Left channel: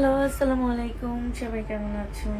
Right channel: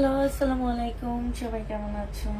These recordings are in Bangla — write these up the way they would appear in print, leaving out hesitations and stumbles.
হ্যালো, আসসালামু আলাইকুম। সবাই কেমন আছো?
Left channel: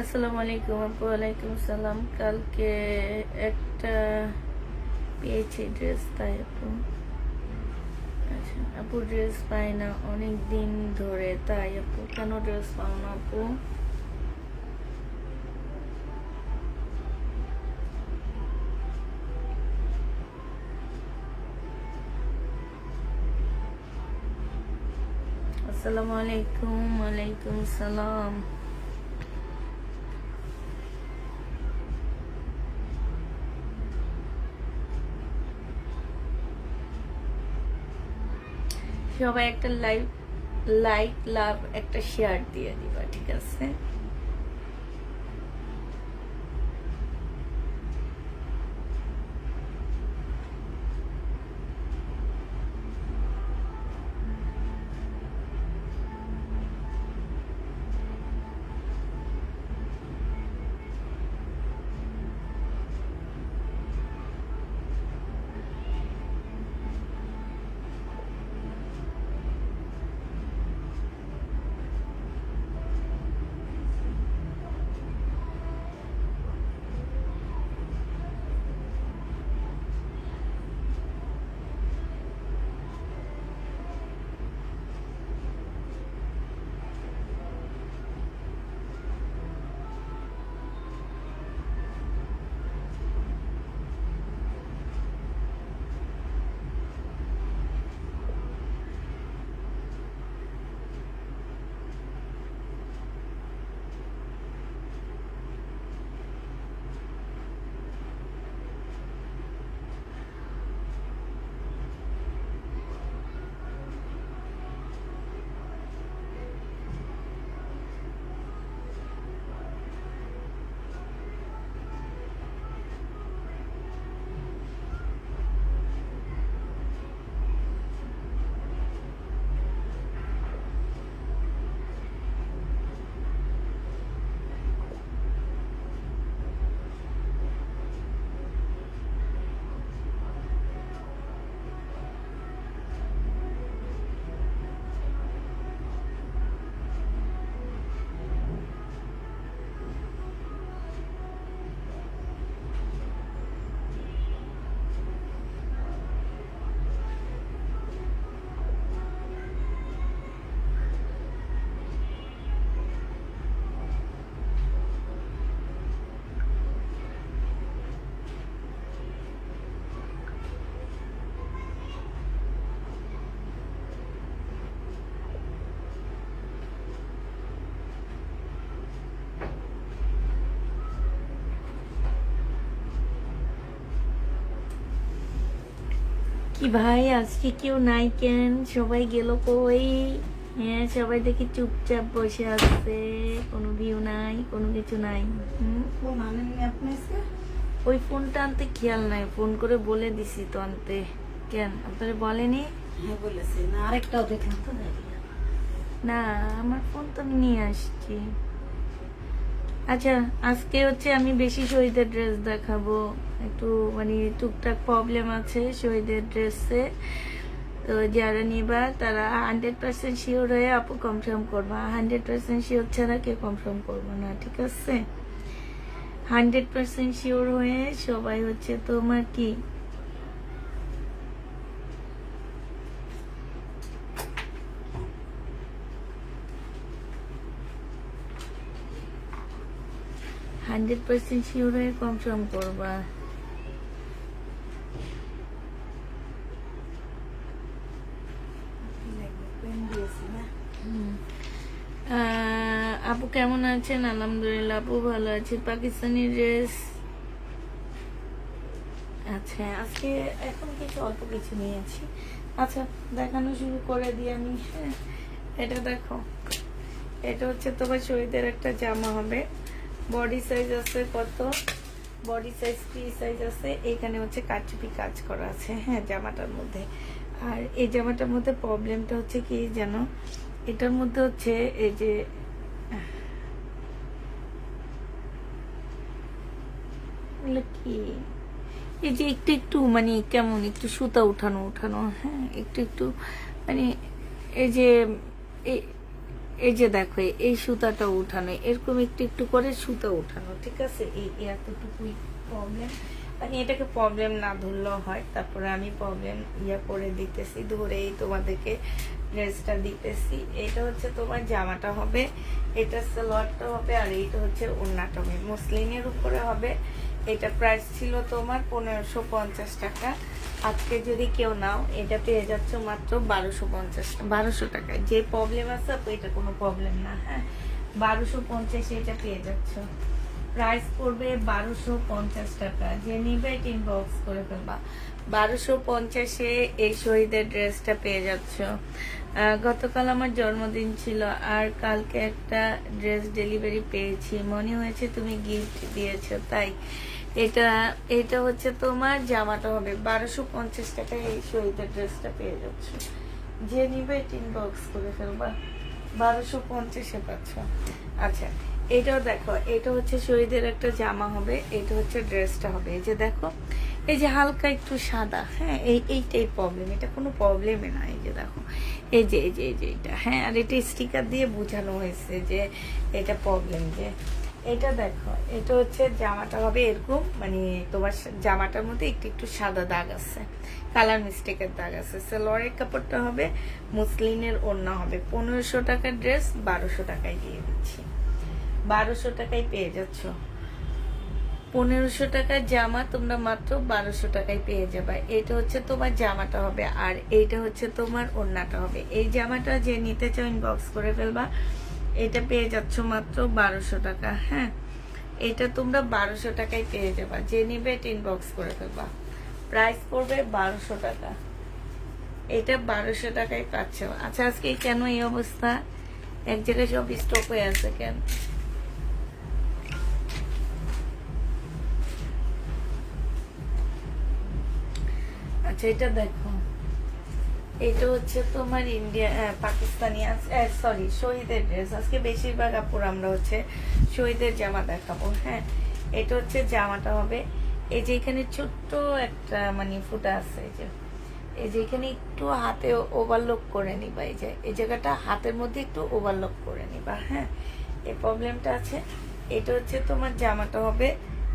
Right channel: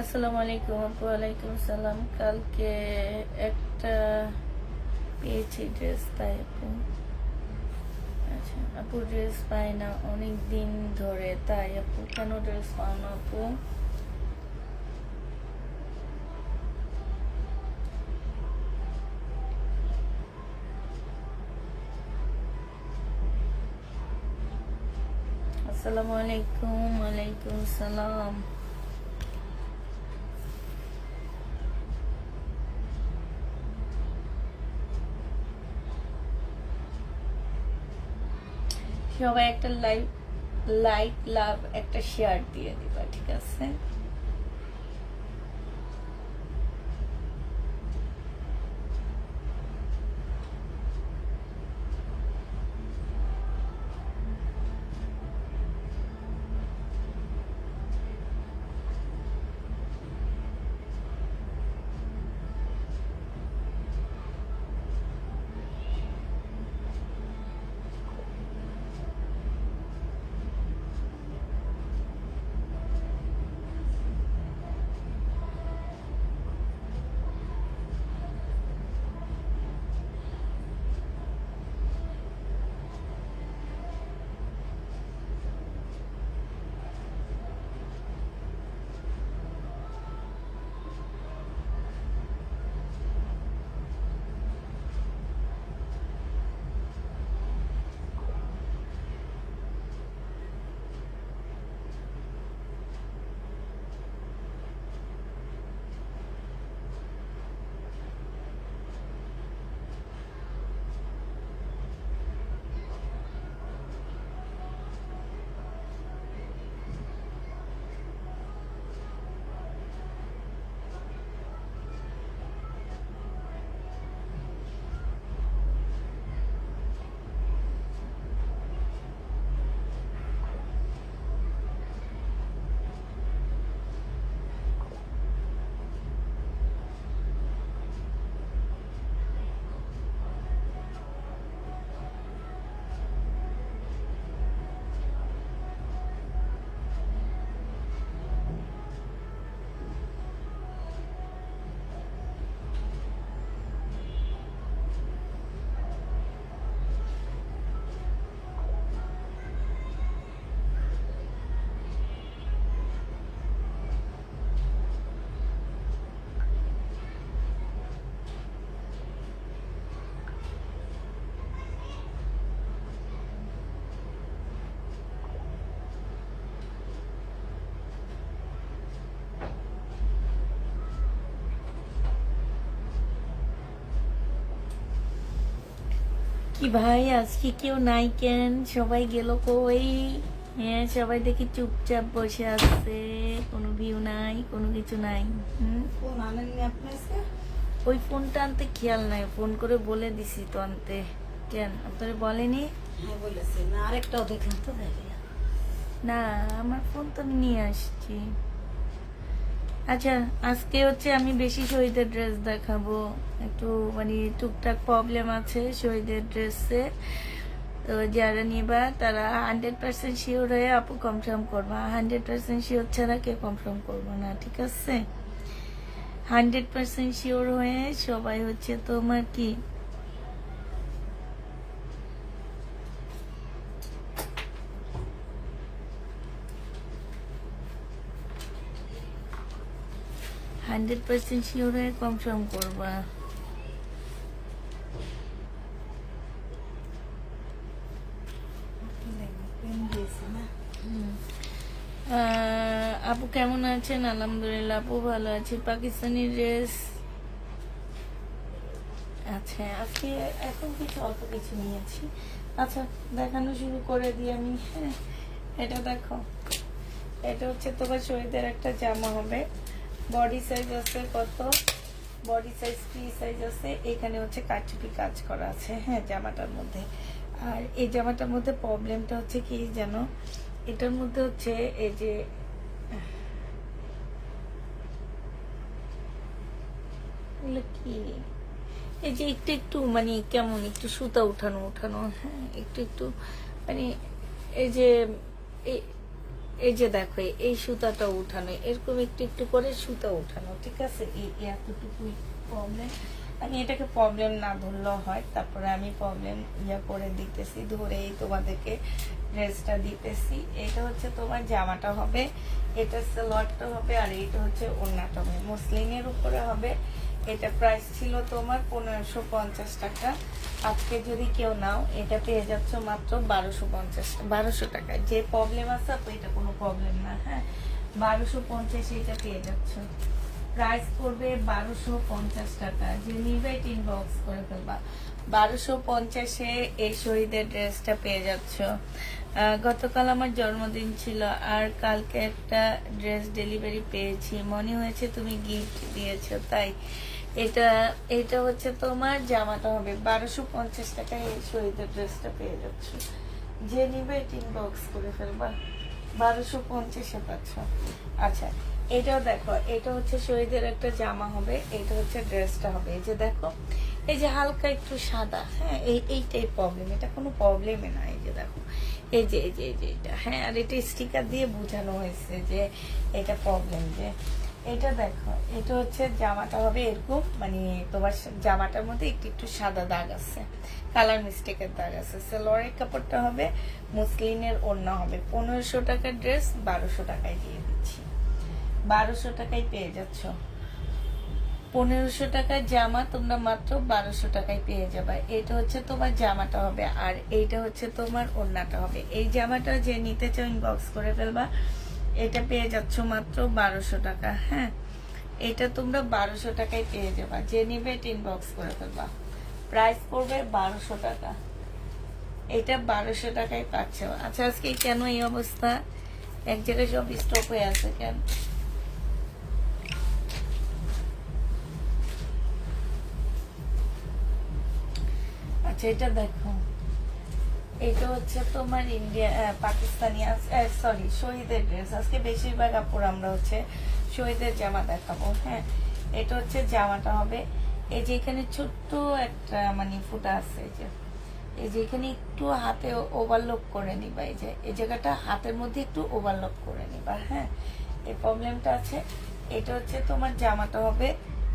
আসসালামু আলাইকুম আপু। ওয়ালাইকুম সালাম। কালকে একটা পেয়েছি ড্রেস, তাই আপু। আচ্ছা আপু, ড্রেস পাই না অনেক দিন ধরে, তাই আপু। কেন ড্রেস পাও না আপু? আসসালামু আলাইকুম। ওয়ালাইকুম সালাম। সবাই একটা লাইক লাভ একটা শেয়ার দিয়ে দিবা, ঠিক আছে? কি ভাই, আজকে কেউ নাই কেন? সবাই গেল কই? হ্যাঁ, সবাই দেখি চুপচাপ বসে আছে, কোনো ভিউ নাই, কোনো কিছু নাই। ফোন আনেননি আপনি আজকে? ওই ফোনটা আনতে খেয়াল নাই, ফোন করে বলে দিছি তো আনতে। কেন আপনারা বলেনি? হ্যাঁ বলেছি না, আরেকটাও দেখলাম তো দেখি। না, আমার ফোন তো আমি নিয়ে আসছি। আচ্ছা, আজকে হচ্ছে আমি বেশি শহীদের ড্রেস দেখাবো। একটু মানে টুকটাক প্রবলেম আছে শহীদের ড্রেসে। তো যারা নিবা তারা 100% শিওর হয়ে আপু কনফার্ম করবা। 100% শিওর ছাড়া কেউ কনফার্ম করবো না, ঠিক আছে? 100% শিওর হয়ে সবাই হচ্ছে তোমার কি 100% শিওর হয়ে কনফার্ম করবা। পেন দিয়েছি না। কেমন আছেন? আলহামদুলিল্লাহ আপু ভালো আছি। পাকিস্তানি ড্রেস, আচ্ছা আজকে এখন কিছু অল্প কিছু নিয়েছি। আচ্ছা দেখানো শুরু করে দিই আমি। হ্যাঁ, এটা দেখো, এটা হচ্ছে তোমার শহীদের একটা জামা হবে। বডি সাইজ আছে কত, বডি সাইজ 3 সাইজ আছে। এখানে হচ্ছে কাটচুপি কাজ করা আছে হ্যাঁ জামাটার মধ্যে। আর এই জামাটার মধ্যে প্রবলেমটা হচ্ছে কি জানো, এটার মধ্যে হচ্ছে এই যে এগুলো কি, এই যে একটু একটু মানে কেমন একটু সুতা উঠানো উঠানো, হ্যাঁ একটু একটু মানে এই যে এই এই যে দেখো এই সুতাটা উঠানো, এরকম একটু একটু করে সুতা উঠানো, ঠিক আছে। এই এতটুকুই প্রবলেম, মানে এটাকে প্রবলেম না ধরলেও হয়। তারপরে আমি প্রবলেম করে দিতেছি, ধরেই তোমাদেরকে ড্রেসটা দিতেছি। এটা হচ্ছে তোমার জামাটা হবে, এটা সালোয়ারটা হবে, আর এইটা হচ্ছে ওড়নাটা হবে। মসলিনের উপরে হবে। এটা প্রাইস ছিল তোমার 1550 টাকা। আজকে যদি কেউ নাও এটা পেয়ে যাচ্ছ মাত্র 1250 টাকায়। যে প্রবলেম আছে তো এটা কোনো প্রবলেম না, হ্যাঁ 1250 এটা পেয়ে যাচ্ছ। প্রাইস পড়বে 1250 টাকা। যে নিবে ইনবক্স করে ফেলবা। 1250-এ এই শহীদের ড্রেসটা পেয়ে যাচ্ছ। গতকাল আমার জন্মদিন ছিল, আর কালকে একটা ড্রেস ডেলিভারি পেয়েছি, মনে হয়েছে তুমি গিফট দিয়েছো তাই। এটা এটা হচ্ছে তোমার জামাটা হবে 1250 টাকায়। এই শহীদের ড্রেসটা পেয়ে যাচ্ছ। যে নিবে ইনবক্স করে ফেলবা। 1250-এ পাচ্ছ। আচ্ছা এটাও দেখো, এটা হচ্ছে শহীদের একটা জামা হবে, এটা হচ্ছে ড্রেসটা হবে। এই যে দেখো, এই যে হালকা একটু সাদা, হ্যাঁ এইটাই প্রবলেম, এটা কোনো প্রবলেমই না। এই যে দেখো, এই যে এই যে এই যে এটা, হ্যাঁ আর এটা স্টিকার দিয়ে বোঝানো হয়েছে যে এটা প্রবলেম। যে এটা দেখো, এটা হচ্ছে জামাটা হবে এরকম, মানে তোমার জামাটার মধ্যে একটু একটু সাদা দাগ আছে, কালার মিস্টেকের দাগ আছে। সালোয়ারের কাপড়টা হবে মুসলিনের, ওড়না হবে। 1500 টাকার ড্রেস 1200 টাকায় দিয়ে দিচ্ছি। 1200 টাকায় পেয়ে যাচ্ছ। 1500 টাকার জামা তোমরা মাত্র 1200 টাকায় পেয়ে যাবে। এটা হচ্ছে তোমার জামাটা হবে, আর এইটা হচ্ছে তোমার ওড়নাটা হবে। এই জামাটা যে নিতে চাও ইনবক্স করে ফেলবা। এটা পেয়ে যাচ্ছ মাত্র 1200 টাকা, হ্যাঁ এটা তোমরা 1200 টাকায় পেয়ে যাবা। যে নিবে ইনবক্স করে ফেলবা। প্রাইস পড়বে 1200 টাকা। এটা 1200 টাকায় পাচ্ছ। আচ্ছা আজকে কেন এই অবস্থা, এক জায়গায় সব স্টপ হয়ে আছে কেন? আচ্ছা এটা দেখো, এটা হচ্ছে তোমার ইন্ডিয়া পাকিস্তানি সরি শহীদের ড্রেস। আজকে বেশিরভাগ আপুর আমরা হচ্ছে শহীদের জামা দেখাবো। হ্যাঁ এটা হচ্ছে জামাটা হবে। এই যে এখানে ছোট্ট একটা মানে ফুটা আছে, এই যে এখানে একটু হাতে ওভারলক করে নিবা। এই যে এই জায়গাটা হাতের মধ্যে একটু ওভারলক করে নিবা, হ্যাঁ এই প্রবলেমটা আছে। এটা হচ্ছে তোমার জামাটা হবে,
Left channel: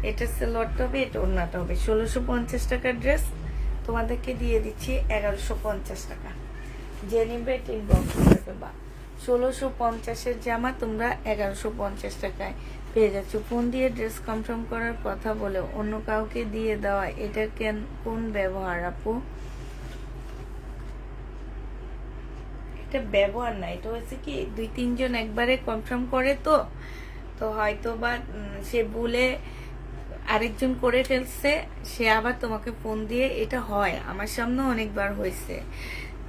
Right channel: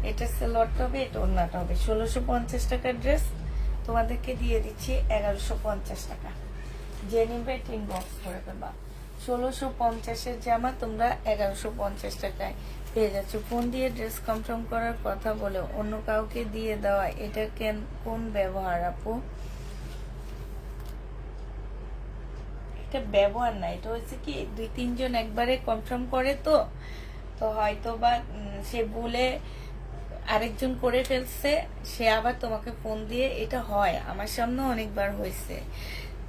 এটা সালোয়ারটা হবে, এটা ওড়নাটা হবে। 1650 টাকার ড্রেস তোমাদেরকে দিয়ে দিচ্ছি 1150 টাকা। যে নিবে ইনবক্স করে দেবা। 1650-এর জামা তোমরা 1150 টাকায় পেয়ে যাচ্ছ। ফোন দিয়ে ড্রেস কনফার্ম করার কথা বলে অন্য কাউকে দিয়ে দেওয়া, এটা কোন ব্যবহার আপু? এটা ব্যবহার না, এটা হচ্ছে কি 2-3 জন একবারে কনফার্ম করে, তো তো হয়তো বা সে বলে আরেকজন করে ফেলছে, সে আবার তোমাকে ফোন দিয়ে। এটা হয়, আমার সামনেও অনেকবার হয়েছে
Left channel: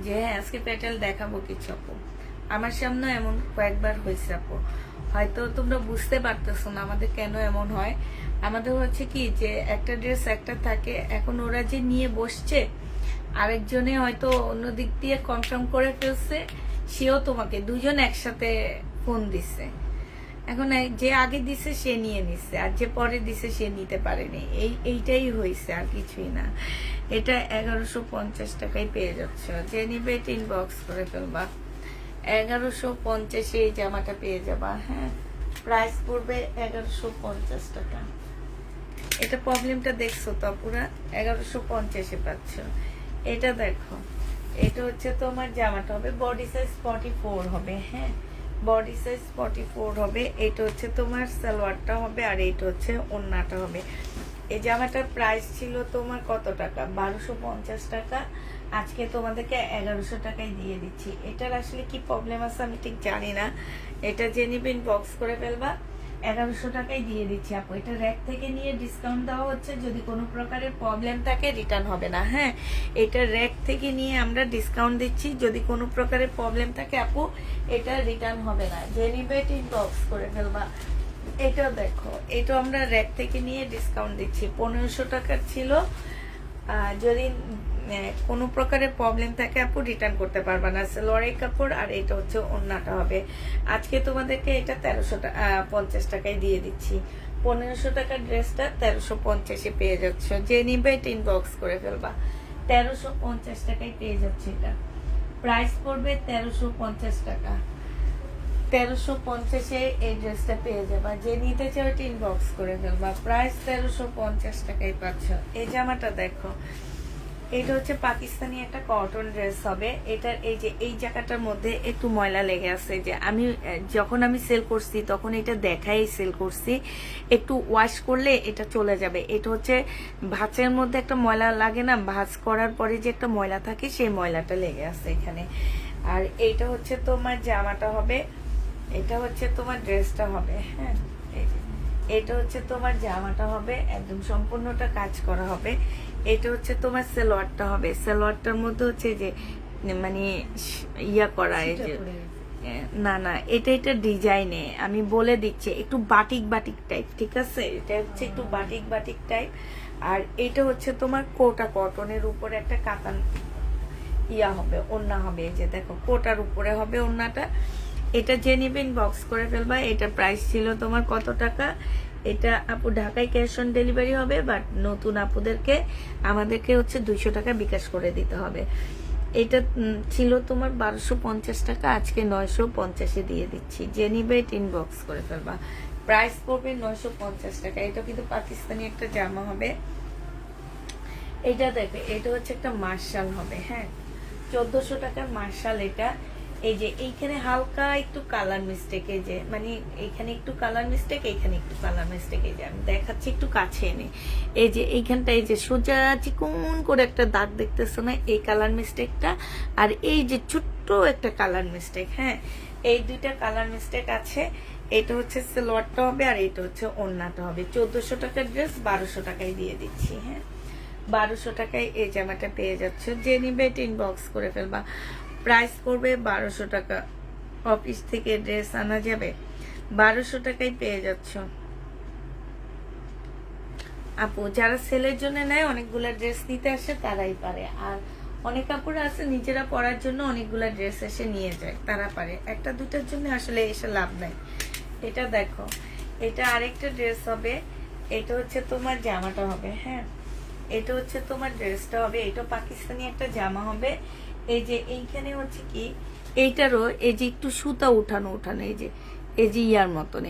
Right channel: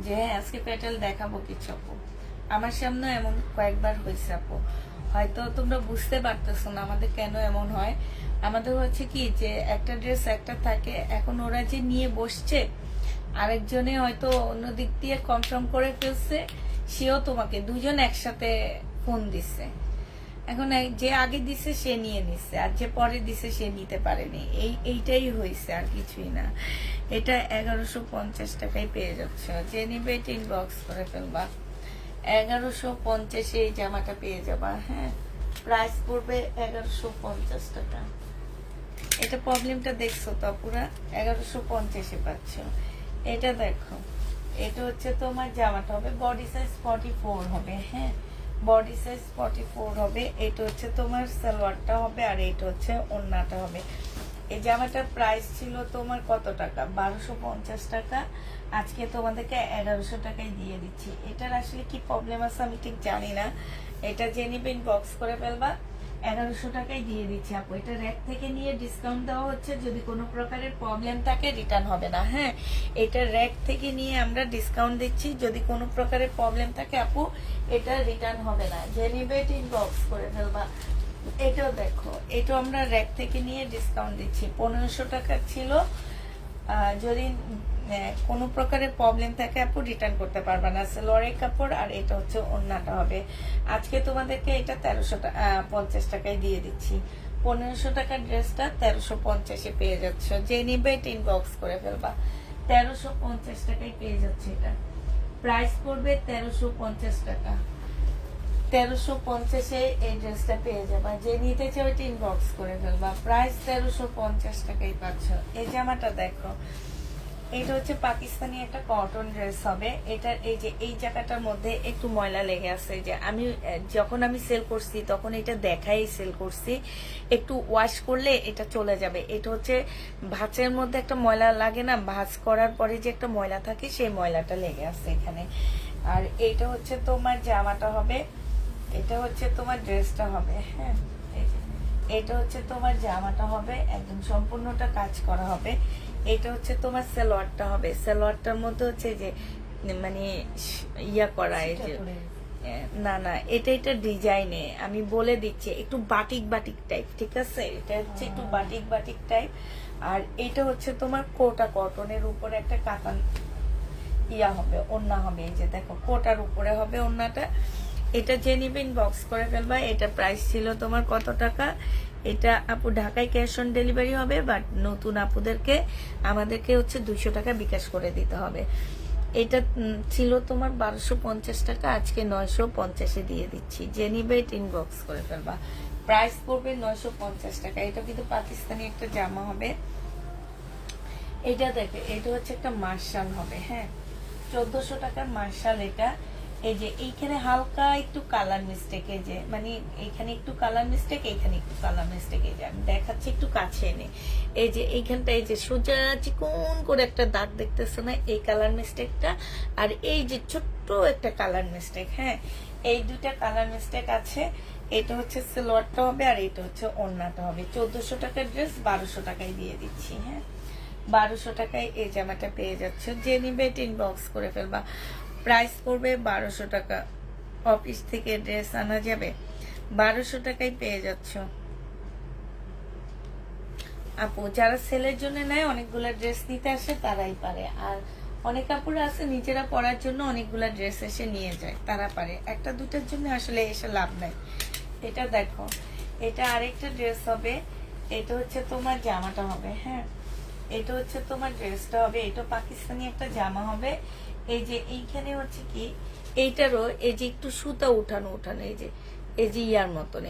যে আজকে প্যাটেল দেখাবো কিছু আপু, আমার সামনে এমন কয়েকবার হয়েছে আপু। হয়তো তোমরা বুঝতে পারতেছো না আমাদের কেন এমন হয়। আমাদের হচ্ছে কি যে একটা ড্রেস একটা থাকে, এখন ওরা যে নিয়ে বসছে, আরেকজনে হয়তো অন্য দিক দিয়ে কনফার্ম করে ফেলছে, সেও তোমাকে, দুজন একসাথে ফোন দিচ্ছে। এখন যে আগে দিছে সে নিয়ে নিচ্ছে, আর যে পরে দিছে সে নিতে পারেনি। এইটাই হয়েছে, আর কিছুই না। এটা 1150 টাকায় পেয়ে যাচ্ছে। যে নিবে ইনবক্স করে ফেলবা। 1150-এ এই জামাটা পেয়ে যাবা, হ্যাঁ প্রাইস পড়বে 1150 টাকা। এটা প্রবলেমটা দেখছো তো পুরা 1150-এ পাচ্ছ। এটা দেখো, এটা হচ্ছে তোমার জামাটা হবে, বডি সাইজ 44 হবে, হ্যাঁ বডি সাইজ 44 হবে। এটা হচ্ছে তোমার সালোয়ারটা হবে, আর এটা হচ্ছে ওড়নাটা হবে। এই জামাটার প্রাইস ছিল তোমার কত টাকা? 1250 টাকা। আজকে তোমাদেরকে 1100 টাকায় দিয়ে দিচ্ছি। এটার আসলে কি প্রবলেম আছে আমি ঠিক জানি না। এটা যে নিবে ইনবক্স করে ফেলবা। 1100 টাকায় দিয়ে দিচ্ছি আপু। এটা র‍্যাক থেকে নিয়ে ডিসকাউন্ট দেওয়া হচ্ছে, যদি কোনো প্রকারের প্রবলেম থাকে রিটার্ন হবে না। হ্যাঁ, এটা র‍্যাক থেকে নিয়ে আমরা ডিসকাউন্ট দিচ্ছি, যদি কোনো প্রকারের প্রবলেম থাকে আপু এটা রিটার্ন হবে না। যে নিবে ইনবক্স করে ফেলবা। এটাও দেখো, এটা আমরা র‍্যাক থেকে নিয়ে ডিসকাউন্ট দিচ্ছি। 1500 টাকার ছিল, যদি কোনো প্রকারের প্রবলেম থাকে আপু রিটার্ন করতে পারবা না। লড়াই কাপড়, আর এটা হচ্ছে ওড়নাটা হবে। আজকে তোমাদেরকে এটা 1350 টাকায় দিয়ে দিচ্ছি। 1500 টাকার ড্রেসটা 1350-এ পেয়ে যাচ্ছে। যে নিবে এটা ইনবক্স করে ফেলবা। 1350 টাকায় পেয়ে যাচ্ছে। এটা প্রাইস পড়বে 1350 টাকা। 1350-এ এই ড্রেসটা পেয়ে যাবা। যে নিতে চাও এটা ইনবক্স করে ফেলবা। প্রাইস 1350 টাকায় পাচ্ছ। এই জামাটা দেখো, এটা হচ্ছে পাকিস্তানি একটা কটন ড্রেস হবে। এটার এই যে এই জায়গাটার মধ্যে একটু ময়লা লেগে আছে, যে আমি যখন আমি সেল করছি তখন এটা দেখাই সেল করছি, একটু ওয়াশ করলে এটা চলে যাবে। এটা হচ্ছে ভাঁজের মধ্যে একটা ময়লা লাগে না, ভাঁজ করার পরে যে একটা ময়লা থাকে সেই ময়লাটা লেগে আছে এখানে। আর এইটা হচ্ছে তোমার জামাটা হবে, এটা হচ্ছে তোমার ড্রেসটা হবে। হ্যাঁ, এটা হচ্ছে তোমার জামাটা হবে, একদম সম্পূর্ণটা কাজ করা হবে। এটা হচ্ছে তোমার সালোয়ারটা হবে। সালোয়ারটার মধ্যে হচ্ছে যে মানে ইয়া করা, এই যে না এটা ডিজাইনে আমি বলে দিচ্ছি, একটু বাটিক বাটিক টাইপ, ঠিক আছে? এটা হচ্ছে একটু বাটিক বাটিক টাইপ। আর এটা হচ্ছে তোমার কোটা কটনের উপরে একটা কাতান ইয়া হবে, ওড়না হবে। এই যে দেখো, কোটার উপরে হবে ওড়নাটা। এটা যে নিবেন বক্স করে ফেলবা। এটা প্রাইস ছিল তোমার কত টাকা? এটা আপু ঢাকায় ক্যাশ অন ডেলিভারি হবে, বাট নতুন আপুদেরকে আমাদেরকে হচ্ছে 200 টাকা বিকাশ করে দিতে হবে। এটা ছিল তোমার 1250 টাকা, আজকে 950-এ দিয়ে দিচ্ছি। যে নিবে এটা ইনবক্স করে ফেলবা। প্রাইস পড়বে 950 টাকা। এটা কিন্তু পাকিস্তানি একটা জামা হবে। এটা দেখে, এটা হচ্ছে একটা মার্শাল হবে। হ্যাঁ, 1400 টাকার মার্শাল এটা। এই যে এইখানে হালকা একটু কালার মিস্টেক, এই যে মানে এইখানে একটু কালার মিস্টেক, এইখানে একটু কালার মিস্টেক। এই যে আমি দেখাচ্ছি একটু কাছে এনে, এই যে এইখানটা এই যে সোজা চিকন করে একটা দাগ দেখতেছো না, এই কালার মিস্টেকটা। আর এই যে ছোট্ট একটা কালার মিস্টেক। হ্যাঁ, এই দুইটা কালার মিস্টেক আছে। এটা হচ্ছে সালোয়ারটা হবে, আর এটা হচ্ছে ওড়নাটা হবে। 1400 টাকার ড্রেস 1200 টাকায় দিয়ে দিচ্ছি। হ্যাঁ, 1200 টাকায় এই জামাটা পেয়ে যাচ্ছে। যে নিবে এটা ইনবক্স করে ফেলবা। প্রাইস পড়বে 1200 টাকা। অফিস থেকে ড্রেস আনা যাবে, 1200 টাকায় পেয়ে যাচ্ছ আপু। যারা সেলের জন্য নেয়, অনেকগুলা ড্রেস নিতে আসে, তারাই পারে। আর অনেক কাপড় আছে নিজেরা পরার জন্য অনেকগুলা ড্রেস এসে নিয়ে যায়, তারা পারে। একটা দুটার জন্য আসলে এসে লাভ নাই। এটা দেখো, এটা আরেকটা ড্রেস হবে। এটা হচ্ছে তোমার জামাটা হবে। হ্যাঁ, এটা হচ্ছে তোমার ড্রেসটা হবে। এটা পাকিস্তানি একটা জামা হবে। এই যে এইখানে হচ্ছে কি, এইটারও এই যে একটু সুতা উঠানো, এই যে ইয়ার মতন,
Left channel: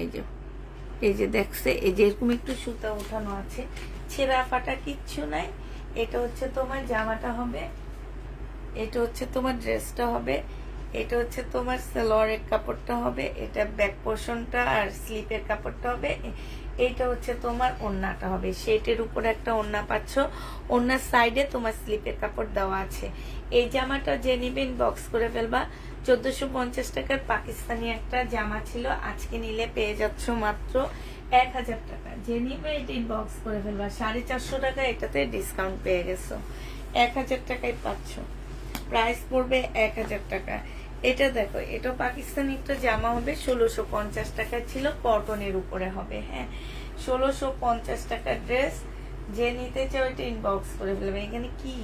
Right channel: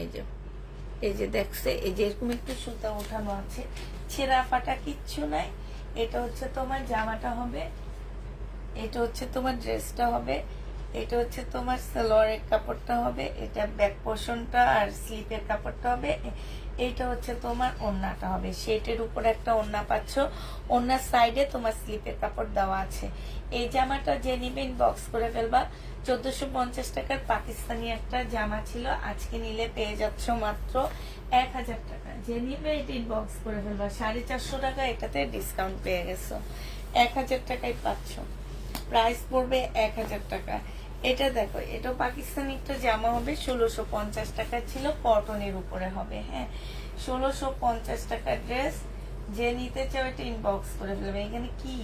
এই যে দেখছে, এই যে এরকম একটু সুতা উঠানো আছে, ছেঁড়া ফাটা কিচ্ছু নাই। এটা হচ্ছে তোমার জামাটা হবে, এটা হচ্ছে তোমার ড্রেসটা হবে। এটা হচ্ছে তোমার সালোয়ারের কাপড়টা হবে, এটা ব্যাক পোর্শনটা আর স্লিপের কাপড়টা হবে। এইটা হচ্ছে তোমার ওড়নাটা হবে। সেটের উপরে একটা ওড়না পাচ্ছ, ওড়নার সাইডে তোমার স্লিপের কাপড় দেওয়া আছে। এই জামাটা যে নিবে ইনবক্স করে ফেলবা। 1450 টাকার পাকিস্তানি একটা জামা ছিল, আজকে নিলে পেয়ে যাচ্ছ মাত্র 1000 টাকা। যে নিবে এটা ইনবক্স করে ফেলবা। 450 টাকা এটাতে ডিসকাউন্ট পেয়ে গেছো, 1000 টাকায় পাচ্ছ। প্রাইস পড়বে 1000 টাকা। এটা দেখো, এটা পাকিস্তানি একটা জামা হবে। 1650 টাকা ছিল, কটনের উপরে হবে। হ্যাঁ, 1650 টাকার ড্রেস। যে নিতে চাও এটা ইনবক্স করে ফেলবে। এখানে কি,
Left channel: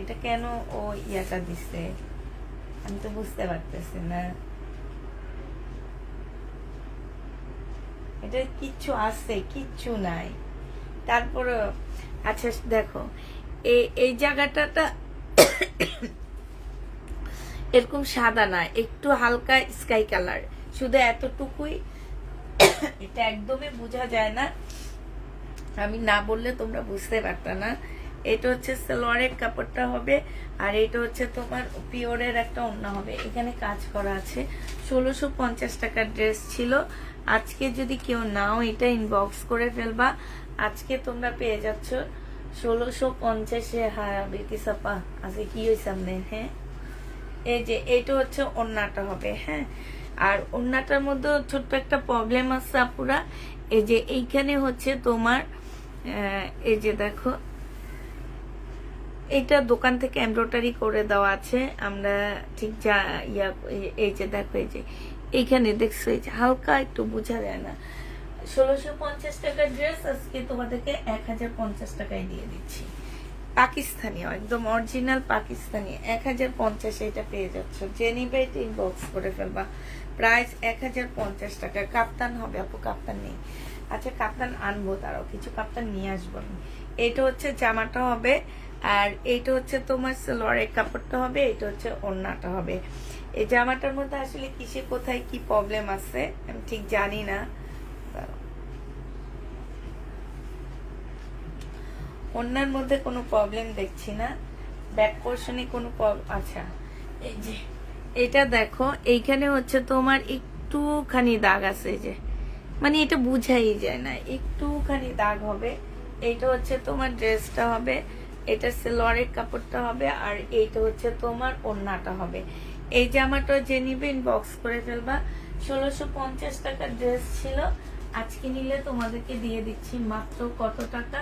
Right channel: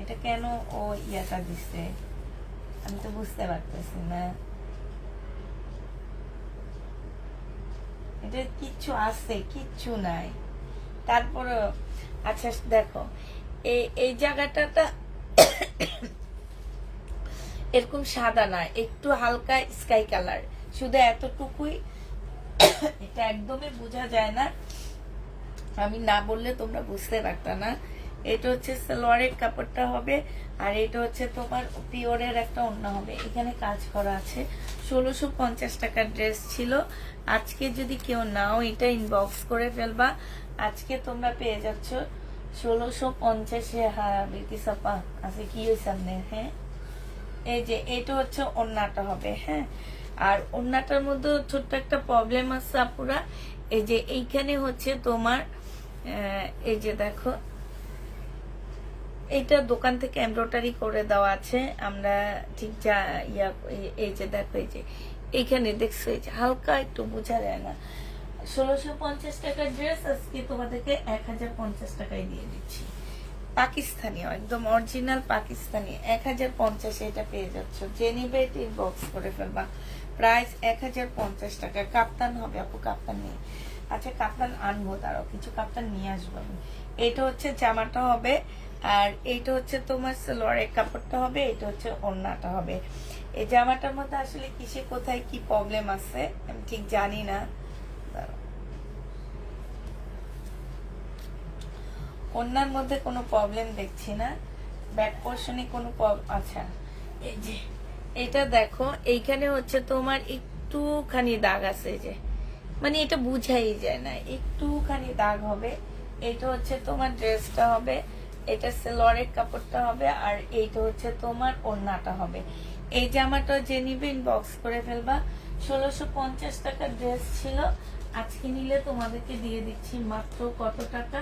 এটা কেন ও ইয়াটা দিচ্ছে আমি তো বুঝতে পারতেছি না। এটা কিচ্ছু আছে, কিচ্ছু নাই। তারপরে আচ্ছা দেখো, এই জায়গাটা এরকম সাদা না, একটু হালকা স্কাই কালার, শুধু এতটুকুই। এটা একদমই বোঝা যায় না, আমি না বললে তোমরা বুঝতে পারতা না। এটা হচ্ছে সালোয়ারের কাপড়টা হবে, আর এটা হচ্ছে তোমার পিওরের একটা ওড়না হবে। এখানে কাজ করা আছে। 1650 টাকার ড্রেস ছিল, আজকে যদি কেউ নাও এটা ইনবক্স করে ফেলবা। আজকে তোমরা পেয়ে যাচ্ছ 1650-এ। হ্যাঁ বিকিসাপা আছে কি হয়েছে সামনে। হ্যাঁ, এই যে এটা হচ্ছে ওড়নাটা হবে। হ্যাঁ, আর ওড়নাটার মধ্যে ছোট্ট একটা প্রবলেম আছে আপুরা, এই যে এইখানে হচ্ছে তোমার এই যে দেখো, এটা দোকান থেকে এমব্রয়ডারি করে দেওয়া আছে, আমরা ঠিক যা এই যে দেখো, এই যে এইখানে দেখছো, এই যে হালকা একটু বোঝা যায় না। 1650 টাকার ড্রেস আজকে তোমাদেরকে 1050 টাকায় দিয়ে দিচ্ছি। পাকিস্তানি, একদম অরিজিনাল পাকিস্তানি, 1050 এটা পেয়ে যাচ্ছ। যে নিবে ইনবক্স করে ফেলবা। প্রাইস 1050 টাকা। কাপ্তান হবে আপু, কাপ্তান নেই। আচ্ছা কাপ্তান আনবো, তারাও কিছু কাপ্তান নিয়ে আসবো আমি। এটা হচ্ছে জামাটা হবে, আর এইটা হচ্ছে তোমার সালোয়ারের কাপড়টা হবে, এটা হচ্ছে ওড়নাটা হবে। এই জামাটার মধ্যে আসলে কিসে কোথায় কি প্রবলেম আছে আমি ঠিক জানি না। ওড়নার মধ্যে কোনো প্রবলেম দেখছি না, ব্যাক পোর্শনে কোনো আচ্ছা এই যে এটা দেখো, এইখানে হচ্ছে তোমার একটুখানি দাগ আছে, এই যে মানে এটা বুঝাই যায় না, একটুখানি দাগ হবে। এইটা হচ্ছে তোমার ড্রেসটা হবে, এটা সালোয়ারের কাপড়টা হবে, আর এইটা হচ্ছে তোমার ওড়নাটা হবে। এই জামাটা যে নিবে ইনবক্স করে ফেলবা। 1650 টাকার ড্রেস ছিল, আজকে নিলে তোমাদেরকে দিয়ে দিচ্ছি মাত্র কত টাকা,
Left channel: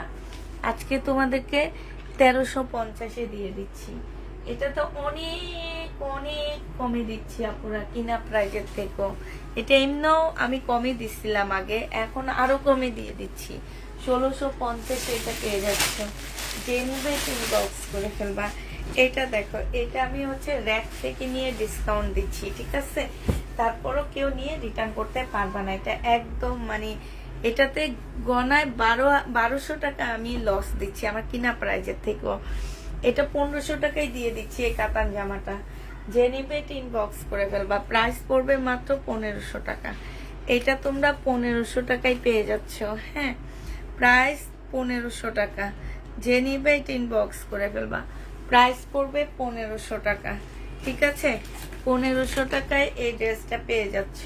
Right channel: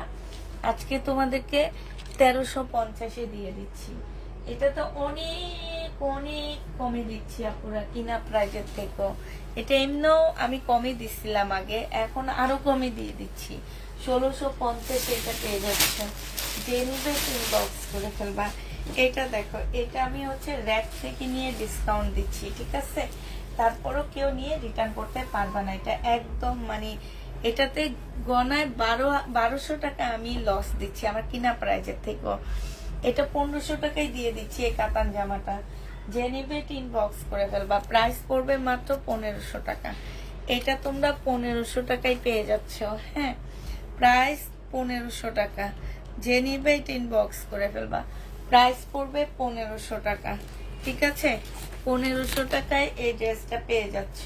আজকে তোমাদেরকে 1350-এ দিয়ে দিচ্ছি। এটা তো অনেক অনেক কমে দিচ্ছি আপুরা, কিনা প্রাইজের থেকেও। এটা এমনিও আমি কমে দিচ্ছিলাম আগে, এখন আরো কমে দিয়ে দিচ্ছি। 1650 এটা পেয়ে যাচ্ছে। যে নিবে ইনবক্স করে ফেলবা। এটা দেখো, এটা আমি হচ্ছে র‍্যাক থেকে নিয়ে ডিসকাউন্ট দিচ্ছি, ঠিক আছে? তারপরও কেউ নিয়ে রিটার্ন করতে পারবা না, এটা একদম মানে এটাতে গনায় 1200 টাকা আমি লস দিচ্ছি আমার কিনা প্রাইজের থেকেও। এটা 1500 টাকায় দিয়ে দিচ্ছি এই কাতান জামাটা। যে নিবে ইনবক্স করে ফেলবা। প্রাইস পড়বে মাত্র 1500 টাকা। এটা তোমরা 1500 টাকায় পেয়ে যাচ্ছ। হ্যাঁ, প্রাইস 1500 টাকা। যে নিবে ইনবক্স করে ফেলবা। প্রাইস পড়বে 1500 টাকা, ঠিক আছে? 1500 টাকায় এই ড্রেসটা পেয়ে যাচ্ছ।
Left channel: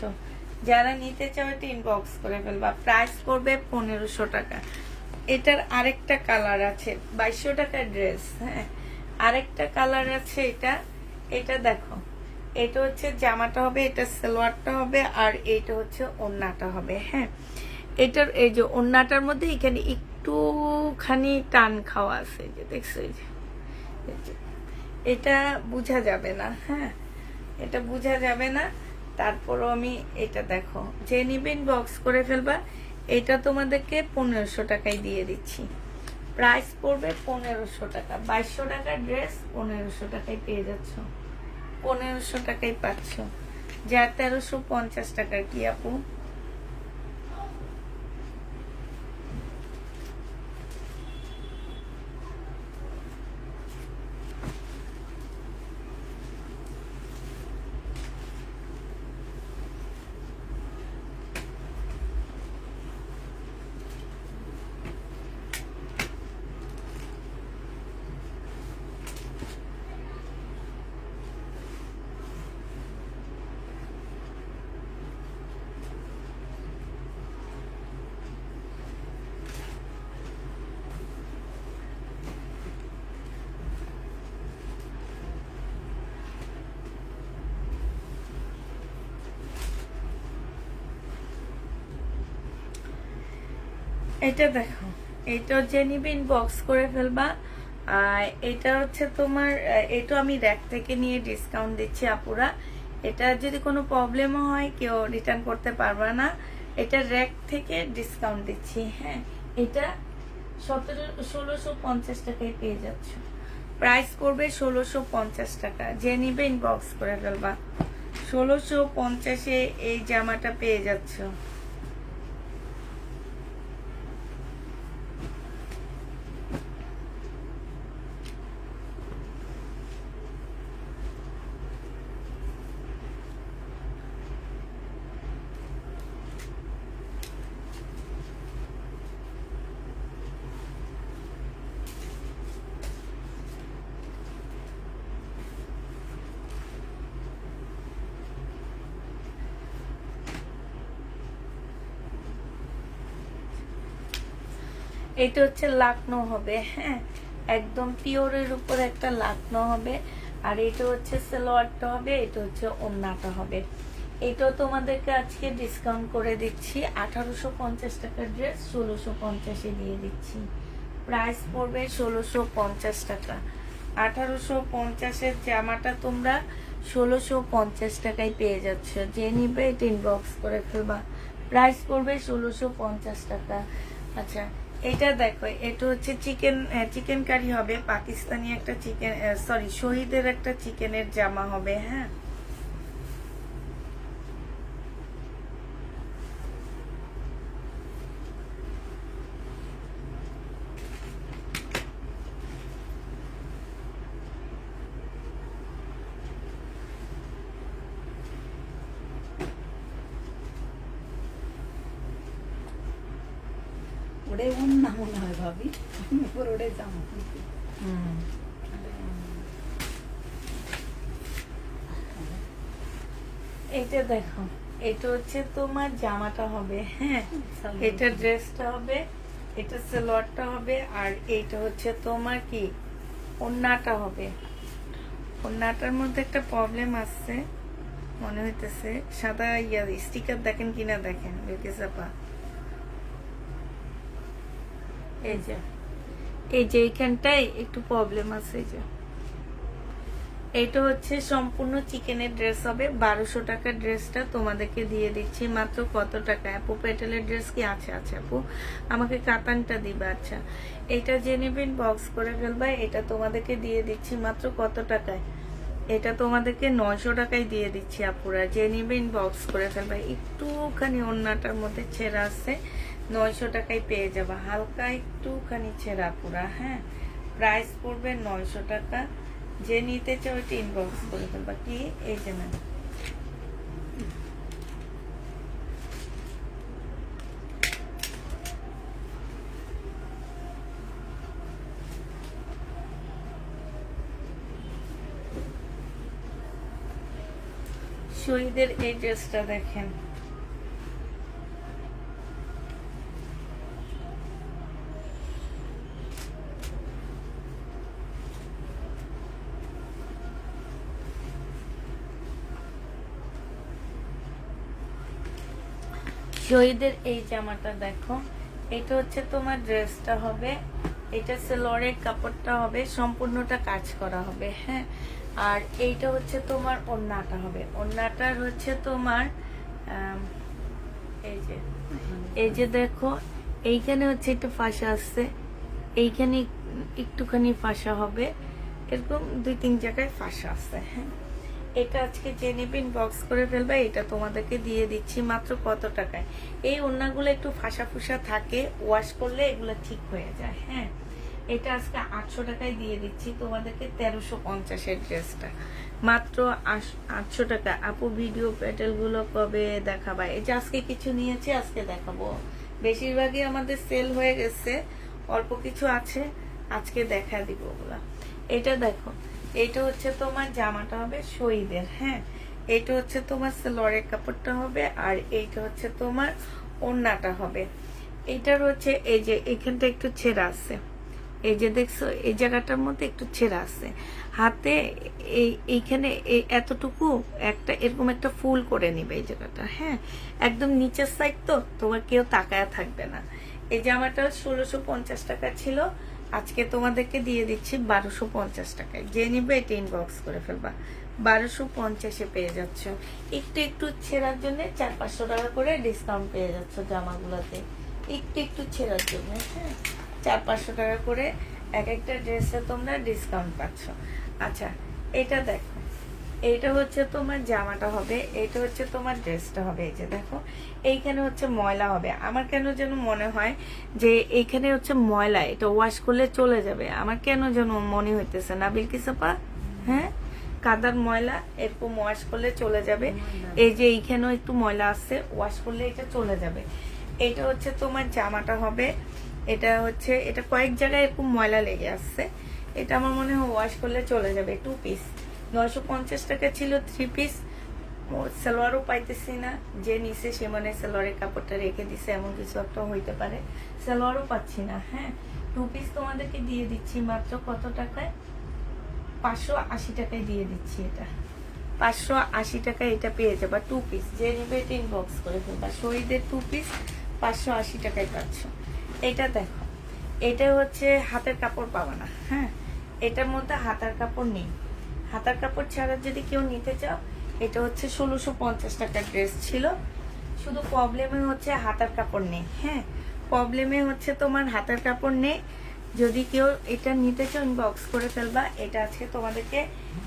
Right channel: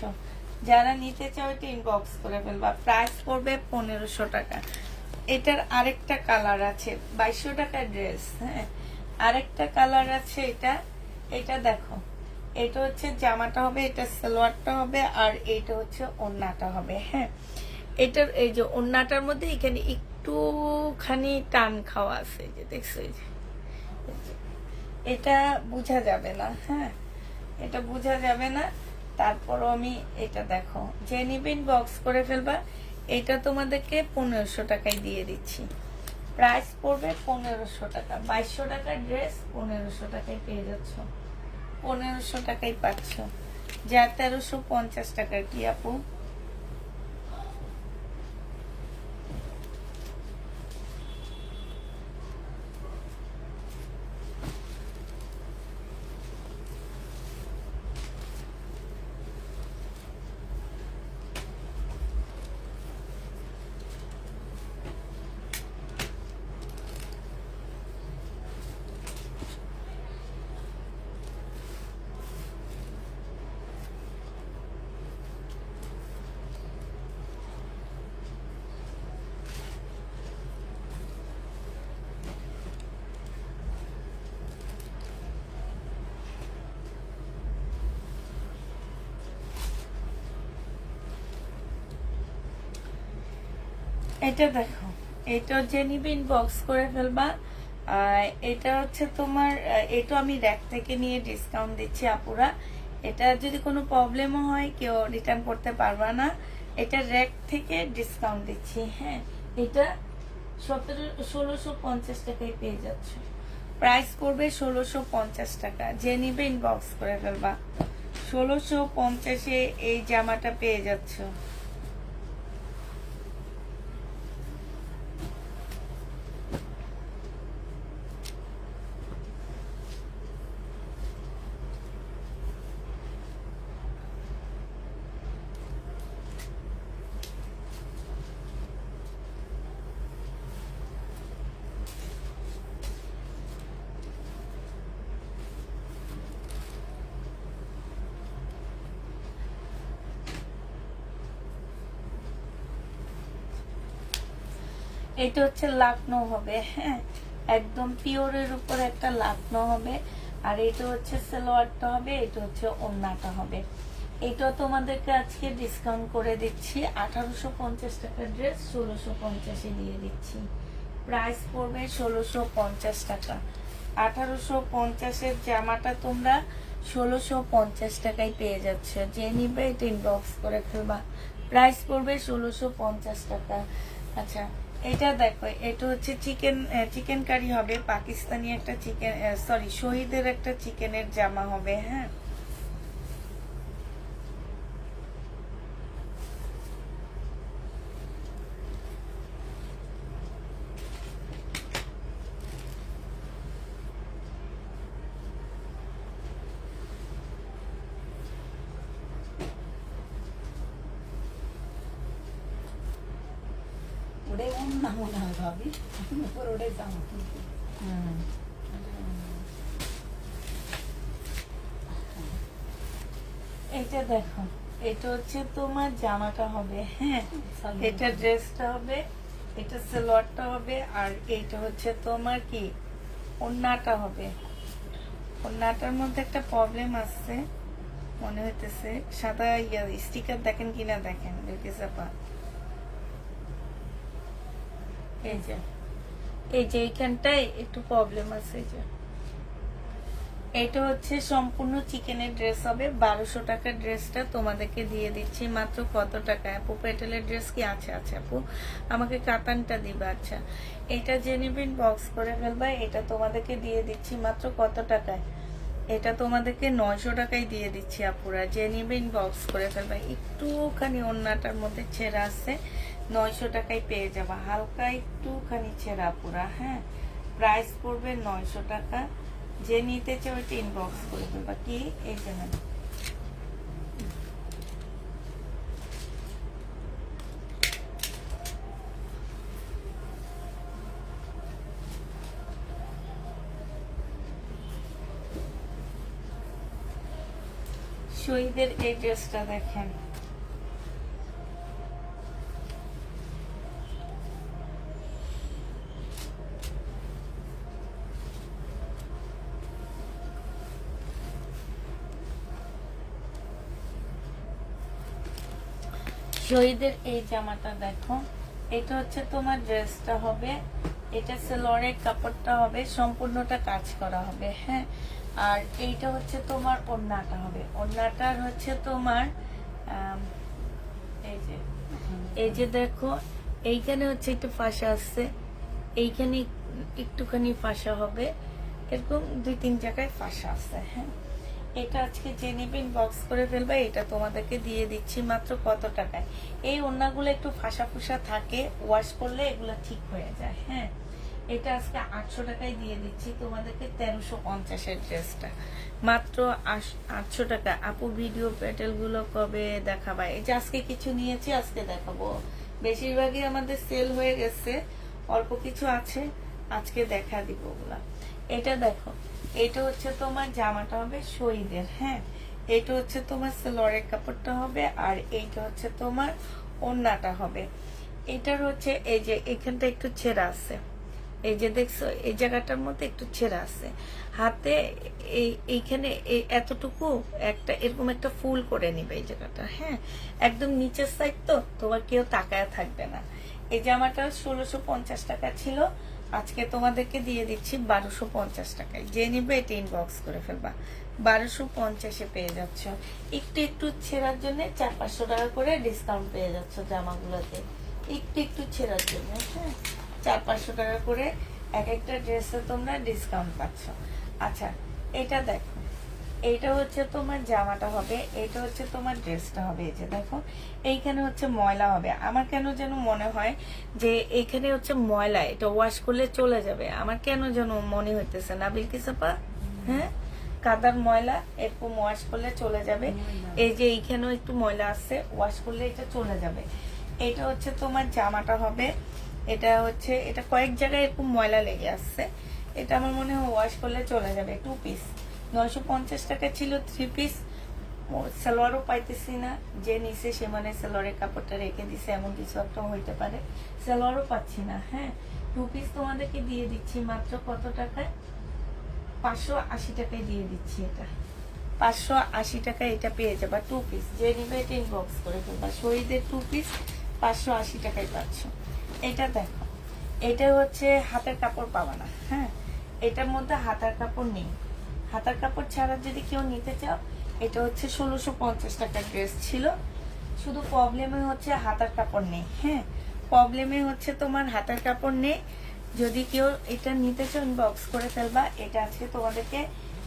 যারা নিতে চাও এটা ইনবক্স করে ফেলবা। প্রাইস পড়বে 1500 টাকা। এটার আরেকটা কালার আছে, 2200 টাকার ড্রেস। হ্যাঁ, আরেকটা কালার আছে, এটা দেখো, এটা হচ্ছে জামাটা হবে, এটা সালোয়ারটা হবে, আর এটা হচ্ছে ওড়নাটা হবে। হ্যাঁ, এটার এই যে ওড়নাটার মধ্যে এখানে একটুখানি টান খাওয়া আছে, যে দেখছো, এই যে এটা বোঝা যাবে না। হ্যাঁ, এটা বোঝা যাবে না। তারপরও আমি এটা দেখো, যে নিবেন বক্স করে ফেলবা। এটা তোমাদেরকে 1500 টাকায় দিয়ে দিচ্ছি। প্রাইস পড়বে 1500 টাকা। 2200 টাকার ড্রেস 1500 টাকায় পেয়ে যাচ্ছ। 1500 টাকায় পাচ্ছ। যা 1350 টাকার কি আপু? এটা দেখো, এটা যে নিবে ইনবক্স করে ফেলবা। এটা হচ্ছে তোমার, এটা আমি র‍্যাক থেকে নিয়ে ডিসকাউন্ট দিচ্ছি আপুরা। এটা যদি কোনো প্রবলেমও হয় কেউ রিটার্ন করতে পারবা না, এটা র‍্যাক থেকে ডিসকাউন্ট দিচ্ছি। হ্যাঁ, এটা 1650 টাকায় পেয়ে যাচ্ছ। প্রাইস করবে 1650 টাকা। যে নিবে ইনবক্স করে ফেলবা। 1650-এ এই জামাটা পেয়ে যাচ্ছ। এটা হচ্ছে লাকনো হবে। হ্যাঁ, একদম পিওরের উপর একটা লাকনো হবে, আর এটা হচ্ছে সালোয়ারটা হবে, এটা হচ্ছে ওড়নাটা হবে। এটাও তোমাদেরকে আজকে ডিসকাউন্ট করে দিচ্ছি, 1850 টাকার ড্রেস 1650-এ দিয়ে দিচ্ছি। প্রাইস পড়বে 1650 টাকা। 1850-এর জামাটা তোমরা 1650 টাকায় পেয়ে যাচ্ছ। যে নিবে এটা ইনবক্স করে ফেলবা। প্রাইস পড়বে 1650 টাকা। আচ্ছা, এটা দেখো, এটা হচ্ছে চিকেন কারি হবে, পাকিস্তানি একটা চিকেন, সরি শহীদের একটা চিকেনের জামা হবে। হ্যাঁ, ওটাই অন্য মনে হয় ভাবি, ওর ওটাই জামা কিন্তু এইটা দেখো, এটা হচ্ছে তোমার জামাটা হবে। হ্যাঁ, এটা ড্রেসটা হবে, এটা সালোয়ারটা হবে, আর এইটা হচ্ছে তোমার কি ওড়নাটা হবে। ওড়নাটার মধ্যে একটা প্রবলেম আছে মনে হইতেছে, সাদা স্টিকার দেখেন কিনা দেখেন আপা। এই যে এইখানটায় একটু প্রবলেম আছে। এই যে এটা হচ্ছে সম্পূর্ণ চিকেনের ড্রেস হবে। 1200 টাকার ড্রেসটা তোমাদেরকে দিয়ে দিচ্ছি মাত্র কত টাকা? আপু পেটেলের ড্রেস কি আছে? আচ্ছা আপু, আমাকে কাতানটা দিবা। আচ্ছা, এটা যে নিবেন বক্স করে ফেলবা। এটা তোমাদেরকে দিয়ে দিচ্ছি মাত্র কত টাকায়? এটা তোমাদেরকে 900 টাকায় দিয়ে দিচ্ছি আপুরা। যে নিবেন বক্স করে ফেলবা। একটুখানি ওড়নাটার মধ্যে ছেঁড়া আছে, 900 টাকায় পেয়ে যাবা। হালকা একটুখানি ছেঁড়া আপুরা। হ্যাঁ, প্রাইস পড়বে 900 টাকা। যে নিতে চাও ওইটা ইনবক্স করে ফেলবা। কি এই যে নেন, শহীদের এই ড্রেসটা দেখেন। শহীদের এই জামাটা দেখো, এটা হচ্ছে তোমার ড্রেসটা হবে, এটা সেলোয়ারের কাপড়টা হবে, সম্পূর্ণটা কাজ করা হবে। হ্যাঁ, আর এইটা হচ্ছে তোমার ওড়নাটা হবে। ওড়নাটার হচ্ছে তোমার এই যে দেখো, এইখানে হচ্ছে একটু ফাঁসা আসছে, এইখানে একটুখানি ফাঁসা হবে, এরকম 2-3 জায়গায় ফাঁসা আছে। হ্যাঁ, এটা আজকে যে নেবেন বক্স করে ফেলবে। এটা তোমাদেরকে দিয়ে দিচ্ছি মাত্র কত টাকায়? এই ওড়নাগুলো একটু ফাঁসা ফুসা থাকে, ওয়াশ করলে এগুলো ঠিক হয়ে যায়। হ্যাঁ, এটা আজকে 800 টাকায় দিয়ে দিচ্ছি তোমাদেরকে। 1350-এর ড্রেসটা মাত্র 800 টাকা। আপু ভিডিও প্যাটেল গুলো কবে দেখাবা? এই যে আজকে কিছু নিয়েছি, আজকে দেখাবো। বেশিরভাগই আমাদের সেল হয়ে গেছে, অল্প কিছু আছে, আজকে দেখা দিব ওগুলা। এটা দেখো, এটা হচ্ছে তোমার জামাটা হবে শহীদের। হ্যাঁ, এটা হচ্ছে তোমার সালোয়ারের কাপড়টা হবে, আর এইটা হচ্ছে তোমার ওড়নাটা হবে। এটার হচ্ছে এই যে এখানটা একটু ছেঁড়া আছে, এই যে দেখছো এই জায়গাটার মধ্যে একটু ছেঁড়া আছে। হাতে এইখানে এতটুকু একটা এরকম একটা ফুল করে নিবে এই জায়গাটা। হ্যাঁ, একদম নিচের সাইড তো তোমার কেউ তাকায়া থাকবে না। এই জামাটা 1650 টাকা ছিল, আজকে তোমাদেরকে দিয়ে দিচ্ছি 1250 টাকায়। যে নিবে এটা ইনবক্স করে ফেলবা। 1250-এ পেয়ে যাচ্ছ। একটু একটু ছেঁড়ার জন্য 400-500 টাকা করে ডিসকাউন্ট পেয়ে যাচ্ছ জামাগুলোতে, একটু একটু ছেঁড়ার জন্য। হ্যাঁ, 400-500 টাকা করে এক একটা ড্রেসে তোমরা ডিসকাউন্ট পাচ্ছ। আচ্ছা, এটা দেখো, এইটা হচ্ছে তোমার জামাটা হবে, এটা হচ্ছে তোমার ড্রেসটা হবে। এই যে দেখো, এইখানে হচ্ছে ময়লা হবে। আমার কেন যেন মনে হয় যে এইখানে হচ্ছে ময়লা, এটা ওয়াশ করলে চলে যাবে। আমার কেন যেন মনে হইতেছে না বিলকিস আপা? হ্যাঁ, কাদার ময়লা এরকম ওয়াশ করলে চলে যাবে। এই যে এইখানেও একটু ময়লা আছে, ওয়াশ করলে এটা চলে যাবে। এটা হচ্ছে তোমার জামাটা হবে, এটা হচ্ছে এটা কয়েক জায়গায় এরকম ময়লা লেগে আসছে, এটা আমার মনে হয় ওয়াশ করলে চলে যাবে। 2 পিস 950 টাকা ছিল, 3 পিস। সালোয়ারও পাইতেছি না, যে নিছে সে মানে সালোয়ারের কাপড়টা রেখে দিছে, এমন কিছু একটা হইতে পারে। সালোয়ারও পাচ্ছি না। হ্যাঁ, 2 পিস তোমাদেরকে দিয়ে দিচ্ছি মাত্র কত টাকায়? 580 টাকায় দিয়ে দিচ্ছি। এটা 580 টাকা এটা পেয়ে যাবা 2 পিস। যে নিবে এটা ইনবক্স করে ফেলবা। শহীদের 2 পিস 580 টাকায় পাচ্ছ। এটা দেখো, এটা হচ্ছে হাতের কাপড় পাবা না, হ্যাঁ এটার মধ্যে হাতার কাপড় নেই। হাতার কাপড় ছাড়া যদি কেউ নিতে চাও, এটা হচ্ছে 1650 টাকার ড্রেস ছিল। শুধু প্রবলেমে হচ্ছে হাতার কাপড় নেই, হ্যাঁ প্রবলেমে হচ্ছে তোমার হাতার কাপড় নেই। যদি কেউ এটা নিতে চাও ইনবক্স করে ফেলবা। এটা আজকে তোমাদেরকে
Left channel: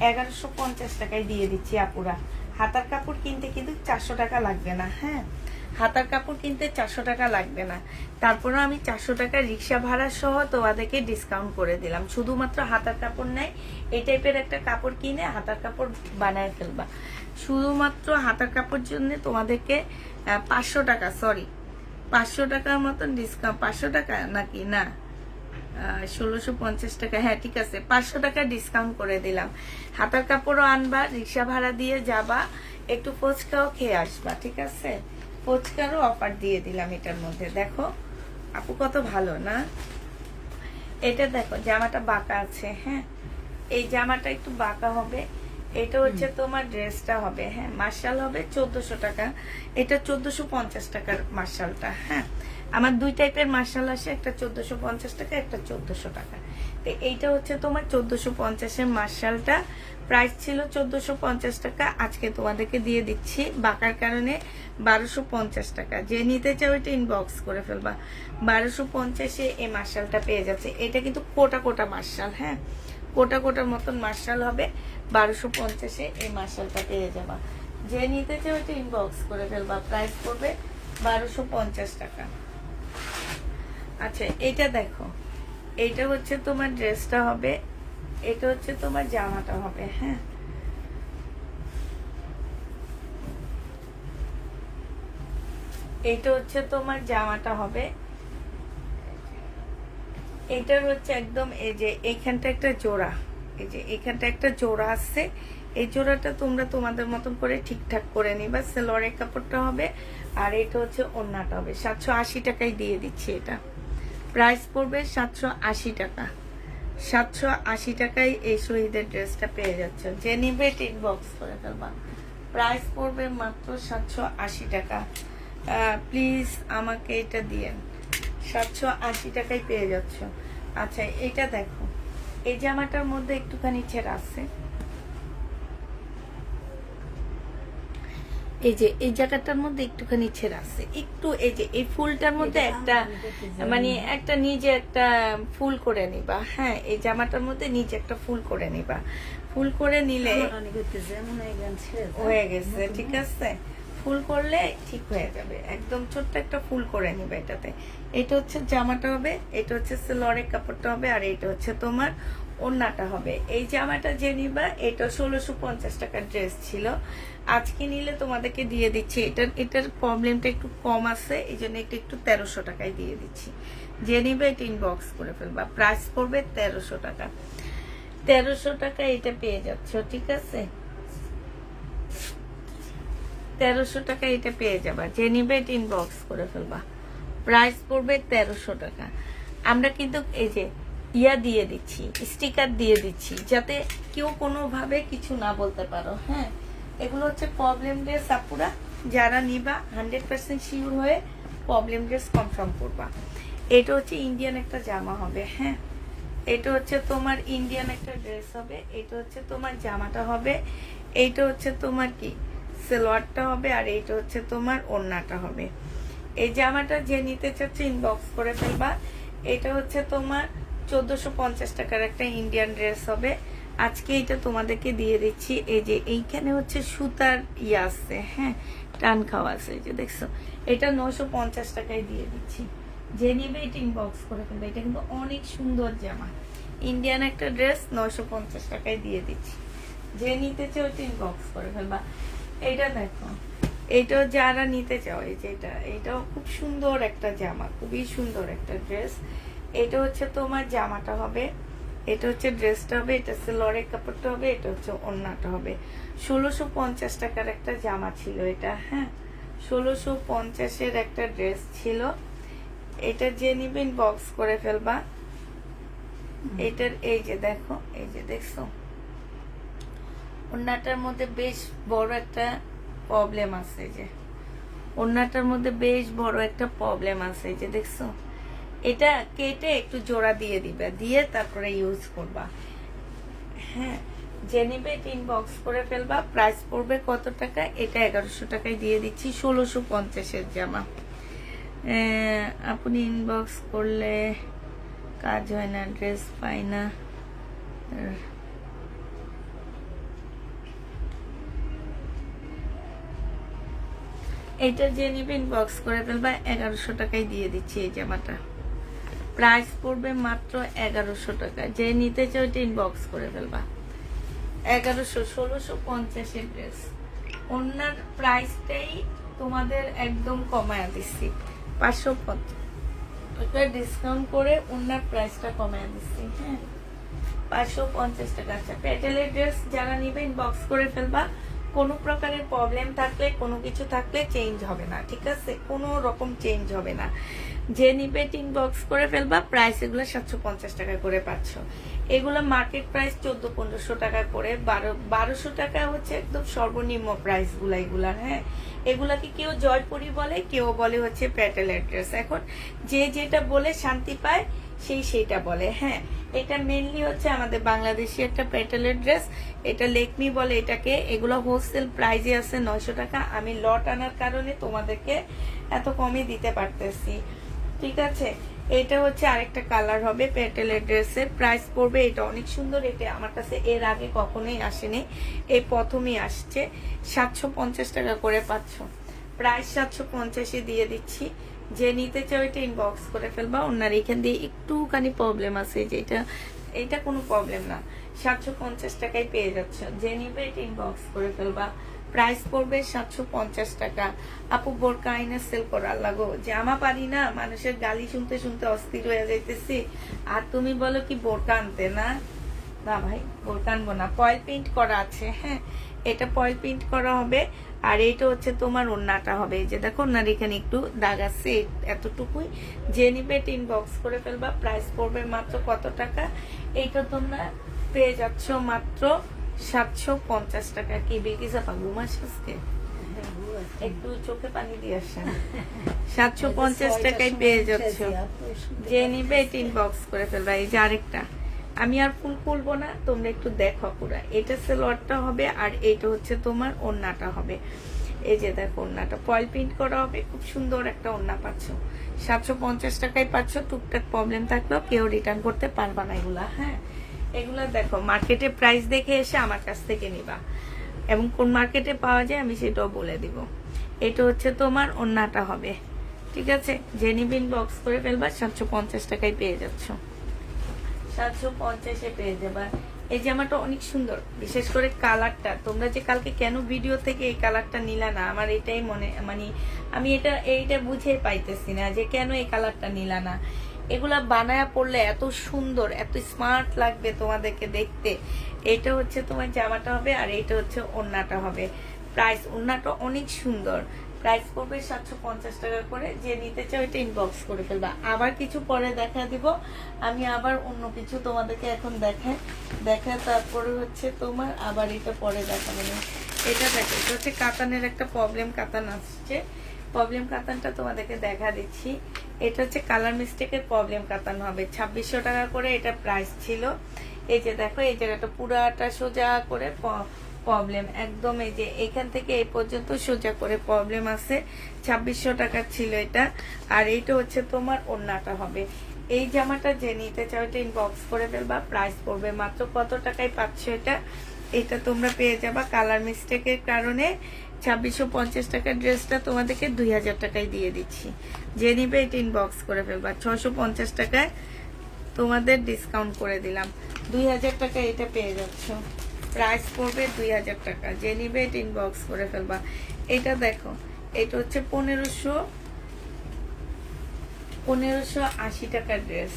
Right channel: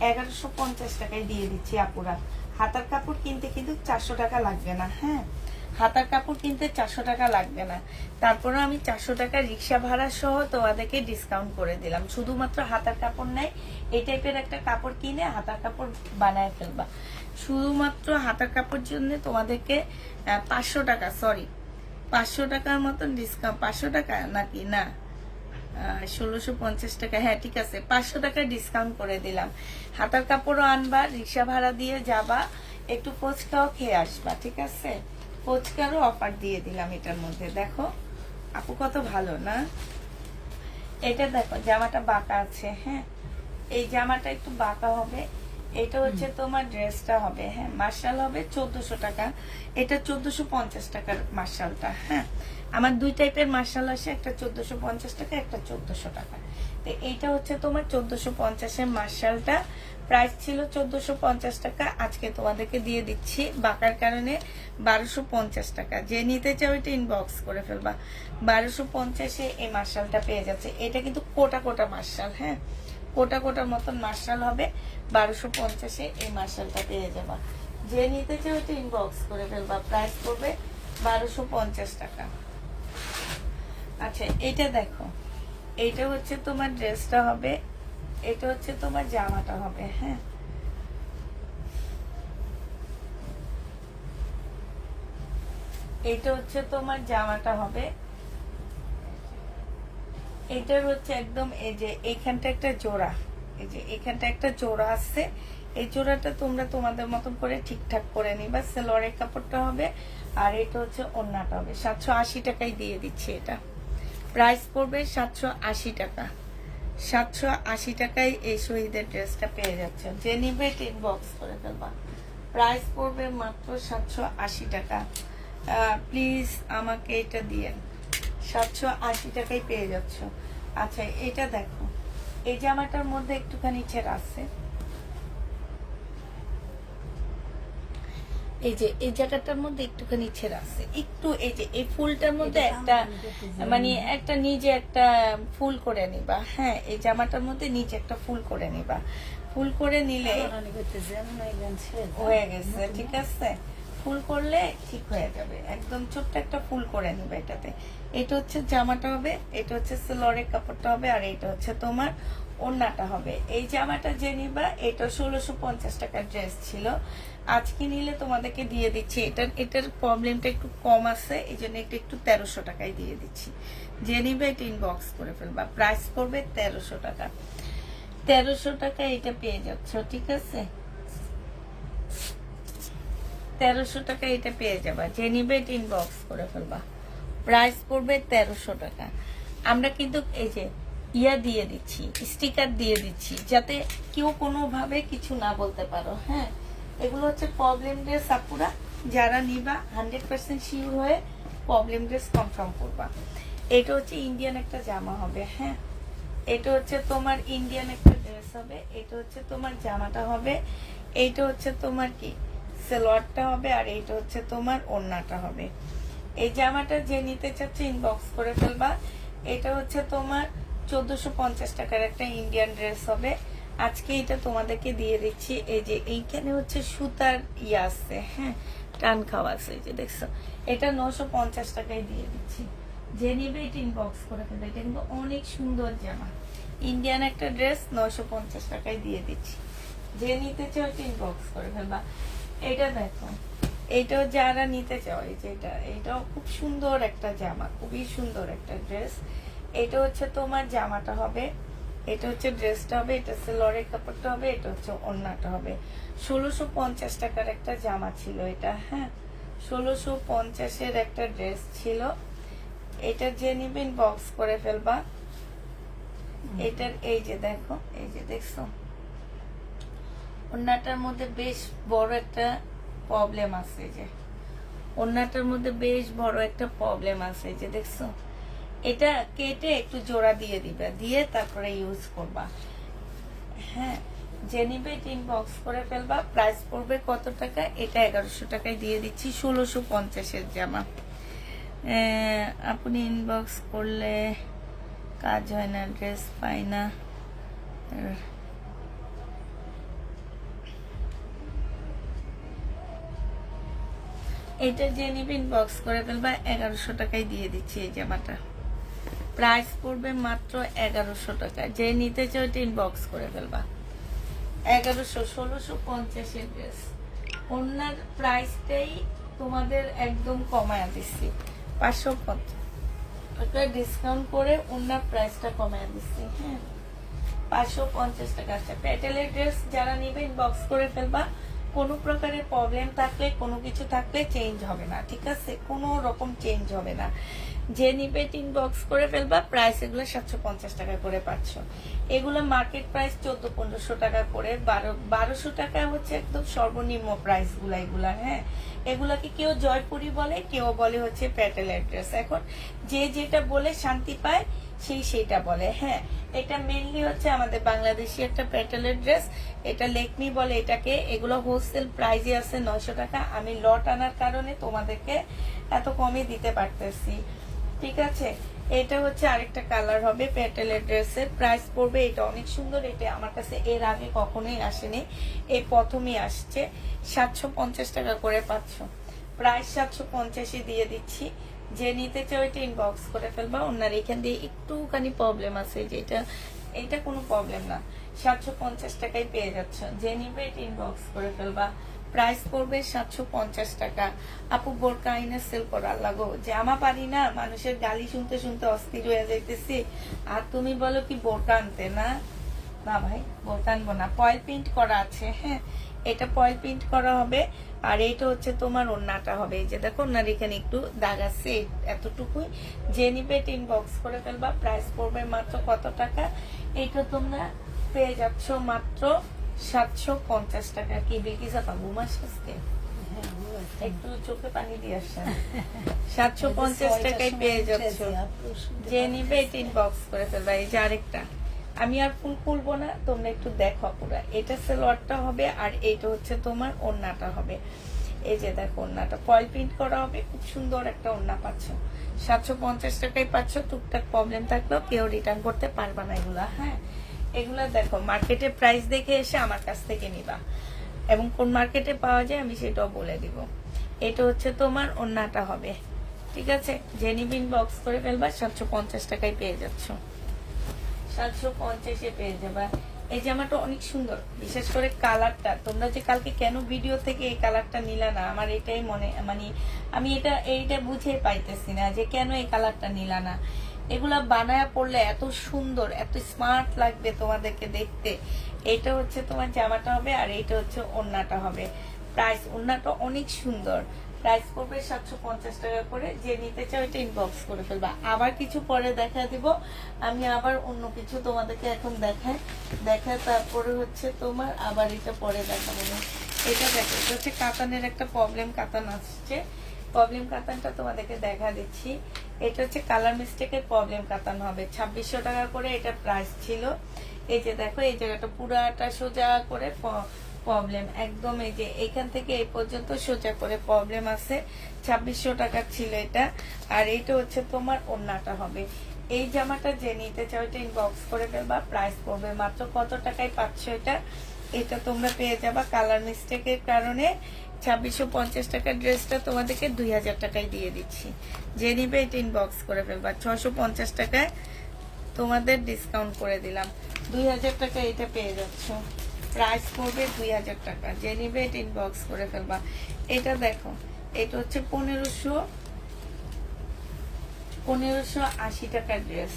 1150 টাকায় দিয়ে দিচ্ছি আপুরা। হাতার কাপড় কিনতে কিন্তু 400 টাকা লাগবে না, হ্যাঁ হাতার কাপড় কিনতে 400 টাকা লাগবে না। তারপরে আমি 400 টাকা রিক্সা ভাড়া সহ তোমাদেরকে ডিসকাউন্ট করে দিলাম। শুধুমাত্র হাতার কাপড় নাই, এই টাইপের একটা কাপড় কিনে হাতার কাপড় বানায় ফেলবা। শুধুমাত্র হাতার কাপড় জন্য তোমাদেরকে 500 টাকা, সরি 500 টাকার মতন ডিসকাউন্ট। 500 টাকা নাকি না 1650 টাকা, হ্যাঁ ঠিক আছে 500 টাকা ডিসকাউন্ট করে দিলাম। হাতার কাপড়ও আনবা, রিক্সা ভাড়া দিয়ে যাবা, একটু ফুচকাও খেয়ে আসবা, ঠিক আছে ফুচকারও অফার দিয়ে দিলাম এটার মধ্যে। দেখো আপু কত ভালো না। এটা দেখো জামাটা বাঁকা আছে, হ্যাঁ এই জামাটা একটু বাঁকা হবে। এটা হচ্ছে তোমার ড্রেসটা হবে, হ্যাঁ মার্শাল হবে 1400 টাকা। এটা 1450 টাকার মার্শালটা, হ্যাঁ আমার দুই টাইপের মার্শাল আসে, একটা 1450 টাকা, একটা 1400 টাকা। তো এইটা হচ্ছে তোমার 1450-এর মার্শালটা। প্রাইস ছিল 1450 টাকা, আজকে তোমাদেরকে দিয়ে দিচ্ছি বাঁকার কারণে 1250 টাকা। যে নিতে চাও এটা ইনবক্স করে ফেলবা। 1250-এ এই মার্শালটা পেয়ে যাচ্ছে। এটা কিন্তু কোটা কোটা মার্শাল, হ্যাঁ কোটা কোটার মতন মার্শাল হবে। 1250-এ এই মার্শালটা পেয়ে যাবা। যে নিতে চাও এটা ইনবক্স করে ফেলবা। প্রাইস পড়বে 1250 টাকা। আচ্ছা এটা দেখো, এইটা হচ্ছে তোমার ড্রেসটা হবে, এটা হচ্ছে তোমার জামাটা হবে, হ্যাঁ এইটা হচ্ছে তোমার জামাটা হবে। এটার হচ্ছে একদম এই যে এইখানটা একটা জোড়া, এই যে এখানটা একটা জোড়া আছে। এই জোড়াটা তোমরা তোমাদের মতন করে ঠিকঠাক করে নিবা। সালোয়ারের কাপড়টা হবে আর এটা হচ্ছে ওড়নাটা হবে। 780 টাকায় দিয়ে দিচ্ছি এটা। প্রাইস পড়বে 780 টাকা। 780 টাকায় এই শহীদের ড্রেসটা পেয়ে যাচ্ছে। যে নিবে এটা ইনবক্স করে ফেলবা। প্রাইস পড়বে মাত্র 780 টাকা। প্লিজ আমাকে এটা দিয়ে 780 টাকায় পেয়ে যাচ্ছ। আচ্ছা এটা দেখো, এই জামাটার মধ্যে একটুখানি ছেঁড়া আছে, এই যে এই জায়গাটার মধ্যে একটুখানি ছেঁড়া আছে একটু। এই যে এই ফুলটার মধ্যে একটা মানে একটা নিজে একটা ফুল করে নিবা, হ্যাঁ এই জামাটার মধ্যে নিচে একটা ফুল করে নিবা। ফুল করে নিলে হয়ে গেছে, ঠিক আছে ফুল করলে ঠিক হয়ে যাবে। একদম ছোট্ট একটা ফুল করে নিবে এটাতে। এটা হচ্ছে জামাটা হবে, এটা হচ্ছে সালোয়ারের কাপড়টা হবে, আর এটা হচ্ছে তোমার ওড়নাটা হবে। এই জামাটা যে নিবা এটা 1650 টাকার ড্রেস ছিল, আজকে নিলে তোমাদেরকে দিয়ে দিচ্ছি। এটার প্রবলেমটা একটু কম আছে, এই জন্য একটু 1300 টাকায় দিয়ে দিচ্ছি। যে নিবে এটা ইনবক্স করে ফেলবা। প্রাইস পড়বে 1300 টাকা। 1300 টাকা এটা পেয়ে যাচ্ছ, ঠিক আছে 1300 টাকা এটা পেয়ে যাবা। যে নিবে এটা ইনবক্স করে ফেলবা। প্রাইস পড়বে 1300 টাকা। আমরা কিন্তু এই যে ইয়া দিয়ে দিচ্ছি, স্টিকার দিয়ে দিচ্ছি, যাতে কেউ কোনোভাবে কিছু না বলতে পারো, হ্যাঁ এগুলো হচ্ছে প্রবলেম ড্রেস। আপুরা যারা নিবা 100% শিওর হয়ে প্রবলেম ড্রেস কনফার্ম করবা। এটা হচ্ছে ইন্ডিয়ান একটা জামা হবে, হ্যাঁ এটা হচ্ছে তোমার ইন্ডিয়ান একটা ড্রেস হবে। এটা হচ্ছে তোমার জামাটা হবে, এইটা হচ্ছে তোমার কি সালোয়ারটা হবে, আর এইটা হচ্ছে তোমার ওড়নাটা হবে। এই জামাটা যে নিতে চাচ্ছে ইনবক্স করে ফেলবা। এটা হচ্ছে তোমার 1450 টাকার একটা ইন্ডিয়ান ড্রেস হবে। আজকে এটা তোমাদেরকে দিয়ে দিচ্ছি। এই যে এইখানে হচ্ছে সুতার ইয়ে আছে, হ্যাঁ টান খাওয়া আছে, এই যে দেখছো এটা 950 টাকায় দিয়ে দিচ্ছি। যে নিবে এটা ইনবক্স করে ফেলবে। এটা কিন্তু অনেক সুন্দর জামা, ইন্ডিয়ান একটা ড্রেস 950 টাকায় দিয়ে দিচ্ছি। যে নিতে চাও এটা ইনবক্স করে ফেলবা। এটা দেখো, এইটাও যারা নিতে চাও এই যে এটাও খুব সুন্দর একটা জামা, খুবই সুন্দর একটা ড্রেস। এটা হচ্ছে তোমার জামাটা হবে, এটা হচ্ছে ড্রেসটা হবে, এটা সালোয়ারের কাপড়টা হবে, এটা হচ্ছে ওড়নাটা হবে। 1650 টাকার একটা জামা ছিল এটা, হ্যাঁ 1650-এর একটা ড্রেস ছিল। এটা যে নিবেন বক্স করে ফেলবা। এটার এই যে দেখো, এই যে দেখছো ওড়নাটার মধ্যে বেশ বড় একটা প্রবলেম আছে, যে ওড়নাটার মধ্যে বেশ বড় একটা প্রবলেম আছে, যে দেখছো, এটা কেটে একটু জোড়া দিয়ে দিবে, দিয়ে তারপরে ইউজ করবা। হ্যাঁ, যে নিবে ইনবক্স করে ফেলবা। প্রাইস পড়বে কত টাকা? এটা 1100 টাকায় দিয়ে দিচ্ছি, 1650-এর জামা। আপনি ইনবক্স করলে কাজ হয় না, ড্রেস পাই না। এটা যে নিবে ইনবক্স করে ফেলবা, 1100 টাকায় দিয়ে দিচ্ছি এই জামাটা। প্রাইস পড়বে মাত্র 1100 টাকা। যে নিতে চাও ওইটা ইনবক্স করে ফেলবা। 1100, 1650-এর ড্রেস। ওনার প্রাইসটাই তোমাদের একদম কমায় দিচ্ছি, 550 টাকা ডিসকাউন্ট করে ওনার প্রাইসটা কমায় দিচ্ছি। হ্যাঁ, 550 টাকা। আচ্ছা, প্যাটেলের ড্রেস যারা নিবে ইনবক্স করে ফেলবা। কোনো প্রকারের প্রবলেম থাকলে, কোনো কিছু থাকলে চেঞ্জ হবে না, ঠিক আছে? কোনো রকম চেঞ্জ হবে না। যে নিবে ইনবক্স করে ফেলবা। প্রাইস এগুলো 750 টাকা করে পাচ্ছ। এগুলো মার্কেট প্রাইস 1400-1500 টাকায় পড়ে, 1200 টাকা হচ্ছে একদম সর্বনিম্ন প্রাইস গুলা এগুলা। হ্যাঁ, এগুলাকে কেউ জয়পুরি বলে, কেউ বলে হচ্ছে প্যাটেলের ড্রেস। এখন যে যেটা বলে শান্তি পায় সেই সেইটা বলে। হ্যাঁ, এটা মেইনলি হচ্ছে আমাদের বাংলাদেশি একটা প্যাটেলের ড্রেস। এটা লেকমি বলে এটাকে। এগুলো হোলসেল প্রাইসে আছে 900 টাকা। আমি লট আনার কারণে তোমাদেরকে এত কমে দিতে পারতেছি, ঠিক আছে? এটা হচ্ছে আরেকটা কালার হবে প্যাটেলের ড্রেসের। প্রাইস পড়বে, এটা অনেক সুন্দর। এটা আমার কাছে এর আগে কখনোই আসেনি, এই প্রথমই আসছে। 750 টাকা করে পাচ্ছ। প্রাইস 750-ই দিয়ে দিচ্ছি। যে নিতে চাও এটা ইনবক্স করে ফেলবা। ওনার এখান দিয়ে একটুখানি প্রবলেম আছে, যেটা এটা কোনো প্রবলেম না। 750 টাকায় পেয়ে যাচ্ছে। যে নিবে এটা ইনবক্স করে ফেলবা। প্রাইস পড়বে 750 টাকা। আপু বোরকা আইনে সেল করার লাগো, জামা পারি না, মানুষের গালি শুনতে শুনতে অস্থির হয়ে যাইতেছি, আর তুমি বলো কি বোরকা আনতে? না না ভাই, বোরকা আনবো না। পয়েল প্রিন্ট করা আছে। হ্যাঁ, এটা পয়েল প্রিন্ট করা হবে। আর এটা হচ্ছে তোমার ওড়নাটা হবে, এই যে দেখো ওনার এখানে একটু দাগ আছে, এতটুকুই। যে নিবে এটা ইনবক্স করে ফেলবা। প্রাইস পড়বে মাত্র কত টাকা? এটা তোমরা পেয়ে যাচ্ছ মাত্র 750 টাকা। কি দেখি যাবা ঘুমাস আজকে? একটু চোখে পানি দিয়ে আসেন। 750 টাকায় পেয়ে যাচ্ছ। যে নিবে এটা ইনবক্স করে ফেলবা। এই যে আরেকটা, আমি আর ফুল খুলবো না, তোমরা একটু দেখো পুরা। এটা সেলোয়ারটা হবে, আর এটা হচ্ছে তোমার ওড়নাটা হবে। এই যে দেখো ওড়নাটা ফয়েল প্রিন্ট করা হবে, খুব সুন্দর একটা ওড়না পাচ্ছ। 750 টাকায় পাচ্ছ। টুকটাক প্রবলেম থাকলেও কেউ রিটার্ন করতে পারবা না এগুলা। হ্যাঁ, এগুলা দেখো মার্কেটে প্রাইস দেখে এসে আমার কাছ থেকে নিবা, এবং কোন মার্কেটে পাওয়া যায় আমি সেটাও বলে দিব। এটা হচ্ছে তোমার ওড়নাটা হবে, ঠিক আছে? যে নিবে ইনবক্স করে ফেলবা। 750 টাকায় পেয়ে যাচ্ছ। 750-এ পেয়ে যাবা। এই জামাটা অনেক সুন্দর, বিশেষ করে কালারটা। তোমরা যে কালকে কেন ভিডিও থেকে এই কালারটা নিলা না, আমার এটাই মানে আমি এইটা বুঝে পাইতেছি না যে কেন এই কালারটা নিলা না। এগুলা বানায় পড়লে এত সুন্দর, এত স্মার্ট লাগবে তোমাদেরকে দেখতে। এটা হচ্ছে তোমার জামাটা হবে, আর এইটা হচ্ছে ওড়নাটা হবে। প্রাইস, ওড়নাটা অনেক সুন্দর। প্রাইস পড়বে 750 টাকা করে। যে নিতে চাও এটা ইনবক্স করে ফেলবা। আবার কিছু পরে দেখা দিব, আমি আবার অন্য কিছু তোমাদেরকে এখন দেখায় তারপরে হচ্ছে তোমার আবার এটা পরে দেখাবো। এটা দেখো, এটা হচ্ছে কাতানের একটা প্রবলেম কাতান আসছে। প্রবলেম কাতানটা তোমাদেরকে দেখা দিচ্ছি। এটা হচ্ছে কালার মিস্টেকের প্রবলেম কাতান হবে। 2600 টাকা করে এটা প্রাইস ছিল। এই যে দেখো, এই জায়গাটা পুরাটা সোজা করে প্রবলেম একদম, এই যে এখান থেকে এই পর্যন্ত সোজা করে প্রবলেম আছে। 2600 টাকা ছিল এটা। আর এইটা হচ্ছে তোমার ওড়নাটা হবে। এই জামাটা যে নিতে চাও এটা ইনবক্স করে ফেলবা। প্রাইস পড়বে মাত্র কত টাকায় পাচ্ছ এটা? এটা তোমরা পেয়ে যাবা কালার মিস্টেকের কারণে 2650 টাকার ড্রেসটা তোমাদেরকে 2000 টাকায় দিয়ে দিচ্ছি। যে নিবে এটা ইনবক্স করে ফেলবা। 650 টাকায় তোমাদের ডিসকাউন্ট করে দিলাম। 2000 টাকা এটা পেয়ে যাচ্ছ। প্রাইস পড়বে 2000 টাকা। যে নিবে এটা ইনবক্স করে ফেলবা। এটা দেখো, এটা হচ্ছে 1580 টাকার ড্রেস।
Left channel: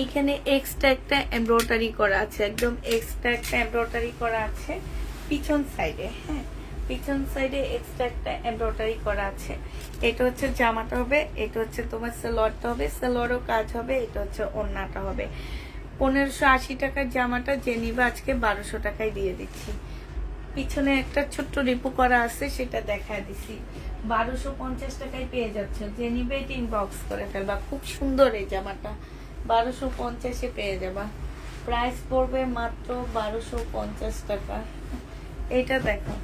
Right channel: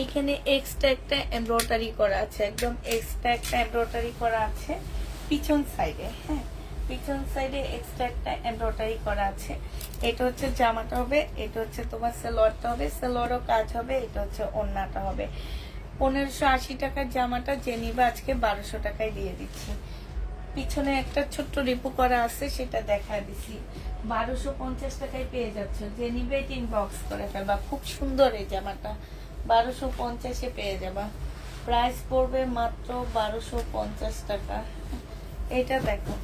এইখানে এক্সট্রা একটা এমব্রয়ডারি করা আছে, একদম এক্সট্রা একটা এমব্রয়ডারি করা আছে পিছন সাইডে। হ্যাঁ, পিছন সাইডে এক্সট্রা একটা এমব্রয়ডারি করা আছে। এটা হচ্ছে জামাটা হবে, এটা হচ্ছে তোমার সালোয়ারটা হবে, সালোয়ারও কাজ হবে। এটা হচ্ছে ওড়নাটা হবে। 1580 টাকার জামাটা যে নিবে আজকে 1200 টাকায় দিয়ে দিচ্ছি। পিছনে একটা ছোট্ট রিপু করা আছে, সেটা দেখায় দিছি। 1250 টাকায় পেয়ে যাচ্ছ, যে নিবে ইনবক্স করে ফেলবা। খুব সুন্দর এই জামাটা, 1250-এ পেয়ে যাবা। প্রাইস পড়বে মাত্র 1250 টাকা। এটা দেখো,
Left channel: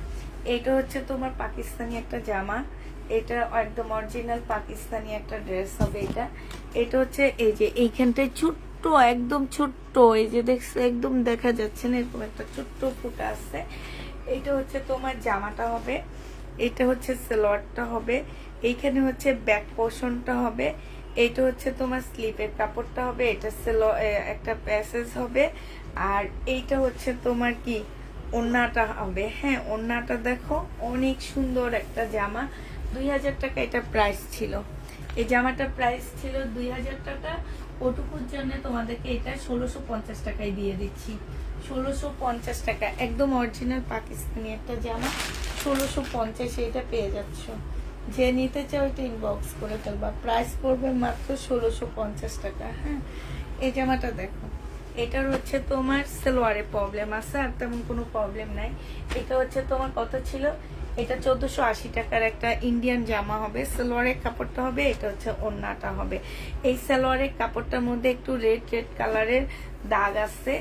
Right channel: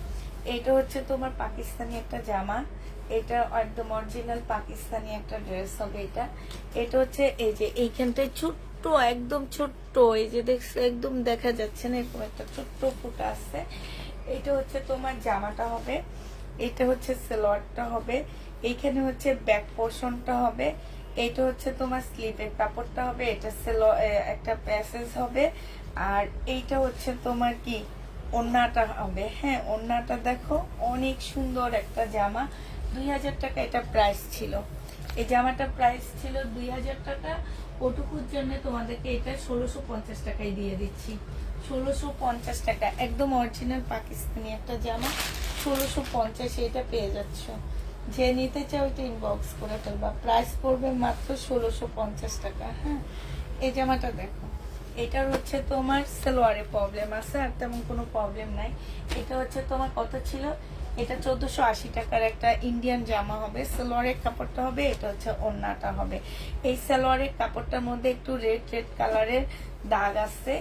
এটা হচ্ছে তোমার পাকিস্তানি একটা জামা, এটা একদম অরিজিনাল পাকিস্তানি একটা ড্রেস হবে। এটা হচ্ছে এই যে এইখানটায় ছোট্ট, একদম ছোট্ট, এই যে দেখছো একদম দেখা যাচ্ছে না, এরকম একটা ছোট্ট ফুটা আছে। এটা হচ্ছে তোমার জামাটা হবে, এটা হচ্ছে সালোয়ারটা হবে, এইখানে হচ্ছে ব্যাক পোর্শনটা হবে, এটা হচ্ছে তোমার স্লিপের কাপড়টা হবে, এটা একটা প্যাসেজ হবে, আর এইটা হচ্ছে তোমার কি ওড়নাটা হবে। হ্যাঁ, ওড়নাটা দেখো অনেক সুন্দর একটা জামা। 2000 টাকা এটা প্রাইস ছিল, এই জামাটার প্রাইস ছিল 2000 টাকা। ওটুকুর জন্য তোমাদেরকে এটা 1650 টাকায় দিয়ে দিচ্ছি। 1650 টাকা, একদম অরিজিনাল পাকিস্তানি একটা জামা, 1650 এটা পেয়ে যাচ্ছ। যে নিতে চাও তো ইনবক্স করে ফেলবা। প্রাইস পড়বে মাত্র 1650 টাকা। হ্যাঁ, এই জামাটা দেখো, এটার হচ্ছে তোমার সালোয়ারে প্রবলেম আছে, আর তেমন কোনো প্রবলেম নাই। এটা হচ্ছে তোমার কত ছিল, এটা 1480 টাকার একটা ইন্ডিয়ান জামা হবে, সালোয়ারের কাপড়টা হবে, এটা হচ্ছে ওড়নাটা হবে। এই সালোয়ারের কাপড়টার মধ্যে একটু রেড রেড কালারের দাগ আছে,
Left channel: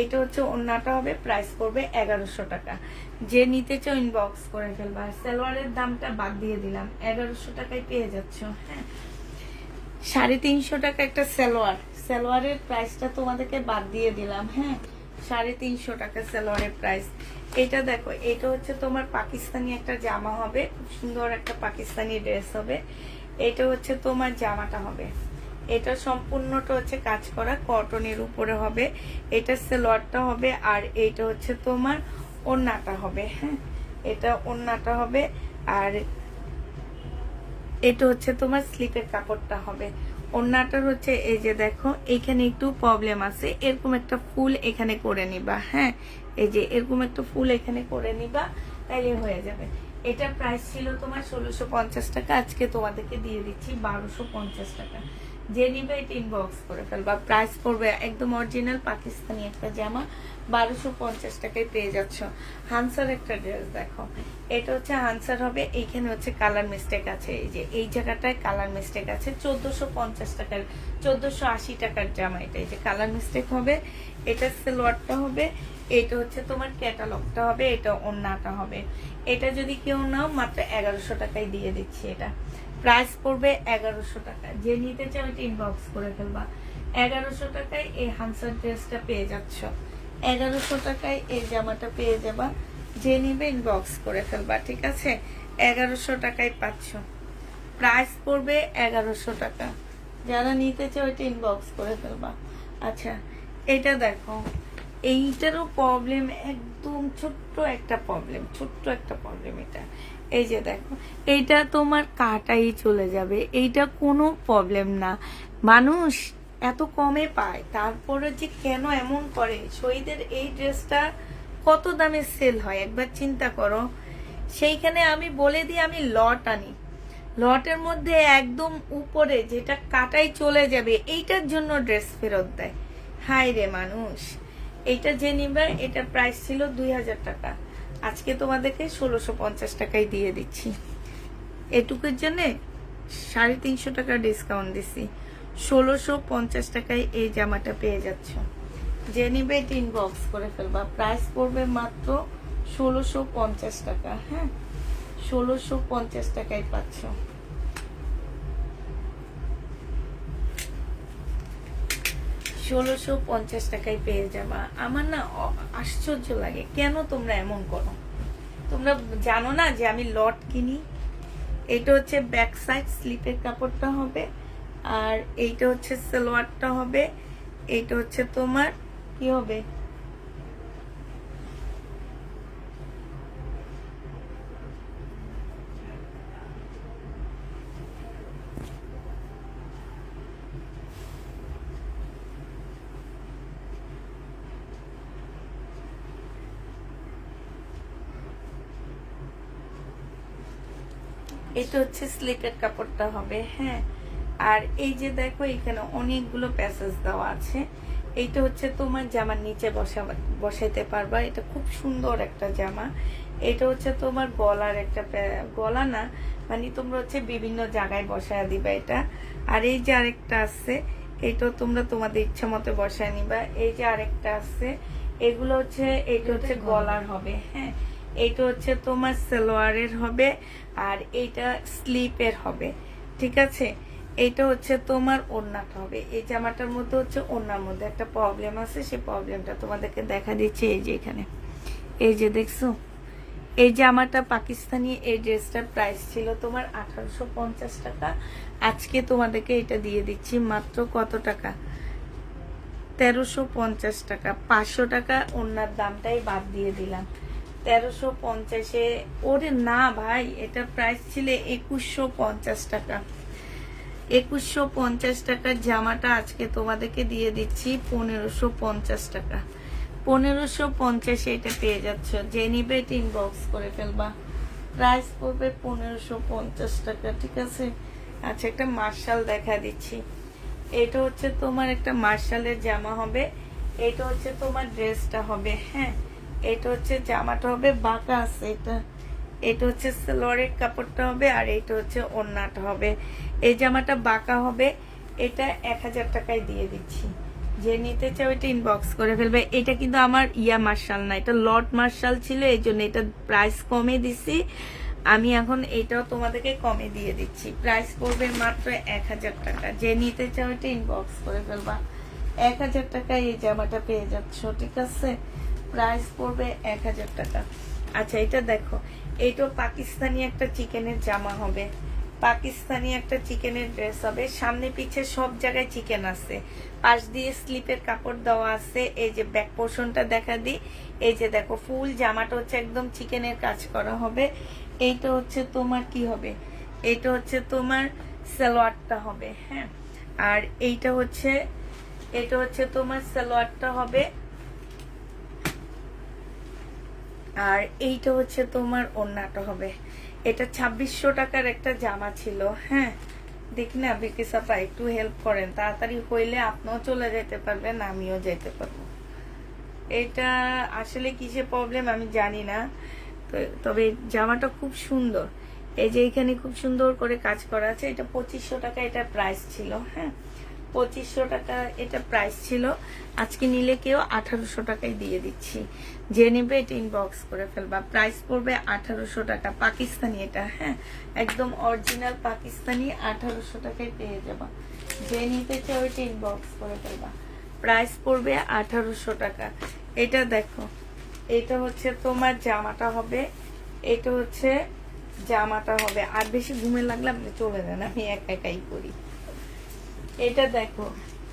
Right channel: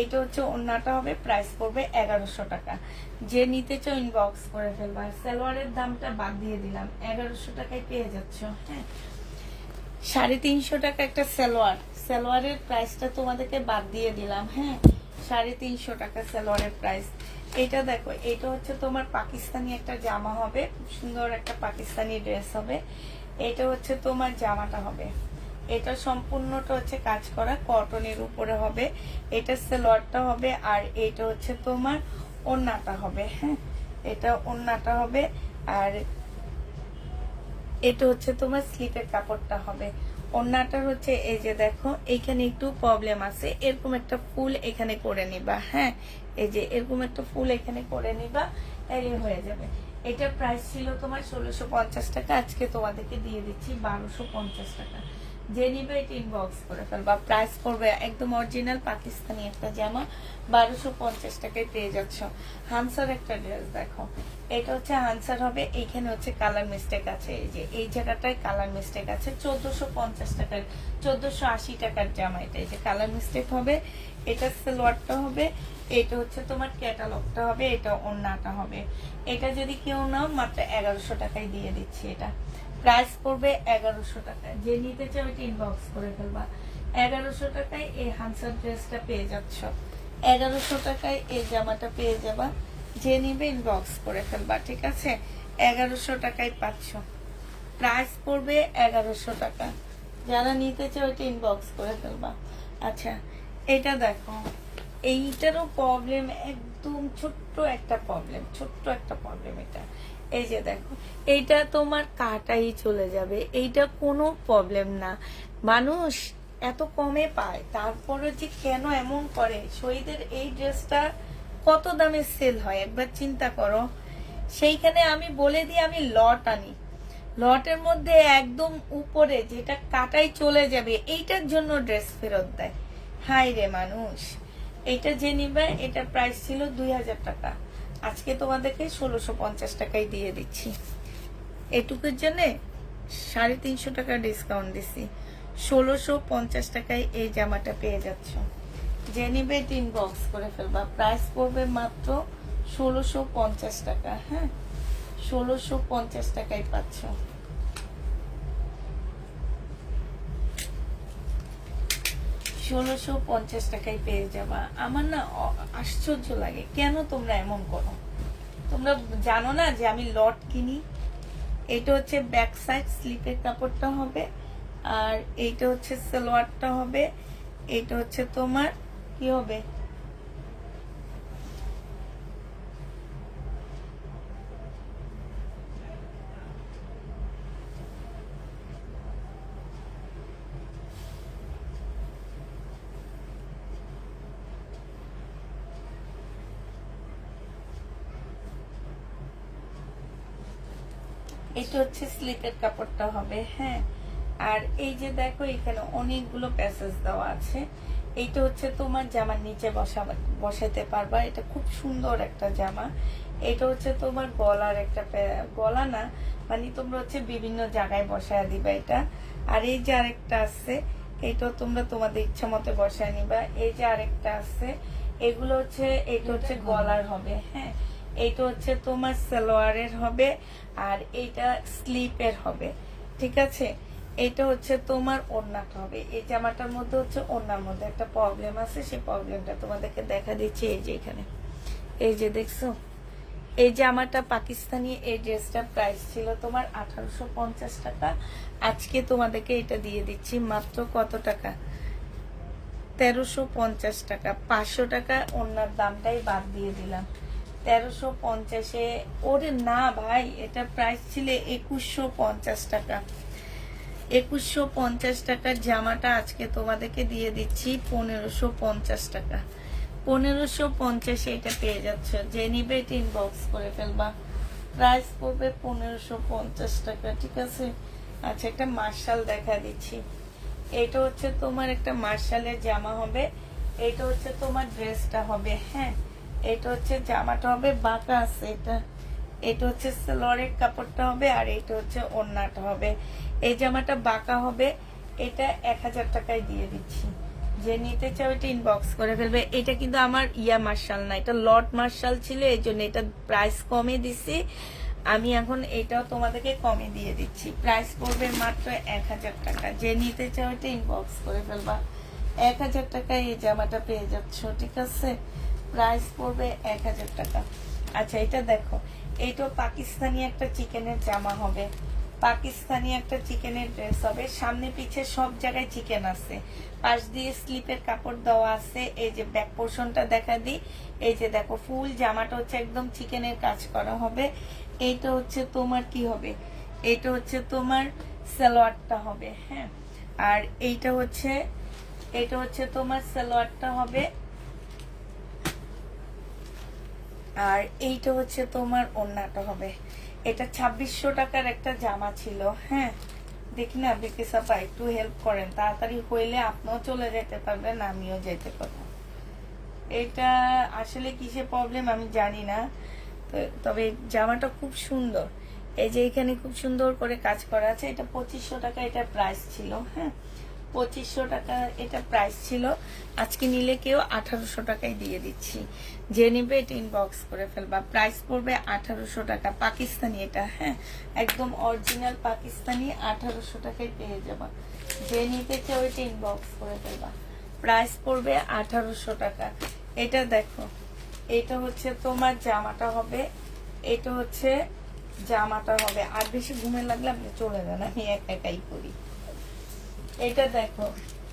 এটা হচ্ছে ওড়নাটা হবে। প্রাইস পড়বে 1100 টাকা। যে নিতে চাও ইনবক্স করে ফেলবা। সালোয়ারের দামটা বাদ দিয়ে দিলাম, 1100 টাকায় পেয়ে যাচ্ছ। হ্যাঁ, 350 টাকা একটা সালোয়ারের প্রাইসটা তোমাদেরকে বাদ দিয়ে দিলাম। হ্যাঁ, 350 টাকা সালোয়ারের প্রাইস। এটা দেখো, এটা হচ্ছে তোমার পাকিস্তানি একটা জামা হবে, খুব সুন্দর একটা পাকিস্তানি ড্রেস হবে। এটা হচ্ছে তোমার জামাটা হবে, এটা সম্পূর্ণটা হচ্ছে কাজ করা কটনের উপরে হবে, এটা সালোয়ারটা হবে, আর এইটা হচ্ছে তোমার ওড়নাটা হবে। হ্যাঁ, এটা ওড়নাটা হবে, আর এটা হচ্ছে তোমার স্লিপের কাপড়টা হবে। ওড়নাটার হচ্ছে এই যে দেখো, এইখানে একটু প্রবলেম আছে, এরকম একটা ফুল এখানে করে নিবা। হ্যাঁ, এই যে এরকম একটা ফুল এখানে করে নিবা, তাইলে হয়ে যাবে। এটা প্রাইস ছিল তোমার 1650 টাকা, আজকে তোমাদেরকে দিয়ে দিচ্ছি 1250 টাকা। যে নিবে এটা ইনবক্স করে ফেলবা। প্রাইস পড়বে একদম অরিজিনাল পাকিস্তানি একটা জামা, 1250 টাকায় পেয়ে যাচ্ছ। হানসার একটা ড্রেস দেখো, এটা হচ্ছে হানসার হবে, এইখানে হচ্ছে কালার মিস্টেক আছে, এই যে এই জায়গাটায় কালার মিস্টেক আছে। 1450 টাকার, 1480 টাকার জামা এটা, এই যে কালার মিস্টেক হবে। এটা সালোয়ারটা হবে, এটা হচ্ছে তোমার ক্যাটালগটা হবে, এটা ওড়নাটা হবে। এটা যদি কেউ নাও মাত্র 1100 টাকায় দিয়ে দিচ্ছি। এটা প্রাইস পড়বে 1100 টাকা। যে নিতে চাও এটা ইনবক্স করে ফেলবা। 1100 টাকায় এই হানসার ড্রেসটা পেয়ে যাচ্ছ, 1100 টাকায় এই জামাটা পেয়ে যাবা। যে নিবে ইনবক্স করে ফেলবা, ঠিক আছে? 1100 টাকায় পাচ্ছ, প্রাইস পড়বে 1100 টাকা। যারা নিতে চাও এটা ইনবক্স করে ফেলবা। আচ্ছা, এটা দেখো, এইটারও প্রবলেম, একদম ছোট্ট একটা প্রবলেম এটা। এই যে দেখো, এইটা তোমার কাটাই চলে যাবে, এইটা কোনো প্রবলেম না। মানুষ এত কমে পায়, তারপরে যে কেন এমন করে। শহীদের এই ড্রেসটা কত দামে সেল হয় একবার চিন্তা করো। সেইখানে আমি বলে দিই আমি লট আনি, লটের মধ্যে একদম উপরে যেটা কাটাই চলে যাবে, এইটার জন্য ড্রেস ফেরত দেয়। হাই রে মানুষ। এইটা যে নিবে, এটার প্রাইস ছিল 2000 টাকা, আজকে তোমাদেরকে 1650 টাকায় দিয়ে দিচ্ছি। এটুকুর জন্য 350 টাকা ডিসকাউন্ট দিচ্ছি, 1650 টাকায় এই জামাটা পেয়ে যাচ্ছ। যে নিবে এটা ইনবক্স করে ফেলবা। প্রাইস পড়বে মাত্র 1650 টাকা। হ্যাঁ, 1650 টাকায় পাচ্ছ। ষোলোশো 50 টাকায় পেয়ে যাবা। আমার না আশ্চর্য লাগে, কেন তোমরা এমন করো? তোমরা জানো না যে আমি লট কিনি? এটা হচ্ছে ব্যাক সাইড স্লিপের কাপড়টা হবে, আর এইটা হচ্ছে সালোয়ারটা হবে, এইটা হচ্ছে তোমার কি হবে, এটা হচ্ছে স্লিপের কাপড়টা হবে। হ্যাঁ, আর এই যে দেখো, এখানে অনেকগুলো প্যাসেজ দেওয়া আছে, এইটা হচ্ছে তোমার জামার নিচে বসাইতে পারবা, এটা খুব সুন্দর একটা জামা। এটা হচ্ছে তোমার গলার একটা গলা না, মানে তোমরা হচ্ছে বিভিন্ন জায়গায় বসায় দিবা এটা। আর এই যে আরেকটা আছে, এইটাও তোমরা তোমাদের ইচ্ছা মতো বসায় নিবা। এই যে আরেকটা আছে, এগুলো হচ্ছে, এটা হচ্ছে গলার হবে, হ্যাঁ। এইটা হচ্ছে তোমার সালোয়ারের হবে, আর এইটা স্লিপের হবে, ঠিক আছে। এইটা হচ্ছে তোমার ওড়নাটা হবে। এই জামাটার মধ্যে হচ্ছে ওড়নার মধ্যে একটা প্রবলেম আছে, সেই প্রবলেমটা তোমাদেরকে দেখা দিচ্ছি। এই যে এখানে, এই যে দেখছো, এই জামাটা পাকিস্তানি, এই ড্রেসটার প্রাইস ছিল তোমার 1850 টাকা। আজকে তোমাদেরকে এটা দিয়ে দিচ্ছি মাত্র কত টাকা, 1350 টাকা। 500 টাকা ওনার দামটাই বাদ দিয়ে দিলাম, 1350-এ। ওরে না ভাই, এটা প্রাইস ছিল 2150 টাকা। 2150 টাকার জামাটা আজকে তোমাদেরকে দিয়ে দিচ্ছি 1550 টাকা। 1550 এটা পেয়ে যাচ্ছ, যে নিবে এটা ইনবক্স করে ফেলবা। প্রাইস পড়বে 1550 টাকা, ঠিক আছে। আচ্ছা, একটা মার্শাল দেখা দিচ্ছি। এটা হচ্ছে তোমার একটা মার্শালের জামা হবে, এটা হচ্ছে তোমার ড্রেসটা হবে, হ্যাঁ। এটা হচ্ছে জামাটা হবে বাঁকা আছে, এটা হচ্ছে সালোয়ারের কাপড়টা হবে, আর এটা হচ্ছে ওড়নাটা হবে। এই জামাটা বাঁকা হবে, এটা 1000 টাকায় দিয়ে দিচ্ছি। যে নিতে চাও এটা ইনবক্স করে ফেলবে। এটা কিন্তু আমার ইয়া মার্শাল না, এটা লট মার্শাল ছিল, এই জন্য এটা প্রাইস কমে দিছি আমি। এখন এটাও তোমাদেরকে কমে দিয়ে দিচ্ছি, প্রাইস পড়বে মাত্র 1000 টাকা। যে নিতে চাও এটা ইনবক্স করে ফেলবা। 1000 টাকায় এই জামাটা পেয়ে যাচ্ছ, ঠিক আছে। প্রাইস পড়বে 1000 টাকা। আচ্ছা, এটা দেখো, এইটাও পাকিস্তানি একটা চিকেনের জামা হবে, পাকিস্তানি একটা চিকেনের ড্রেস হবে। সামনে পিছে সব জায়গায় চিকেন আছে, পাশ দিয়ে স্লিপের কাপড় দেওয়া আছে। এই যে ব্যাক পোর্শনটা দেখা দিই, এই যে দেখো ফুল জামাটা হচ্ছে একদম চিকেনের কাজ করা হবে। এইটা হচ্ছে তোমার কি হবে, এইটা হচ্ছে তোমার সালোয়ারটা হবে, হ্যাঁ। আর এইটা হচ্ছে, এটা হচ্ছে তোমার সালোয়ারটা হবে, আর এইটা হচ্ছে তোমার ওড়নাটা হবে। এটা 2600 টাকার একটা জামা ছিল, হ্যাঁ। দেখি না বিকিসাপা, একটু হেল্প করেন, তাড়াতাড়ি হইলে আপনিও চলে যেতে পারবেন, আমিও যেতে পারবো। এটা আসলে কিসে প্রবলেম আমি জানি না, তবে জামাটা খুব সুন্দর। এই যে এখানে খুব সুন্দর করে কাজ করা আছে। এটা 2500 টাকা এটা প্রাইস ছিল, হ্যাঁ। 2500 টাকা এটা প্রাইস ছিল। আজকে নিলে কেউ 1800 টাকায় দিয়ে দিচ্ছি। যে নেবে এটা ইনবক্স করে ফেলবা। প্রাইস পড়বে 1800 টাকা, পাকিস্তানি এটা, হ্যাঁ, একদম অরিজিনাল পাকিস্তানি। 1800 টাকায় পেয়ে যাবা। যে নিতে চাও এটা ইনবক্স করে ফেলবা। প্রাইস পড়বে 1800 টাকা। এটা দেখো, এটা হচ্ছে তোমার জামাটা হবে, এটা হচ্ছে জামাটা হবে। আর বেশি ঘুমে লাগলে আপনি চলে যান, আমি একাই করি। এটা দেখো,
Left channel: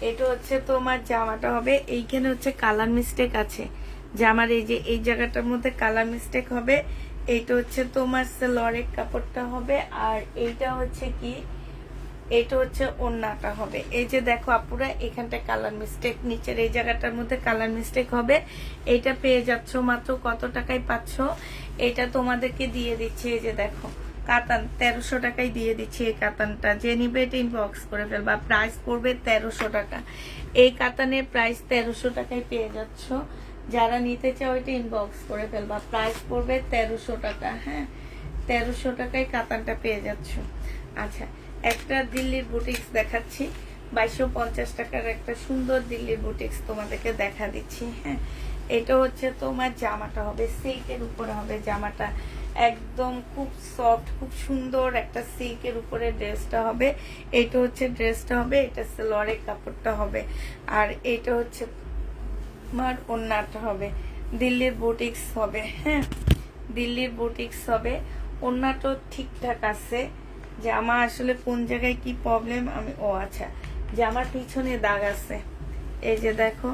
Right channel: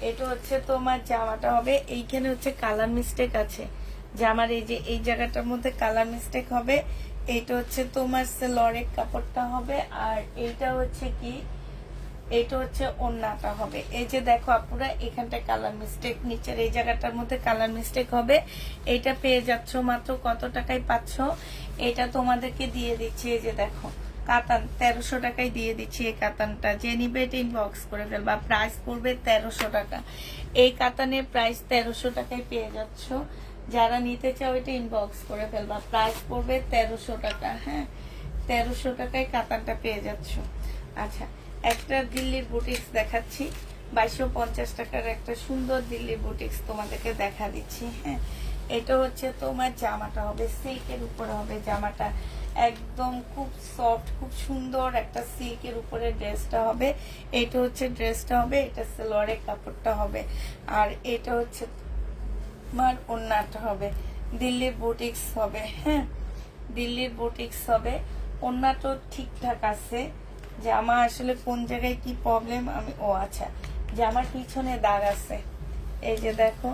এটা হচ্ছে তোমার জামাটা হবে। এইখানে হচ্ছে কালার মিস্টেক আছে জামার, এই যে এই জায়গাটার মধ্যে কালার মিস্টেক হবে। এইটা হচ্ছে তোমার সালোয়ারের কাপড়টা হবে, আর এইটা হচ্ছে কি, এটা হচ্ছে ওড়নাটা হবে। এই যে দেখো আপুরা, এখানটা কালার মিস্টেক, নিচের এই জায়গাটার মধ্যে কালার মিস্টেক হবে। এটা পেয়ে যাচ্ছ মাত্র কত টাকায় পাচ্ছ, এটা তোমাদেরকে দিয়ে দিচ্ছি। এই যে দেখো কাতান, 1300 টাকায় দিয়ে দিচ্ছি এই কাতানটা। যে নিবে এটা ইনবক্স করে ফেলবা। প্রাইস পড়বে 1300 টাকা। এই কাতানের প্রাইস 1300 টাকায় পেয়ে যাচ্ছ। যারা নিতে চাও এটা ইনবক্স করে ফেলবা। প্রাইস পড়বে 1300 টাকা, হ্যাঁ। 1300 টাকায় কাতানটা পেয়ে যাচ্ছ। আচ্ছা, একটা দিল্লির বুটিক্স দেখাচ্ছি, 2250 টাকার একটা সুন্দর দিল্লির বুটিক্স তোমাদেরকে দেখা দিচ্ছি, হ্যাঁ। এটা হচ্ছে তোমার জামাটা হবে, সিল্কের উপরে হবে জামাটা, একদম খুব সফট, খুব সুন্দর একটা সিল্কের উপরে ড্রেসটা হবে। এইটা হচ্ছে ড্রেসটা হবে, এটা সালোয়ারের কাপড়টা হবে, আর এটা হচ্ছে তোমার ওড়নাটা হবে। দিল্লির বুটিক্স হবে, হ্যাঁ, দিল্লির বুটিক্স হবে। ওড়নাটা ঠিকঠাক আছে। জামা আসলে কোন জায়গায় কি প্রবলেম আমি, ও আচ্ছা, জামার পিছনে দাগ আছে। এই যে দেখো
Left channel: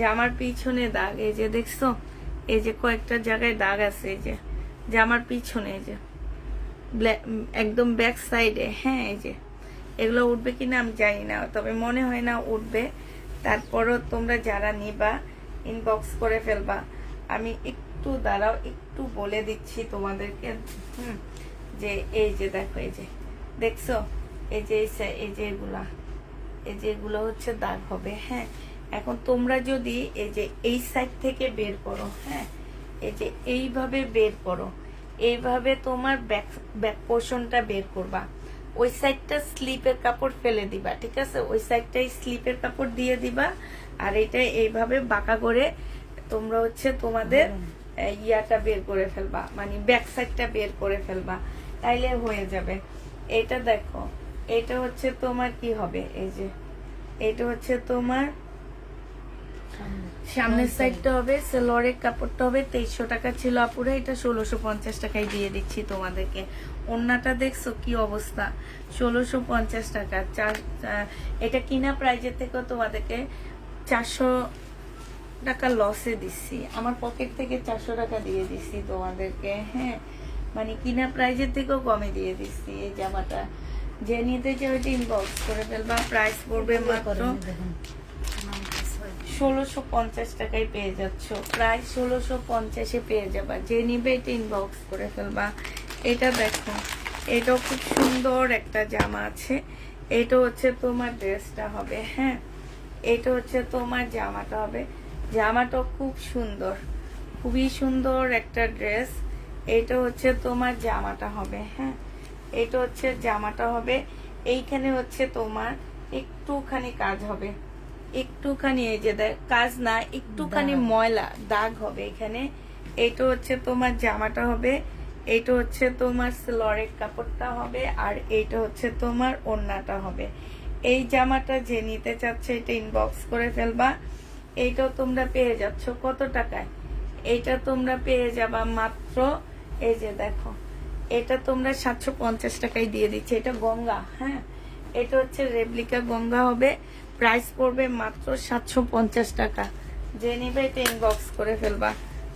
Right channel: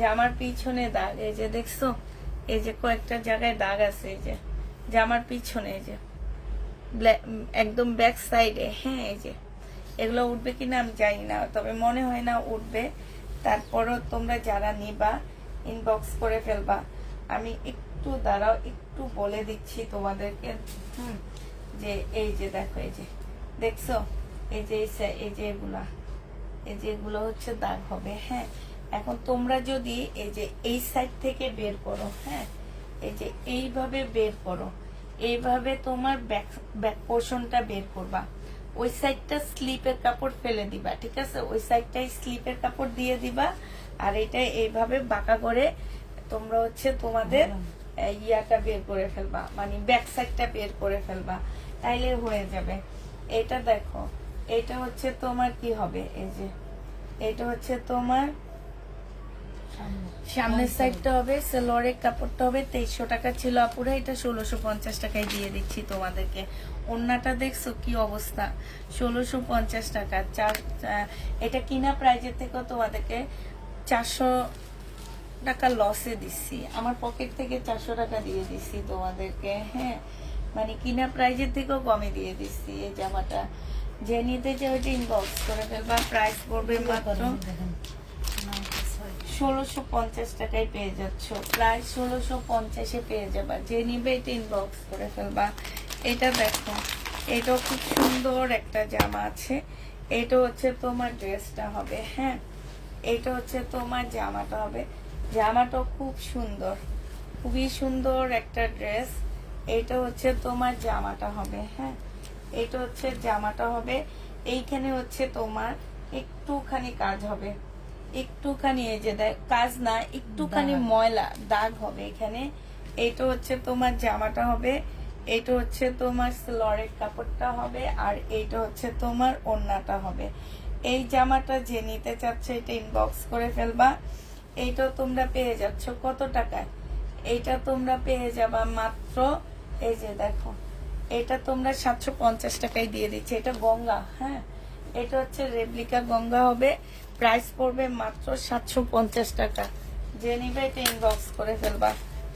জামার পিছনে দাগ, এই যে দেখছো, এই যে কয়েকটা জায়গায় দাগ আছে। এই যে জামার পিছনে, এই যে একদম ব্যাক সাইডে, হ্যাঁ। এই যে এগুলো উঠবে কিনা আমি জানি না, তবে মনে হয় না উঠবে। তারপরও তোমরা যারা নিবা ইনবক্স করে ফেলবা। আমি একটু দাঁড়াও, একটু বলে দিচ্ছি তোমাদেরকে, যে এই যে দেখো, এই যে দেখছো, এই যে এই যে এগুলা, এই যে এগুলো হচ্ছে দাগ হবে, হ্যাঁ। এখন তোমরা যদি এই যে এই সাইড থেকে বের করো, হ্যাঁ, এই যে এইভাবে বের করো, এইভাবে তোমার ব্যাক পোর্শনটা বের করবা। ওই সাইডটা স্লিপের কাপড় ফেলে দিবা, ঠিক আছে? ওই সাইডটাই স্লিপের কাপড় দিয়ে দিবা, আর এটা এইভাবে বাঁকা করে তোমরা হচ্ছে তোমাদের ইয়াটা বের করে ফেলবা, মানে ব্যাক সাইডটা বের করে ফেলবা, তাইলে হয়ে যাবে। এটা দেখো, এটা হচ্ছে তোমার কি হবে, এই যে এটা হচ্ছে তোমার সামনের সাইডটা হবে, সালোয়ারের কাপড়টা হবে 2300 টাকা ছিল আপুরা, এটা 1650 টাকায় দিয়ে দিচ্ছি তোমাদেরকে। ওন্নাটা দেখছো কি অবস্থা, 1650 টাকা। এটা কিনা প্রাইজের থেকেও তোমাদেরকে 400 টাকা লসে দিচ্ছি, আমার পকেট থেকে 400 টাকা দিয়ে দিচ্ছি তোমাদেরকে, হ্যাঁ, মানে কিনা প্রাইজের থেকেও কমে দিয়ে দিচ্ছি। এই জামাটা যে নিতে চাও ওইটা ইনবক্স করে ফেলবা, প্রাইস পড়বে মাত্র 1650 টাকায় পেয়ে যাচ্ছ, প্রায় 1650-এ পেয়ে যাবা। যে নিবে এটা ইনবক্স করে ফেলবা। এটা দেখো, এটাও খুব সুন্দর একটা জামা আছে, এটা হচ্ছে তোমার ড্রেসটা হবে, হ্যাঁ, এটা হচ্ছে তোমার জামাটা হবে। জামাটা খুব সুন্দর, খুবই সুন্দর একটা ড্রেস। এটা হচ্ছে তোমার জামাটা হবে, হ্যাঁ, এটা হচ্ছে জামাটা হবে। এইখানে হচ্ছে তোমার একটুখানি কাজ হবে, একটুখানি, এই যে কাজ না, একটুখানি ময়লা দাগ হবে এখানে। এটা হচ্ছে তোমার জামাটা হবে, এটা হচ্ছে তোমার সালোয়ারের কাপড়টা হবে, আর এইটা হচ্ছে তোমার ওড়নাটা হবে। এই জামাটা যে নিতে চাচ্ছে এটা ইনবক্স করে ফেলবা। এইটাও তোমরা পেয়ে যাচ্ছ কত টাকায়, এইটা তোমরা পেয়ে যাবা মাত্র, এই যে দেখো, এটা তোমরা 750 টাকায় দিয়ে দিচ্ছে। এটা গঙ্গা, হ্যাঁ, এটা হচ্ছে রেপ্লিকা গঙ্গা হবে, প্রাইস পড়বে মাত্র 750 টাকা। যে নিবে এটা ইনবক্স করে ফেলবা।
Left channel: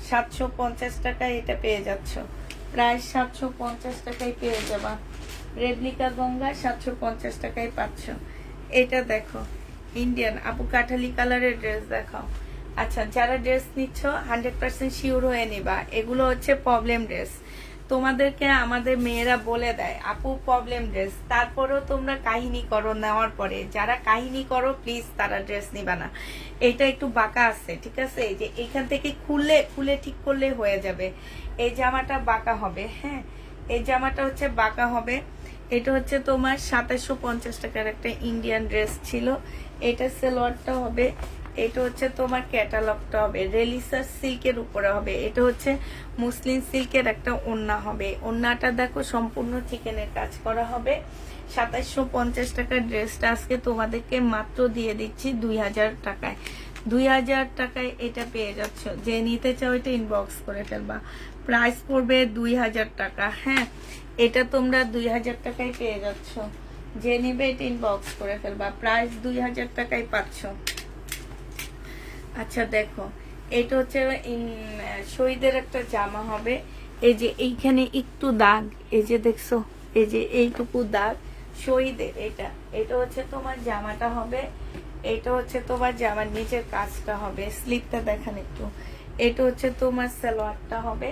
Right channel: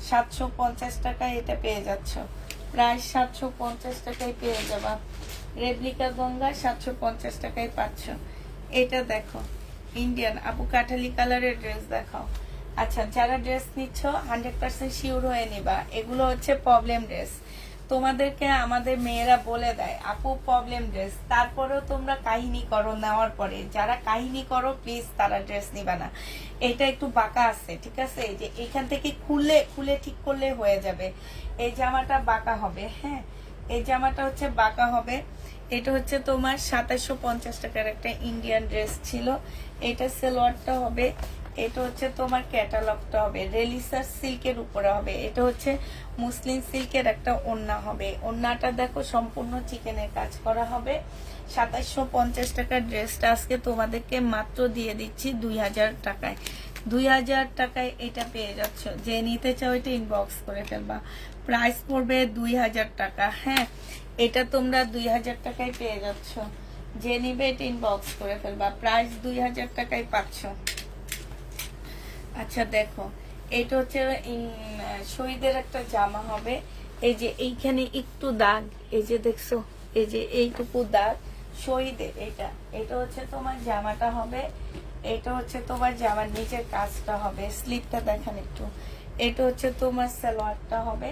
750 টাকায় এটা পেয়ে যাচ্ছ, প্রায় 750 টাকায় পেয়ে যাবা। রেপ্লিকা গঙ্গা 750 টাকায় পাচ্ছ। এটা দেখো, ইন্ডিয়ান আপু কাঠালি কালারের ড্রেস দেখাও। আচ্ছা, যারা ড্রেস নিচ্ছ 100% শিওর হয়ে নিবা, এগুলো হচ্ছে প্রবলেম ড্রেস। তোমাদেরকে আমাদের মেয়েরা বলে দেয় আপু প্রবলেম ড্রেস, তারপরেও তোমরা কাহিনী করো নেওয়ার পরে। যারা কাহিনী করো প্লিজ তারা ড্রেস নিবা না। এটা একটু বাঁকা আছে, ঠিক আছে, এই যে এইখান থেকে খুলে ঠিক করলে হয়ে যাবে। এই জামাটা বাঁকা হবে, হ্যাঁ, এই জামাটা হচ্ছে বাঁকা হবে। এটা হচ্ছে তোমার 2750 টাকার একটা ইন্ডিয়ান ড্রেস ছিল। এটা সালোয়ারটা হবে, এটা হচ্ছে তোমার ক্যাটালগটা হবে, রেলিসার সিল্কের উপরে হবে। এটা হচ্ছে মুসলিম সিল্কের একটা ওড়না হবে। ওড়নাটা দেখো সম্পূর্ণ চিকেনের কাজ করা হবে। 2750 টাকার ড্রেসটা আজকে তোমাদেরকে মাত্র দিয়ে দিচ্ছি 2000 টাকায়। 2000 টাকায় এটা পেয়ে যাচ্ছ। যে নিতে চাও এটা ইনবক্স করে ফেলবা, প্রাইস পড়বে 2000 টাকা, হ্যাঁ, এটা তোমরা 2000 টাকায় পেয়ে যাচ্ছ। যে নিবে এটা ইনবক্স করে ফেলবা, প্রাইস 2000 টাকায় পাচ্ছ। আচ্ছা দেখো, এটা হচ্ছে শহীদের একটা জামা হবে। এই যে এইখানে একটু দাগ, এই যে দেখছো, এই যে এইটুকু দাগ শহীদের। এটা হচ্ছে তোমার জামাটা হবে, এটা হচ্ছে তোমার জামার নিচের কাজটা হবে। স্লিপটা দেখান একটু। এটা হচ্ছে তোমার সালোয়ারটা হবে,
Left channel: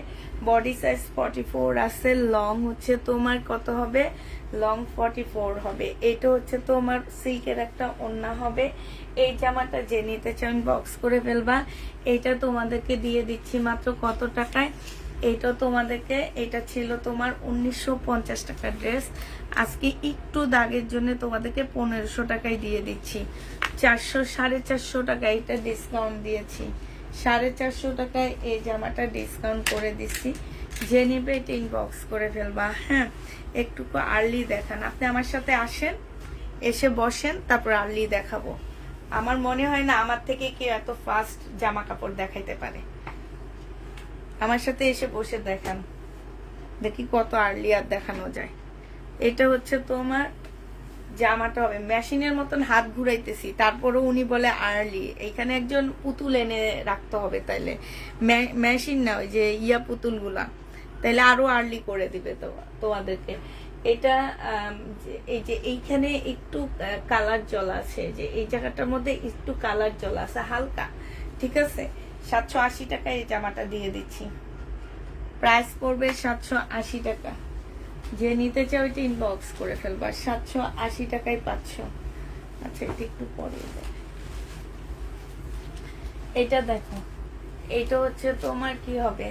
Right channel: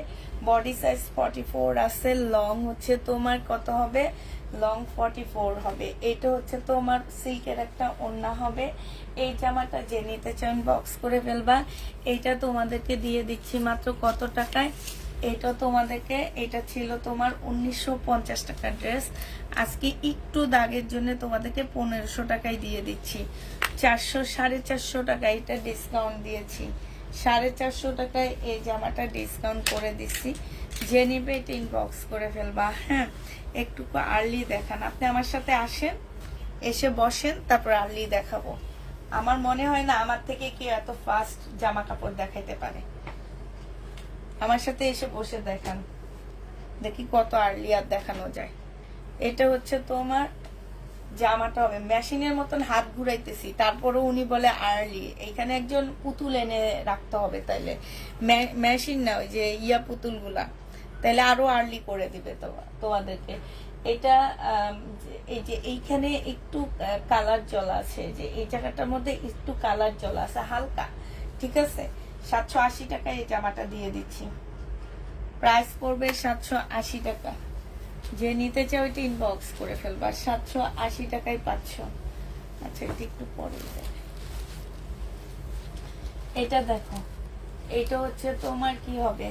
বডি সাইজ 44 আছে, লং হচ্ছে তোমার কত হবে, লং 44 হবে। এটা হচ্ছে তোমার সিল্কের একটা ওড়না হবে। এই জামাটা যে নিতে চান বক্স করে ফেলবা। এইটা তোমাদেরকে দিয়ে দিচ্ছি মাত্র কত টাকায়, এটা তোমাদেরকে, এটা ছিল তোমার 1950 টাকার ড্রেস, আজকে একটু দাগের জন্য তোমাদেরকে 1500 টাকায় দিয়ে দিচ্ছি। 450 টাকায় এটা ডিসকাউন্ট দিয়েছি, 450 টাকায় এই জামাটা ডিসকাউন্ট করে দিচ্ছি। যে নিবে এটা ইনবক্স করে ফেলবা, হ্যাঁ, একটু আর্লি দেখান। আপনি আমার সাথে আসেন, এসে বসেন, তারপর আর্লি দেখাবো। আমার মনে হয় না আমার থেকে কেউ এত ফাস্ট জামা কাপড় দেখাইতে পারে। আমার সাথে এসে বসে দেখান, দেখি কত আর্লি আর দেখানো যায়। এটা হচ্ছে তোমার জামাটা হবে, মেশিনের মতন হাত ঘুরাইতেছি তারপরে উনি বলে আর্লি। এইখানে একজন পুতুল এনে রাখতে হবে, তাইলে মেশিন না, ওই যে ইয়া পুতুল গুলা, তাইলে আরো আর্লি করে দিবে তোমাদেরকে। এটা এই যে এইখানে একটু কালার জল আছে, যে এই জায়গাটার মধ্যে একটু কালার জল আছে হালকা, ঠিক আছে। 780 টাকায় এই জামাটা দিয়ে দিচ্ছি, প্রাইস পড়বে 780 টাকা। যে নিতে চাও এটা ইনবক্স করে ফেলবা, 780 টাকায় পাচ্ছ। আচ্ছা, একটু পরে এটা দেখো, এটা হচ্ছে তোমার কি হবে,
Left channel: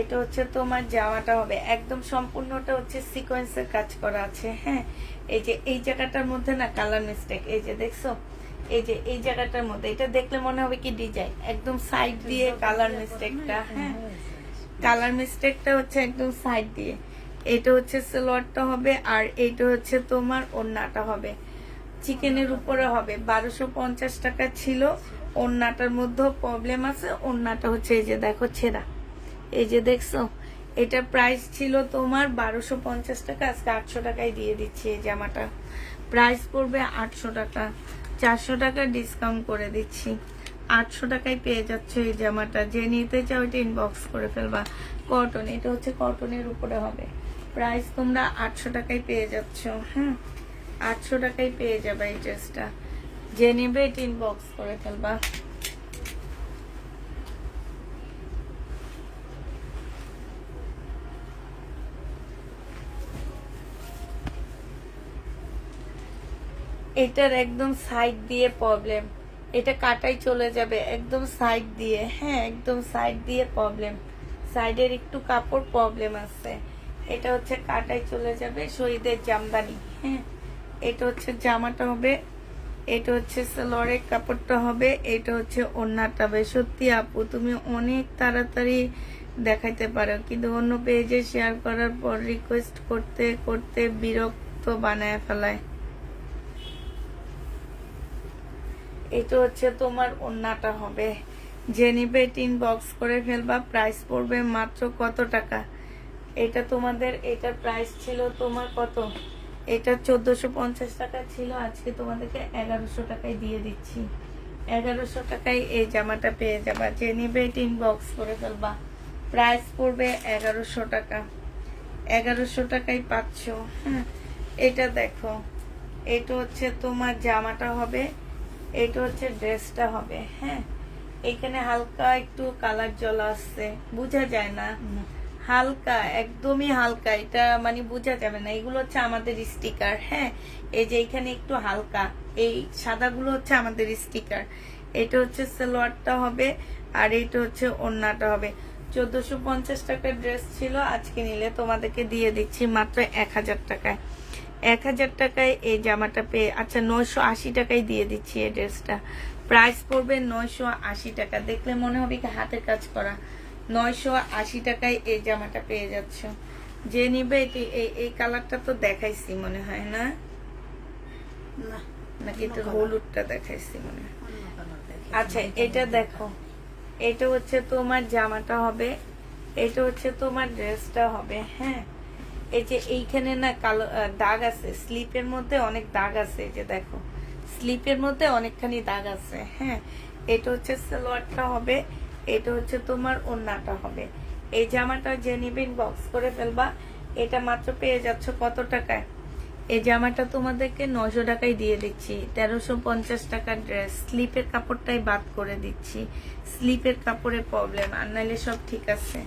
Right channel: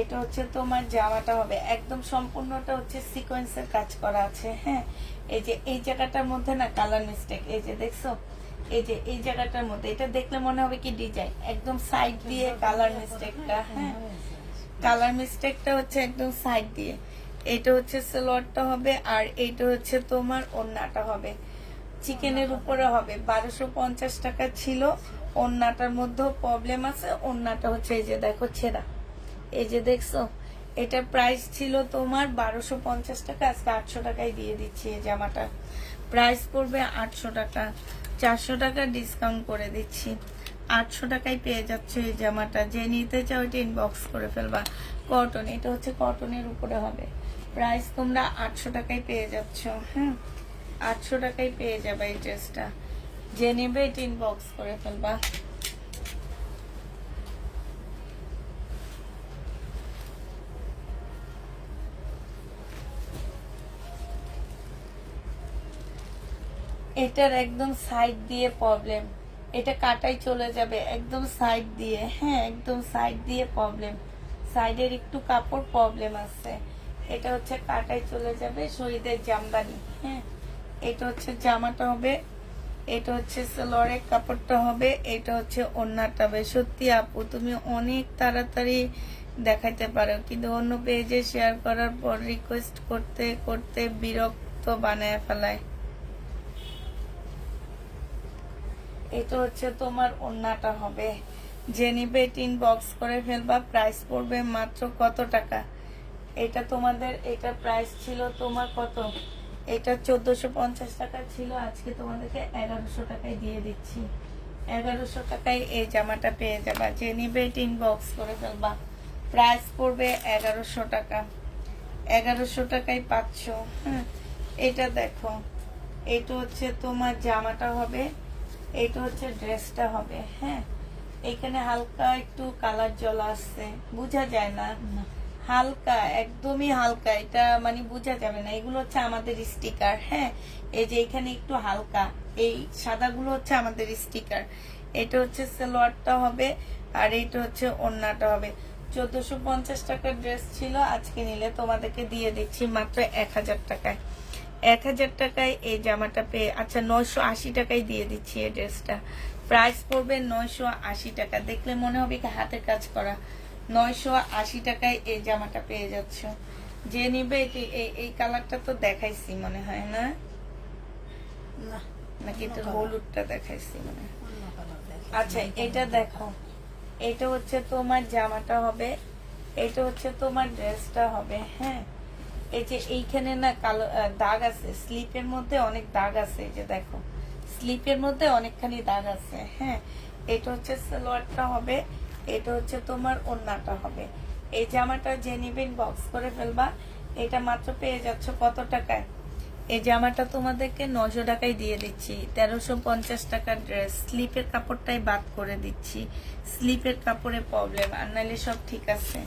এটা হচ্ছে তোমার জামাটা হবে একদম সম্পূর্ণটা হচ্ছে সিকোয়েন্সের কাজ করা আছে। হ্যাঁ, এই যে এই জায়গাটার মধ্যে না কালার মিস্টেক, এই যে দেখছো, এই যে এই জায়গাটার মধ্যে এটা দেখলে মনে হবে কি ডিজাইন, একদম সাইড দিয়ে কালার মিস্টেকটা। হ্যাঁ, কালার মিস্টেকটা হচ্ছে একদম সাইড দিয়ে। এটা হচ্ছে সালোয়ারটা হবে, আর এইটা হচ্ছে তোমার ওড়নাটা হবে। চিকেনের উপরে হবে 1250 টাকা ছিল। ওড়নাটার মধ্যেও প্রবলেম আছে, ওড়নাটা হচ্ছে এই যে দেখো ছেঁড়া, এই যে দেখছো, এটার প্রাইস ছিল তোমার 1250 টাকা, আজকে 800 টাকায় দিয়ে দিচ্ছি। এই জামাটা প্রাইস পড়বে 800 টাকা, 400 টাকা ডিসকাউন্ট করে দিচ্ছি। 800 টাকায় পেয়ে যাচ্ছে এই জামাটা। যে নিতে চাও এটা ইনবক্স করে ফেলবা। কটন, এটা হচ্ছে কটনের উপরে হবে। প্রাইস তোমরা 800 টাকায় পেয়ে যাচ্ছ। 800 টাকায় পেয়ে যাবে এই ড্রেসটা। যে নিবে এটা ইনবক্স করে ফেলবা। এটার একদম সাইড দিয়ে প্রবলেম, এটা কাটাই চলে যাবে একদম সাইড দিয়ে। হ্যাঁ, একদম সাইড দিয়ে প্রবলেম, সাইডের একটু কাপড় প্রবলেম আছে। এটা হচ্ছে কাটাই চলে যাবে, শহীদের জামদানি। হ্যাঁ, এটা হচ্ছে জামাটা হবে, এটা হচ্ছে সালোয়ারের কাপড়টা হবে, এটা হচ্ছে ওড়নাটা হবে। সত্যি আপু তুমি অনেক তাড়াতাড়ি দেখাইতে পারো, কিন্তু অন্য পেজে শেয়ার করার পর রিকোয়েস্ট করতে করতে বিরক্ত বানায় ফেলায়। এটা হচ্ছে তোমার ওড়নাটা হবে। যে নিবে টিন বক্স করে ফেলবা। প্রাইস পড়বে মাত্র কত টাকা, এটা তোমাদের, এটার প্রাইস ছিল তোমার কত, এটা 1450 টাকা ছিল, আজকে তোমাদেরকে 1100 টাকায় দিয়ে দিচ্ছি। 1100 টাকায় এই জামাটা পেয়ে যাবা। যে নিবে টিন বক্স করে ফেলবা। প্রাইস পড়বে 1100 টাকা, 1100 টাকায় পাচ্ছ। হ্যাঁ, এটা দেখো, এটা হচ্ছে তোমার জামাটা হবে, এটা হচ্ছে ড্রেসটা হবে। হ্যাঁ, এইখানে হালকা একটু কালার জ্বলা আসছে, বোঝা যায় না, হালকা, একদমই হালকা, এটা মানে বোঝা যাবে না। এগুলো হচ্ছে আমাদের স্টিকার। হ্যাঁ, এই যে এখানে একটু হালকা, এই সাদাগুলো হচ্ছে আমাদের স্টিকার। এটা হচ্ছে সালোয়ারটা হবে, আর এটা হচ্ছে ওড়নাটা হবে। 1450 টাকার ড্রেস ছিল, আজকে নিলে তোমাদেরকে দিয়ে দিচ্ছি মাত্র 1000 টাকায়। 1000 টাকায় এই জামাটা পেয়ে, আচ্ছা 980 টাকায় দিয়ে দিচ্ছি এই ড্রেসটা। প্রাইস পড়বে 980 টাকা। দেখলে মনে হবে কি হাতের কাজ করা। 980 টাকায় এই জামাটা পেয়ে যাচ্ছ। যে নিবে এটি, এই কালারটা তো দেখাইছি মনে হয় না, না, নাকি তো অন্য colour। হলুদটা দেখাইছি মনে হয়। অন্য colour দেখো। আচ্ছা, এটা দেখো, এটা হচ্ছে তোমার জামাটা হবে, এটা হচ্ছে তোমার ড্রেসটা হবে। হ্যাঁ, এই যে এইখানে না কালো দাগ আছে, স্লিপের মধ্যে অনেক দাগ আছে, এই যে দেখো স্লিপের মধ্যে অনেকখানি দাগ আছে। হ্যাঁ, এটা হচ্ছে সালোয়ারটা হবে, এটা হচ্ছে তোমার ওড়নাটা হবে। এই জামাটা যে নিবেন বক্স করে ফেলবা। এটা মাত্র পেয়ে যাচ্ছ কত টাকায়, এই জামাটা তোমাদেরকে 900 টাকায় দিয়ে দিচ্ছি। 1350 টাকার ড্রেস, স্লিপের কাপড়টাই বাদ করে দিচ্ছি, স্লিপের কাপড়ের প্রবলেম, আর নাহলে সব ঠিক আছে।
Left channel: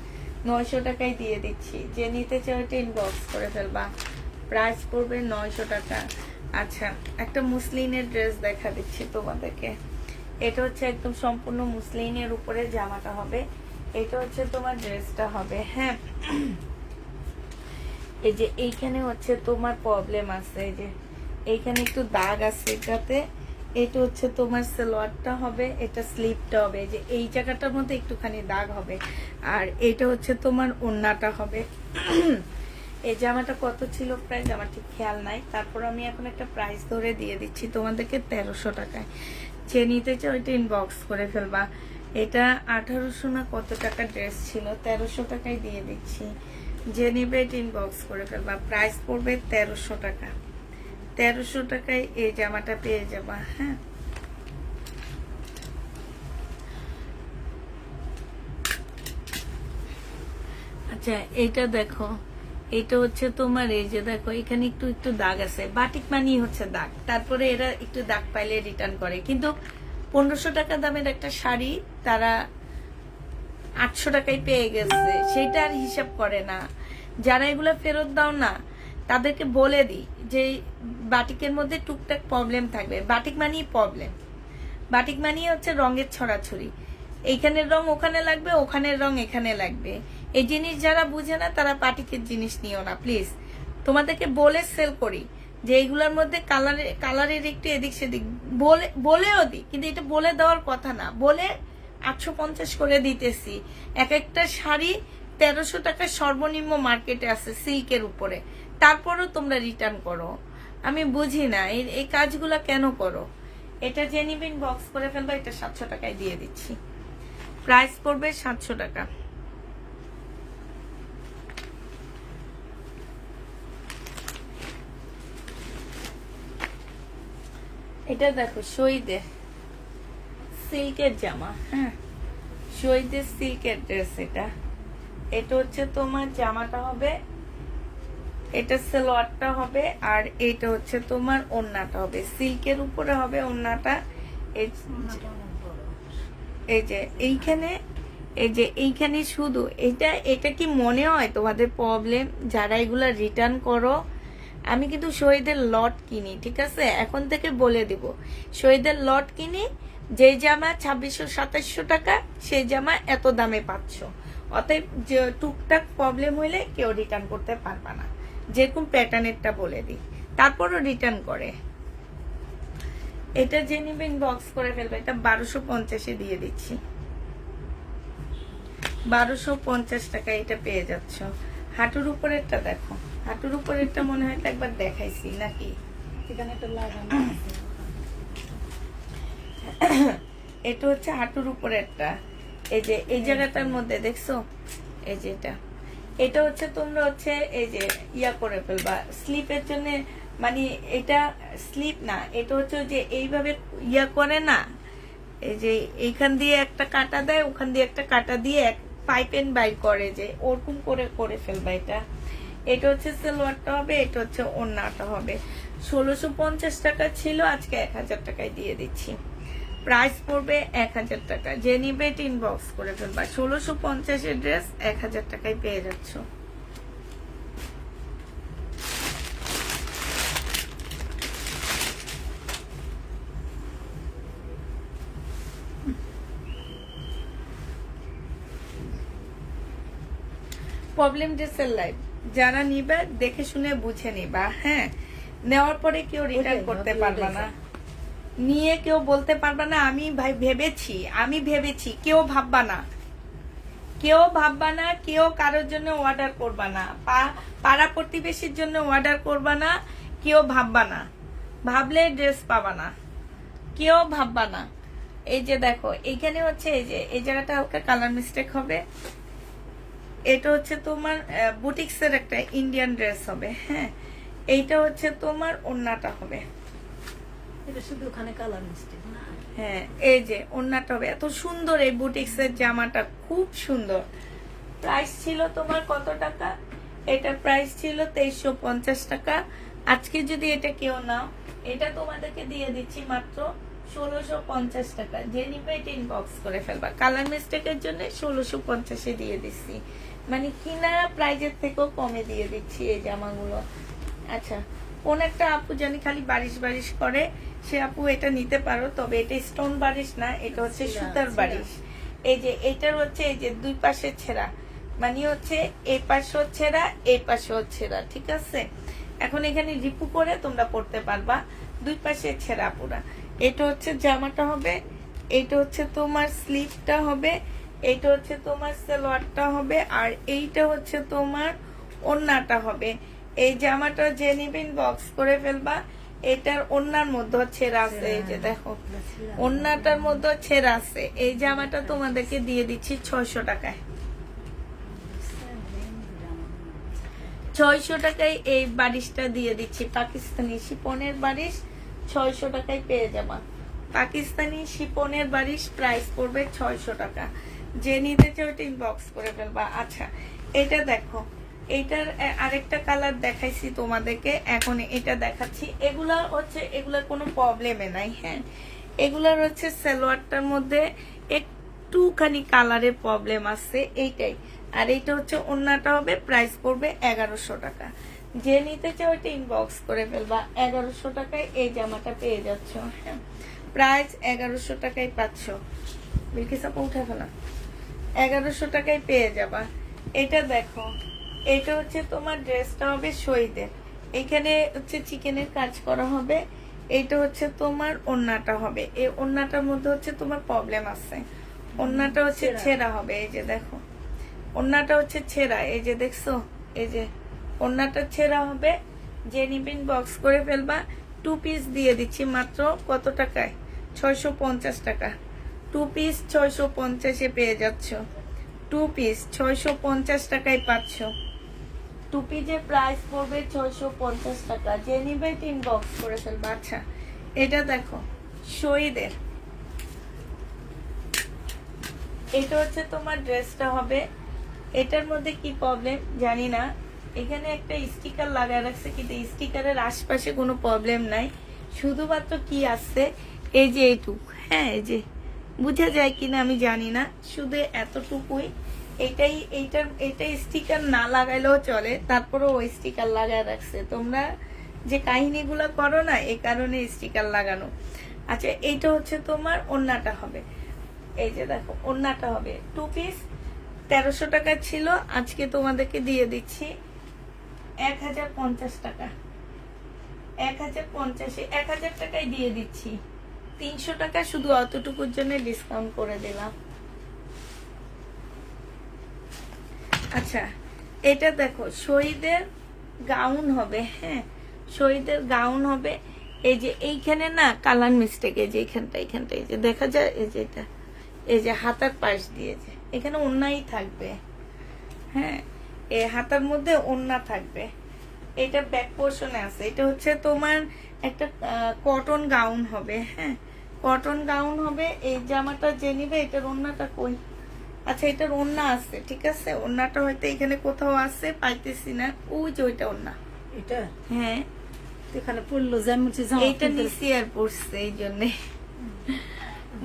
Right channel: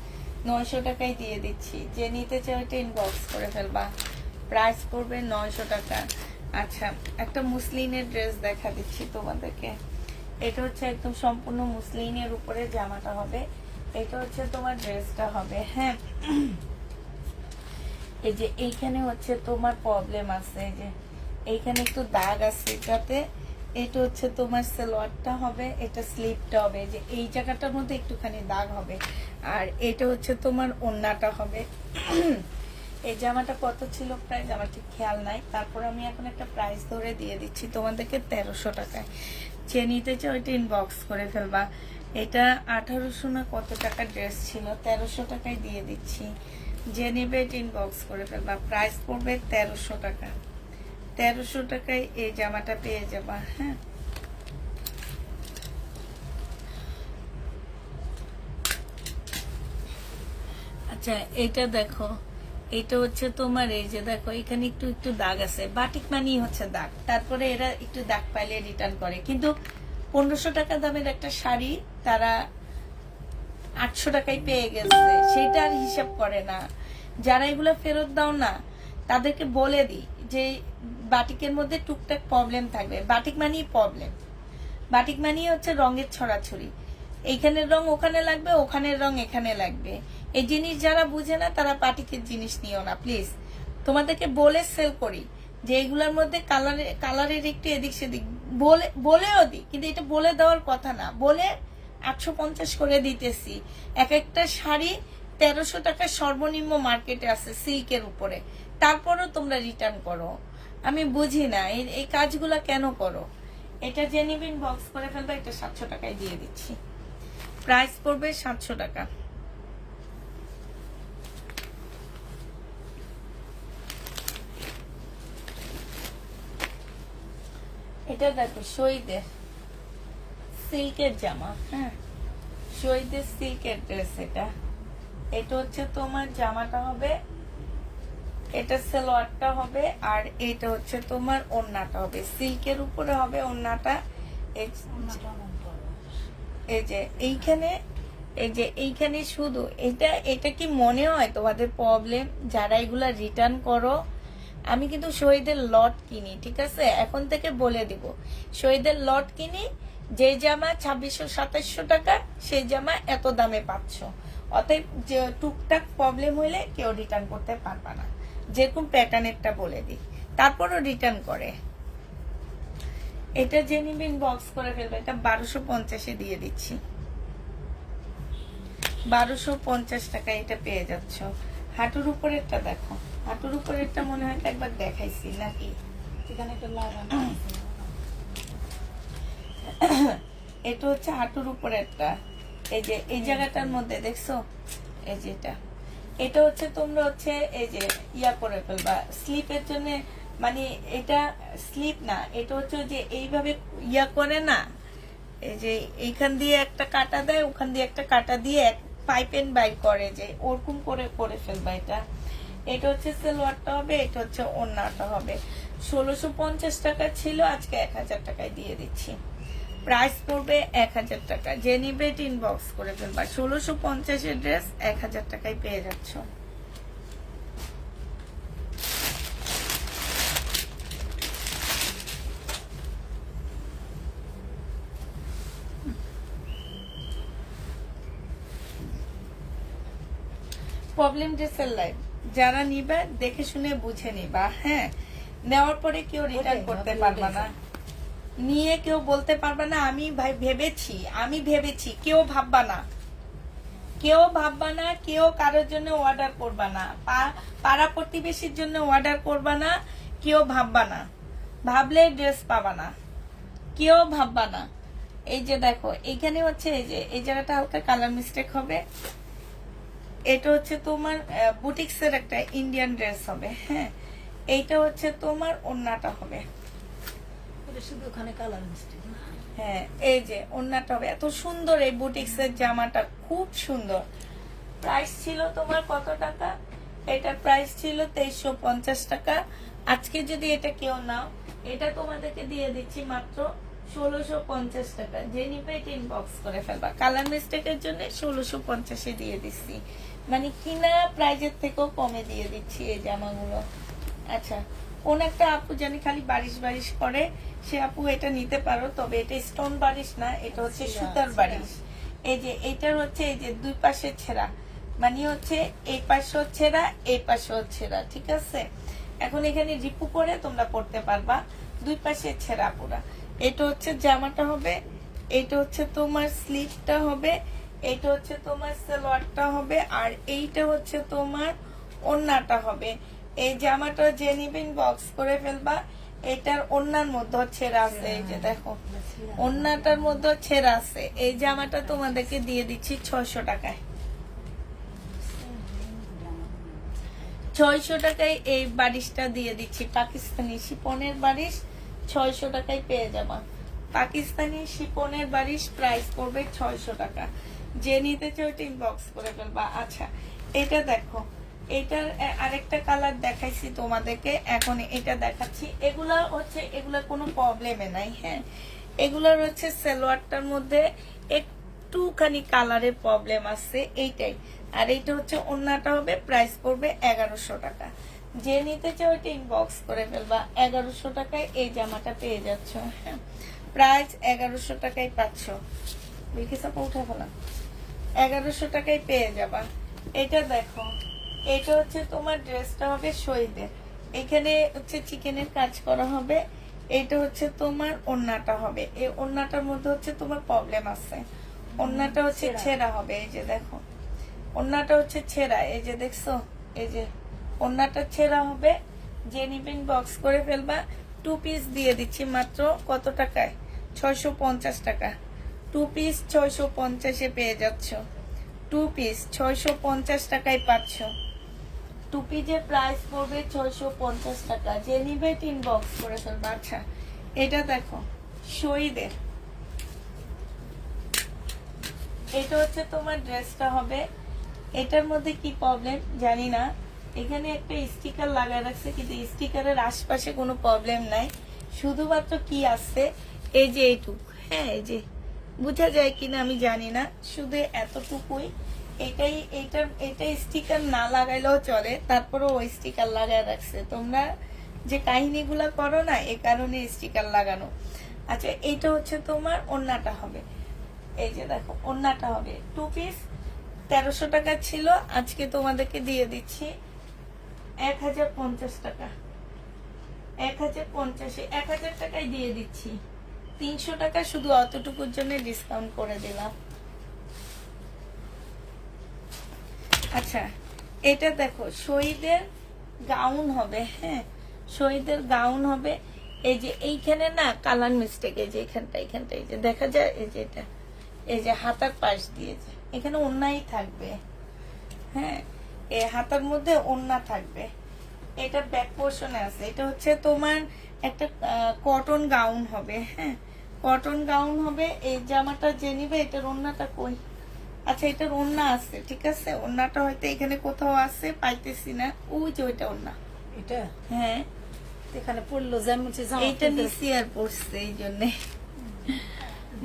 900 টাকায় দিয়ে দিচ্ছি। যে নিতে চাও এটা ইনবক্স করে ফেলবা। প্রাইস পড়বে 900 টাকা। আচ্ছা, একটা মুসলিনের ড্রেস দেখা দিচ্ছি তোমাদেরকে। এটা হচ্ছে একদম সম্পূর্ণ মুসলিনের উপরে জামাটা হবে, এটা হচ্ছে তোমার ড্রেসটা হবে। হ্যাঁ, এই যে এইখানে হচ্ছে তোমার প্রবলেম আছে, এই যে এইখানে একটু দাগ আছে এটাতে। এটা হচ্ছে তোমার সালোয়ারটা হবে, এটা স্লিপটা হবে, যে এই জায়গাটার মধ্যে একটুখানি দাগ হবে, আর এটা হচ্ছে তোমার ওড়নাটা হবে। এই জামাটা কত ছিল প্রাইস আমার ঠিক খেয়াল নাই, তারপর আমি এখন একটা প্রাইস ধরে দিয়ে দিচ্ছি তোমাদেরকে 1300 টাকায়। যে নিতে চাও এটা ইনবক্স করে ফেলবা। এটা 1800 না কত টাকা ড্রেস ছিল, 1300 টাকায় দিয়ে দিচ্ছি। যে নিবে ইনবক্স করে ফেলবা। প্রাইস পড়বে 1300 টাকা। 1300 টাকায় এই জামাটা পেয়ে যাবা। হ্যাঁ, আচ্ছা, এইটা দেখো, এটা হচ্ছে তোমার, এই যে দেখো এখানে একটু একটু দাগ আছে, বাটিক মানি হচ্ছে দাগ, তারপরে এরা একটু দাগ পাইলে রিটার্ন করে। কিন্তু 1500 টাকা দামের একটা শাড়ি তারা 800 টাকায় পেয়ে গেছে, সেটা আর হিসাব করে না। যারা এগুলো ফেরত দাও না, তাদেরকে বলে দিই যে বাটিকের মধ্যে টুকটাক প্রবলেম থাকবে, বাটিক মানেই প্রবলেম। বাটিক মানে হচ্ছে রঙের ছড়াছড়ি, এইখানের রং ওখানে লাগবে, ওখানের রং এখানে লাগবে। এই জিনিস যারা বুঝে না তারা বাটিকের জিনিস নিও না প্লিজ। তোমাদেরকে বলে সেল করি যে এইগুলোর মধ্যে কালারের একটু এদিক সেদিক বলেও দিই, কিন্তু এটা বলে দেওয়ার কথা না, বলে 850 করে দিতেছি। এক একটা শাড়ি 1300 টাকা সর্বনিম্ন মার্কেটে আছে সিল্কের উপরে, তারপরও তোমরা রিটার্ন করো। আমি বুঝি না এই কাজগুলা কেন করো। এটা যে নিবেন বক্স করে ফেলবো, এটা 700 টাকায় দিয়ে দিচ্ছি, প্রাইস পড়বে 700 টাকা। এটা দেখো শহীদের সিল্কের জামা, হ্যাঁ শহীদের সিল্কের ড্রেস। এটা হচ্ছে তোমার জামাটা হবে, এটা সালোয়ারটা হবে, আর এইটা হচ্ছে তোমার ওড়নাটা হবে, সিল্কের উপরে হবে ওড়নাটা। এই যে এইখানে, এই যে এইখানে শুধু এটা কি মনে হয় তোমাদের প্রবলেম যারা এগুলা রিটার্ন করো? আমি কিন্তু শহীদের লট কিনি, ঠিক আছে, এখন থেকে বলে দিব, শহীদের লট কিনি, যে জামা 2600-2700 টাকা সেই জামা এত দামে পাচ্ছ। অতএব যে টুকটাক প্রবলেম হইলে কেউ রিটার্ন করতে পারবে না, যেরকম প্যাটার্নেরটা বলে দিই, তারপরও রিটার্ন করে। এটা যে নিবেন বক্স করে ফেলবে, এটা 1250 দিয়ে দিচ্ছি, 1250 টাকা এটা পেয়ে যাচ্ছ। হাঁটুর উপরেরটা দেখো, হাঁটুর উপরেরটা মনে হয় একবার দেখাইছি নাকি? এখানে একটা লাগানো আছে। এটা হচ্ছে হাঁটুর উপরেরটা, এই যে এই জায়গাটার মধ্যে দেখছো, এই যে এটা হচ্ছে তোমরা হচ্ছে এই যে ইয়া করে ফেলবা স্লিপের জন্য, মানে এটা স্লিপ না, এটা হচ্ছে যে এইভাবে ইয়া করে না, এই যে এইখান দিয়ে একটা কাটা দেয়, ওখান দিয়ে একটা কাটা দিয়ে পাইপেন বাইর করে, যে ওরকম করে করে ফেলবা। এটা হচ্ছে সালোয়ারটা হবে, এটা হচ্ছে ওড়নাটা হবে। 1650 টাকা ছিল, আজকে 1000 টাকায় দিয়ে দিচ্ছি, প্রাইস পড়বে 1000 টাকা। যে নিবে ইনবক্স করে ফেলবা, 1650 এর ড্রেস 1000 টাকায় পেয়ে যাচ্ছ। প্রবলেম ড্রেসের লাইভ যারা নিবে দেখে শুনে বুঝে নিবা, হ্যাঁ, নেওয়ার পরে কেউ রিটার্ন করতে পারবা না, নিয়ে কেউ বলতে পারবা না আমি ভেবেছি, কেউ ভাববা না, কেউ কারোর জন্য অর্ডার করবা না, পাড়া প্রতিবেশীর জন্য অর্ডার করবা না, কেউ ভাববা না, ভাবলে ড্রেস পাবা না, কেউ ভাববা না। এই যে দেখো এইখানে হচ্ছে এই যে এই জায়গাটা হালকা কালার মিস্টেক হবে, এটা হচ্ছে তোমার বুটিক্স এর একটা ইন্ডিয়ান ড্রেস হবে, হ্যাঁ, এইটা হচ্ছে তোমার ওড়নাটা হবে, এটা শুধু ওখানে কালার মিষ্টি। হ্যাঁ এই যে ওড়নাটা হবে। এত সুন্দর এই বুটিক্স এর জামাটা, খুব সুন্দর। প্রাইস ছিল তোমার কত টাকা? এটা প্রাইস ছিল 2350 টাকা। আজকে যদি এটা কেউ নাও, এটা তোমাদেরকে দিয়ে দিচ্ছি মাত্র 1650 টাকা। যে নিবে ইনবক্স করে ফেলবা, কালার মিস্টেকের জন্য 1650 দিয়ে দিচ্ছি, মানে কিনা প্রাইজের থেকেও কমে দিয়ে দিচ্ছি এই জামাগুলো। আচ্ছা, কোন একটা আপু জানি খালি বারিশ করে, সে আপু এটা নিতে পারো, তবে এটা স্টোন বারিশ না, এটা হচ্ছে সুতার বারিশ। এই যে এইটার হচ্ছে এই যে দুই পাশে ছেঁড়া, মানে হচ্ছে এই পাশেও ছেঁড়া, এই পাশেও ছেঁড়া, ঠিক আছে। এখন এখানে রিপু করে তোমরা পড়তে পারবা, দুই পাশে ছেঁড়া পুরা। এটা হচ্ছে জামাটা হবে, এইটা হচ্ছে তোমার স্লিভটা হবে, এইটা হচ্ছে তোমার সালোয়ারটা হবে, আর এইটা হচ্ছে তোমার ওড়নাটা হবে। এই জামাটা যে নিবেন বক্স করে ফেলবা। এটার ওড়নার মধ্যে ছেঁড়া আছে, এই যে দেখো ওড়নাটার মধ্যে ছেঁড়া আছে। এই জামাটা তোমাদেরকে দিয়ে দিচ্ছি 600 টাকায়, 600 টাকায় এই বারিশটা দিয়ে দিচ্ছি, পাকিস্তানি শিপনের বারিশ 600 টাকায় পেয়ে যাবা। পাকিস্তানি শিপনের বারিশ প্রাইস পড়বে 600 টাকা। যে নিতে চাও ইনবক্স করে ফেলবা। আচ্ছা, এটা দেখো, এটার আরেকটা কালার দেখাইছি তোমাদেরকে, এখন এটা দেখাচ্ছি। এগুলা হচ্ছে এগুলা কোনো প্রবলেমে নাই, হ্যাঁ, এগুলার হচ্ছে সালোয়ারটার মধ্যে একটুখানি কালারের প্রবলেম আছে, এইটাই। আর এইটা হচ্ছে ওড়নাটা হবে, প্রাইস পড়বে 1100 টাকা। যে নিতে চাও এটা ইনবক্স করে ফেলবা, 1100 টাকায় এই জামাটা পেয়ে যাচ্ছ, হ্যাঁ। প্রাইস 1100 টাকায় পাচ্ছ। বিলকিসা উঠে ফেলা, 1100 টাকায় পেয়ে যাবা। এটা দেখো, এটা হচ্ছে তোমার ড্রেসটা হবে শহীদের, এখানে হচ্ছে চিকেনের কাজ করা হবে। এইটা হচ্ছে তোমার ওড়নাটা হবে, এই ওড়নাটার মধ্যে হচ্ছে তোমার প্রবলেম আছে, ওড়নাটা হচ্ছে ছেঁড়া হবে। এই যে দেখো, ওড়নাটা হচ্ছে ছেঁড়া, এই যে দেখছো, এই যে ওড়নাটা ছেঁড়া হবে। যে নিবেন বক্স করে ফেলবা। 2 পিস দিয়ে দিচ্ছি মাত্র কত টাকায়? 650 টাকা। 2 পিস 650-এ পেয়ে যাচ্ছ। 2 পিস 650 টাকায় পাচ্ছ। 2 পিসের প্রাইস পড়বে 650 টাকা। যে নিবে 3 বক্স করে ফেলবা। আচ্ছা, এটা দেখো শহীদের, এটা হচ্ছে তোমার ড্রেসটা হবে। এটার মধ্যে কি প্রবলেম জানি না, এখানে একটা স্টিকার লাগায় রাখছে, কিন্তু স্টিকারের আশপাশে কোনো প্রবলেম নাই। শুধুমাত্র কি আসছে, এই যে এইটুক, হ্যাঁ এই যে বুঝা যায় কিনা আমি জানি না, শুধু এতটুকুই। এইটাই স্টিকার না লাগাইলেও চলে, তারপরে ওই স্টিকার লাগায় রাখছে। তোমরা যে কাহিনীগুলো করো না, এই কারণে স্টিকার লাগানো। আচ্ছা, এইটা হচ্ছে তোমার ওড়নাটা হবে। এই যে দেখো, ওড়নাটা হবে 2 পিস 1300 টাকা ছিল, আজকে তোমাদেরকে দিয়ে দিচ্ছি 1050 টাকা। 1050 টাকায় দিয়ে দিচ্ছি। 300 টাকা শুধু অতটুকুর জন্য ডিসকাউন্ট করে দিলাম। আচ্ছা, এটা দেখো শহীদের গাউন হবে, হ্যাঁ শহীদের গাউন হবে। এই যে এইখানে না কালার মিস্টেক, এই যে এখানটা এই যে দেখা যায়, এই যে এটা, এই যে হাতার পাশ দিয়ে যে এখানে ওড়নাই থাকবে, হ্যাঁ এই হাতার মধ্যে ওড়না থাকবে। এটা ব্যাক পোর্শনে আছে। এটা হচ্ছে তোমার একটা কটন গাউন হবে, হ্যাঁ কটন গাউন হবে। এই জামাটা যে নিবে, এটার ওড়নাটা কই? আচ্ছা, এটার ওড়না আছে, ঠিক আছে, ওড়নাটা হয়তো এখানে কোথাও আছে, পাইতেছি না। ওই যে ওইটা ওড়না, এটা হ্যাঁ এখানে পড়লো যেমন এইটা নিচে আর পড়ছে, এই জন্যে।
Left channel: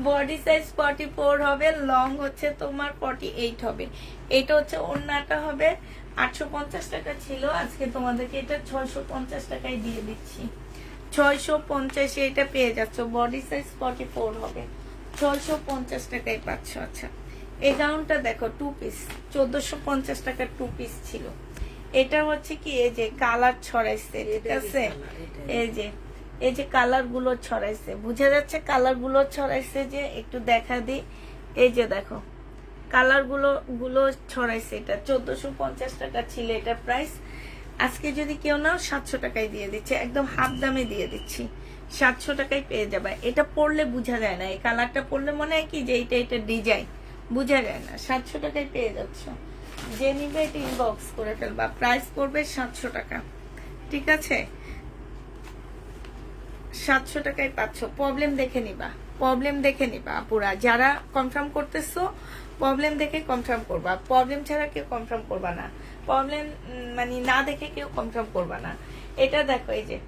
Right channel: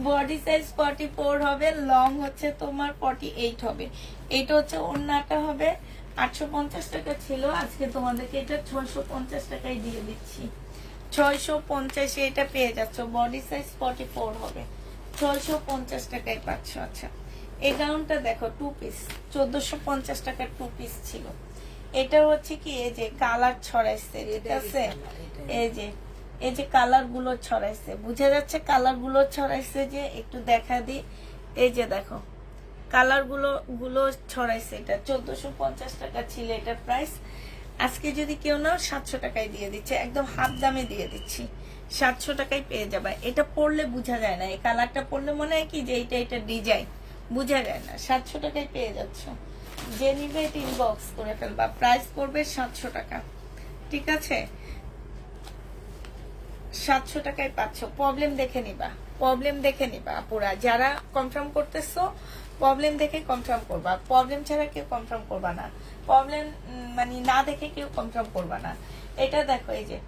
বডি সাইজ 44 হবে, লং হচ্ছে তোমার 48 হবে। এটা হচ্ছে ওড়নাটা হবে। 850 টাকা ছিল, আজকে তোমাদেরকে এটা 650 টাকায় দিয়ে দিচ্ছি। 650 এটা পেয়ে যাচ্ছ। বডি সাইজ 44 হবে, 650 টাকায় পাচ্ছ। আচ্ছা, এই গাউনটা দেখো 2 পিস 1450 টাকার 2 পিস ছিল। এটা হচ্ছে কি, এই যে কালার ছড়াইছে, ঠিক আছে, এই যে কালার গুলো ছড়াইছে, বুঝা যাচ্ছে কালার গুলো ছড়াইছে, যে একটু দেখা দিই। এই যে দেখো কালার গুলো ছড়াইছে। এটা 1450 টাকা ছিল এটা প্রাইস। আজকে যদি কেউ নাও 700 টাকায় দিয়ে দিচ্ছে, একদম হাফ দামে দিয়ে দিচ্ছি। 700 টাকায় পেয়ে যাবে। এটা পরলে বোঝা যায় না, এই কালারটা পরলে মনে হয় কি যে এটা ডিজাইন, বোঝা যায় না। 700 টাকায় পেয়ে যাচ্ছে। যে নিবে এটা ইনবক্স করে ফেলবা। প্রাইস পড়বে 700 টাকা, ঠিক আছে, 700 টাকায় পাচ্ছ। প্রবলেম দেখে নিবা আপুরা, যারা কনফার্ম করতেছো প্রবলেম দেখে কনফার্ম করবা। প্রবলেম ছাড়া কেউ কনফার্ম করবা না, প্রবলেম মানে না দেখে কেউ কনফার্ম করবা না। এটা দেখো, এই যে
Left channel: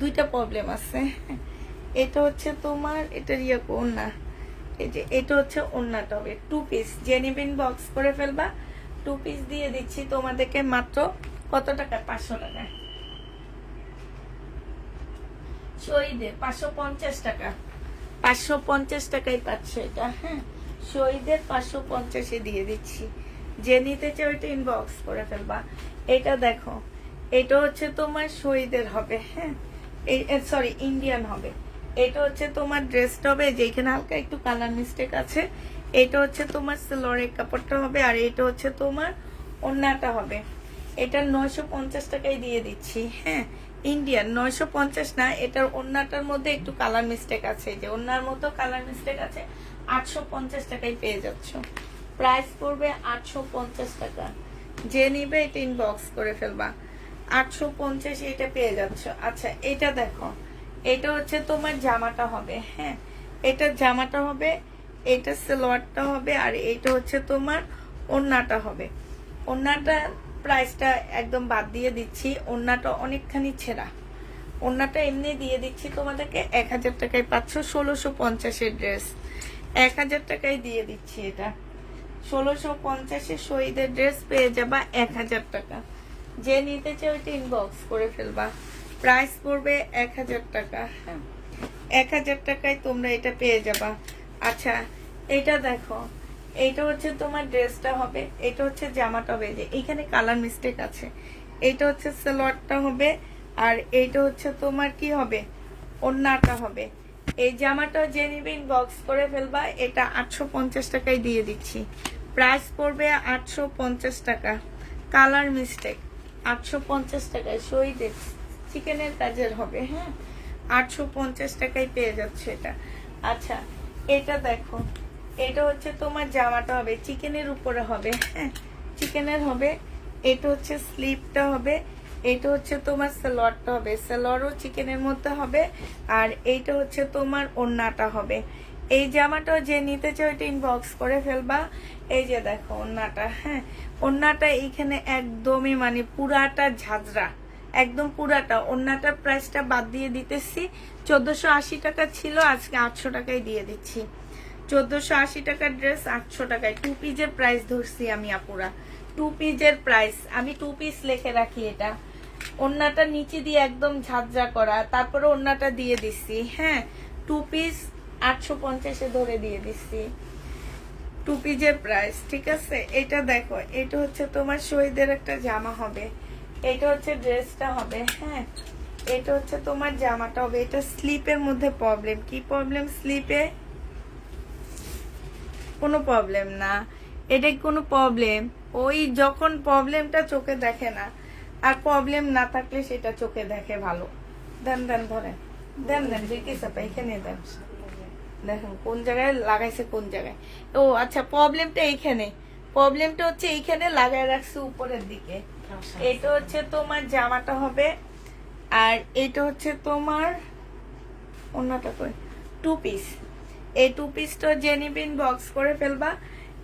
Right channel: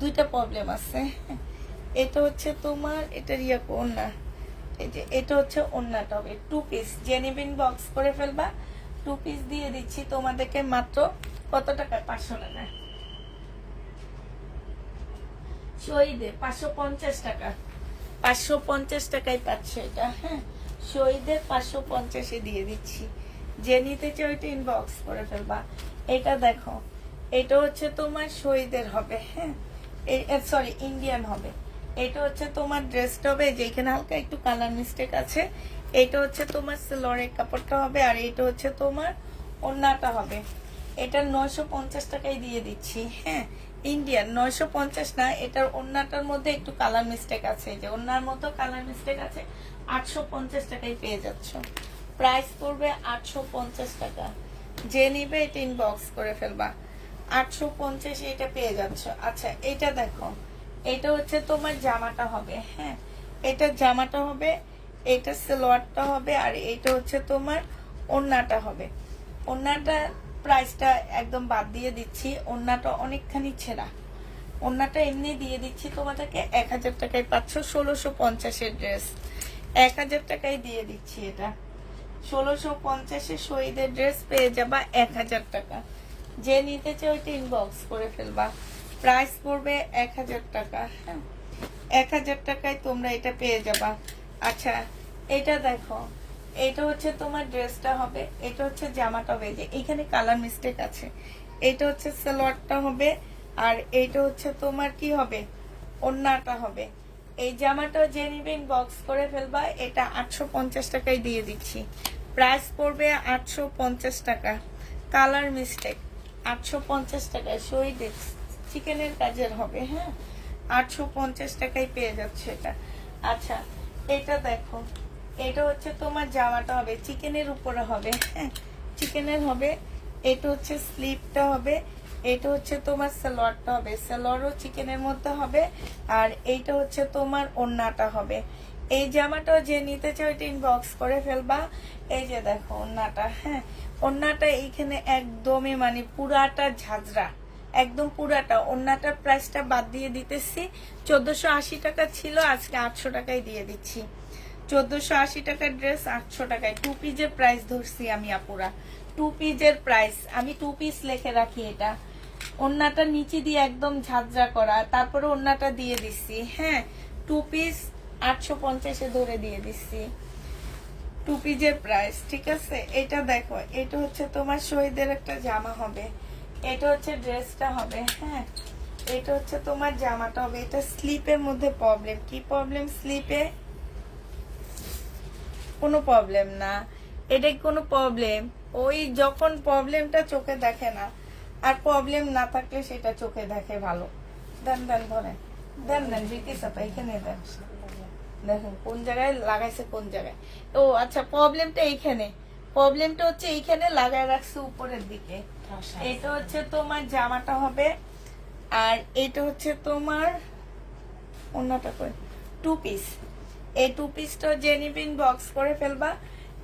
দুইটা প্রবলেম আছে। এটা হচ্ছে তোমার, এটা ওড়না, এই যে এটা হচ্ছে ওড়নাটা হবে 2 পিস। জেনিবিন বক্স করে ফেলবা। 2 পিস দিয়ে দিচ্ছি তোমাদেরকে মাত্র কত টাকায়? 500 টাকায়। শহীদের 550 টাকা, 550 টাকায় পাচ্ছ এটা, হ্যাঁ শহীদের 550-এ দিয়ে দিচ্ছি। যে নিতে চাও এটা ইনবক্স করে ফেলবা। এটা দেখো, এটা হচ্ছে তোমার শহীদের হবে, হ্যাঁ সরি ইন্ডিয়ান হবে। এটা হচ্ছে তোমার ড্রেসটা হবে, যেখানে হালকা একটু কালার মিস্টেক আছে। এটা হচ্ছে তোমার সিলরের কাপড়টা হবে, আর এটা হচ্ছে তোমার ওড়নাটা হবে। এটা 950 টাকায় দিয়ে দিচ্ছি, হ্যাঁ ইন্ডিয়ান। 950 না, এটার ওড়নাটার মধ্যে একটু কালার মিস্টেক আছে, যে ওড়নার মতো কালার মিস্টেক আছে। 850 টাকায় পেয়ে যাচ্ছ। প্রাইস পড়বে 850 টাকা। যে নিবে এটা ইনবক্স করে ফেলবা। 850 এটা পেয়ে যাচ্ছ। আচ্ছা, এটা দেখো, এটা হচ্ছে তোমার জামাটা হবে, হ্যাঁ এটা জামাটা হবে, এটা সালোয়ারটা হবে, আর এটা হচ্ছে তোমার ওড়নাটা হবে। ওড়নাটা প্রাইসটা একদম বাদ দিয়ে দিচ্ছি, ওড়নাটা অনেকখানি ছেঁড়া। ওড়নাটা এমনি দিয়ে দিচ্ছি তোমাদেরকে 1000 টাকায় পাচ্ছ। 1650-এর ড্রেস 1000 টাকায় দিয়ে দিচ্ছি। এটা 1650-এর শহীদের ড্রেস পেয়ে যাবা 1000 টাকা। যে নিতে চাও ওইটা ইনবক্স করে ফেলবা। প্রাইস পড়বে 1000 টাকা, হ্যাঁ 1000 টাকায় তোমরা এটা পেয়ে যাবা। আচ্ছা এটা দেখো, এটা হচ্ছে তোমার ড্রেসটা হবে, এটা হচ্ছে জামাটা হবে, যে এখানে কালার মিস্টেক আছে। এটা হচ্ছে সালোয়ারটা হবে, আর এইটা হচ্ছে তোমার কি হবে, ওড়নাটা হবে। এই জামাটা যে নিবে ইনবক্স করে ফেলবা। এটা 850 টাকায় দিয়ে দিচ্ছি, প্রাইস পড়বে 850 টাকা। কালার মিস্টেক 850 টাকায় শহীদ চিকেনের কাজের হবে। হ্যাঁ, 850 টাকায় পেয়ে যাচ্ছে এটা। আচ্ছা এটা দেখো, এটা হচ্ছে তোমার জামাটা হবে, চিকেনের উপরে হবে। হ্যাঁ, চিকেনের হবে। এটা হচ্ছে স্লিপটা হবে, এটা হচ্ছে তোমার সালোয়ারটা হবে, সালোয়ারও চিকেনের মধ্যে হবে। আর এইটা হচ্ছে তোমার ওড়নাটা হবে। এই জামাটা যে নিতে চাও এটা ইনবক্স করে ফেলবা। এই যে দেখো ওড়নাটা। হ্যাঁ, ওড়নাটা এইখানে একদমই মানে পুরাটা ঝাঁঝরা, একদম পুরাটা। ওড়নাটার প্রাইসটা বাদ দিয়ে দিতেছি, 1480 টাকা ছিল, আজকে 800 টাকায় দিয়ে দিচ্ছি। 1480 টাকার ড্রেস 800 টাকায়। 2 পিসের প্রাইস ধরছি আমি আপুরা, 2 পিসের প্রাইস আমি 2 পিস লিখে রাখি। এটা ওড়নাটা নিচে দিয়ে একদম ঝাঁঝরা করা, তারপরে ওড়নাটা দিয়ে দিচ্ছি। হ্যাঁ, 2 পিস 850 ধরে দিয়ে দিচ্ছি, 2 পিসের প্রাইস। ঠিক আছে, এটা দেখো, এটা হচ্ছে তোমার শহীদের একটা জামা হবে, এটা হচ্ছে ড্রেসটা হবে। হ্যাঁ, এটা হচ্ছে তোমার জামাটা হবে। এটা স্লিপের মধ্যে প্রবলেম, কি প্রবলেম স্লিপে? কোনো প্রবলেম না, এটা কোনো প্রবলেম, ওই যখন প্রবলেমটা চোখে দেখে না, আর প্রবলেম না থাকলে সেটা চোখে দেখে ভালো। দেন দেন ধরে দেন দেন দেখি সাপা এখানে দেন, দেখুন কোন জায়গায় লাগাইছে, কোন জায়গায়। ও আচ্ছা, প্রবলেমটা এইখানে, প্রবলেমটা হচ্ছে এইখানে লাগায় রাখছে উপরের দিকে। এটা হচ্ছে তোমার জামাটা হবে, আর এটা হচ্ছে তোমার ওড়নাটা কই, 2 পিস। এই 2 পিসটা জেনিবিন বক্স করে ফেলবা।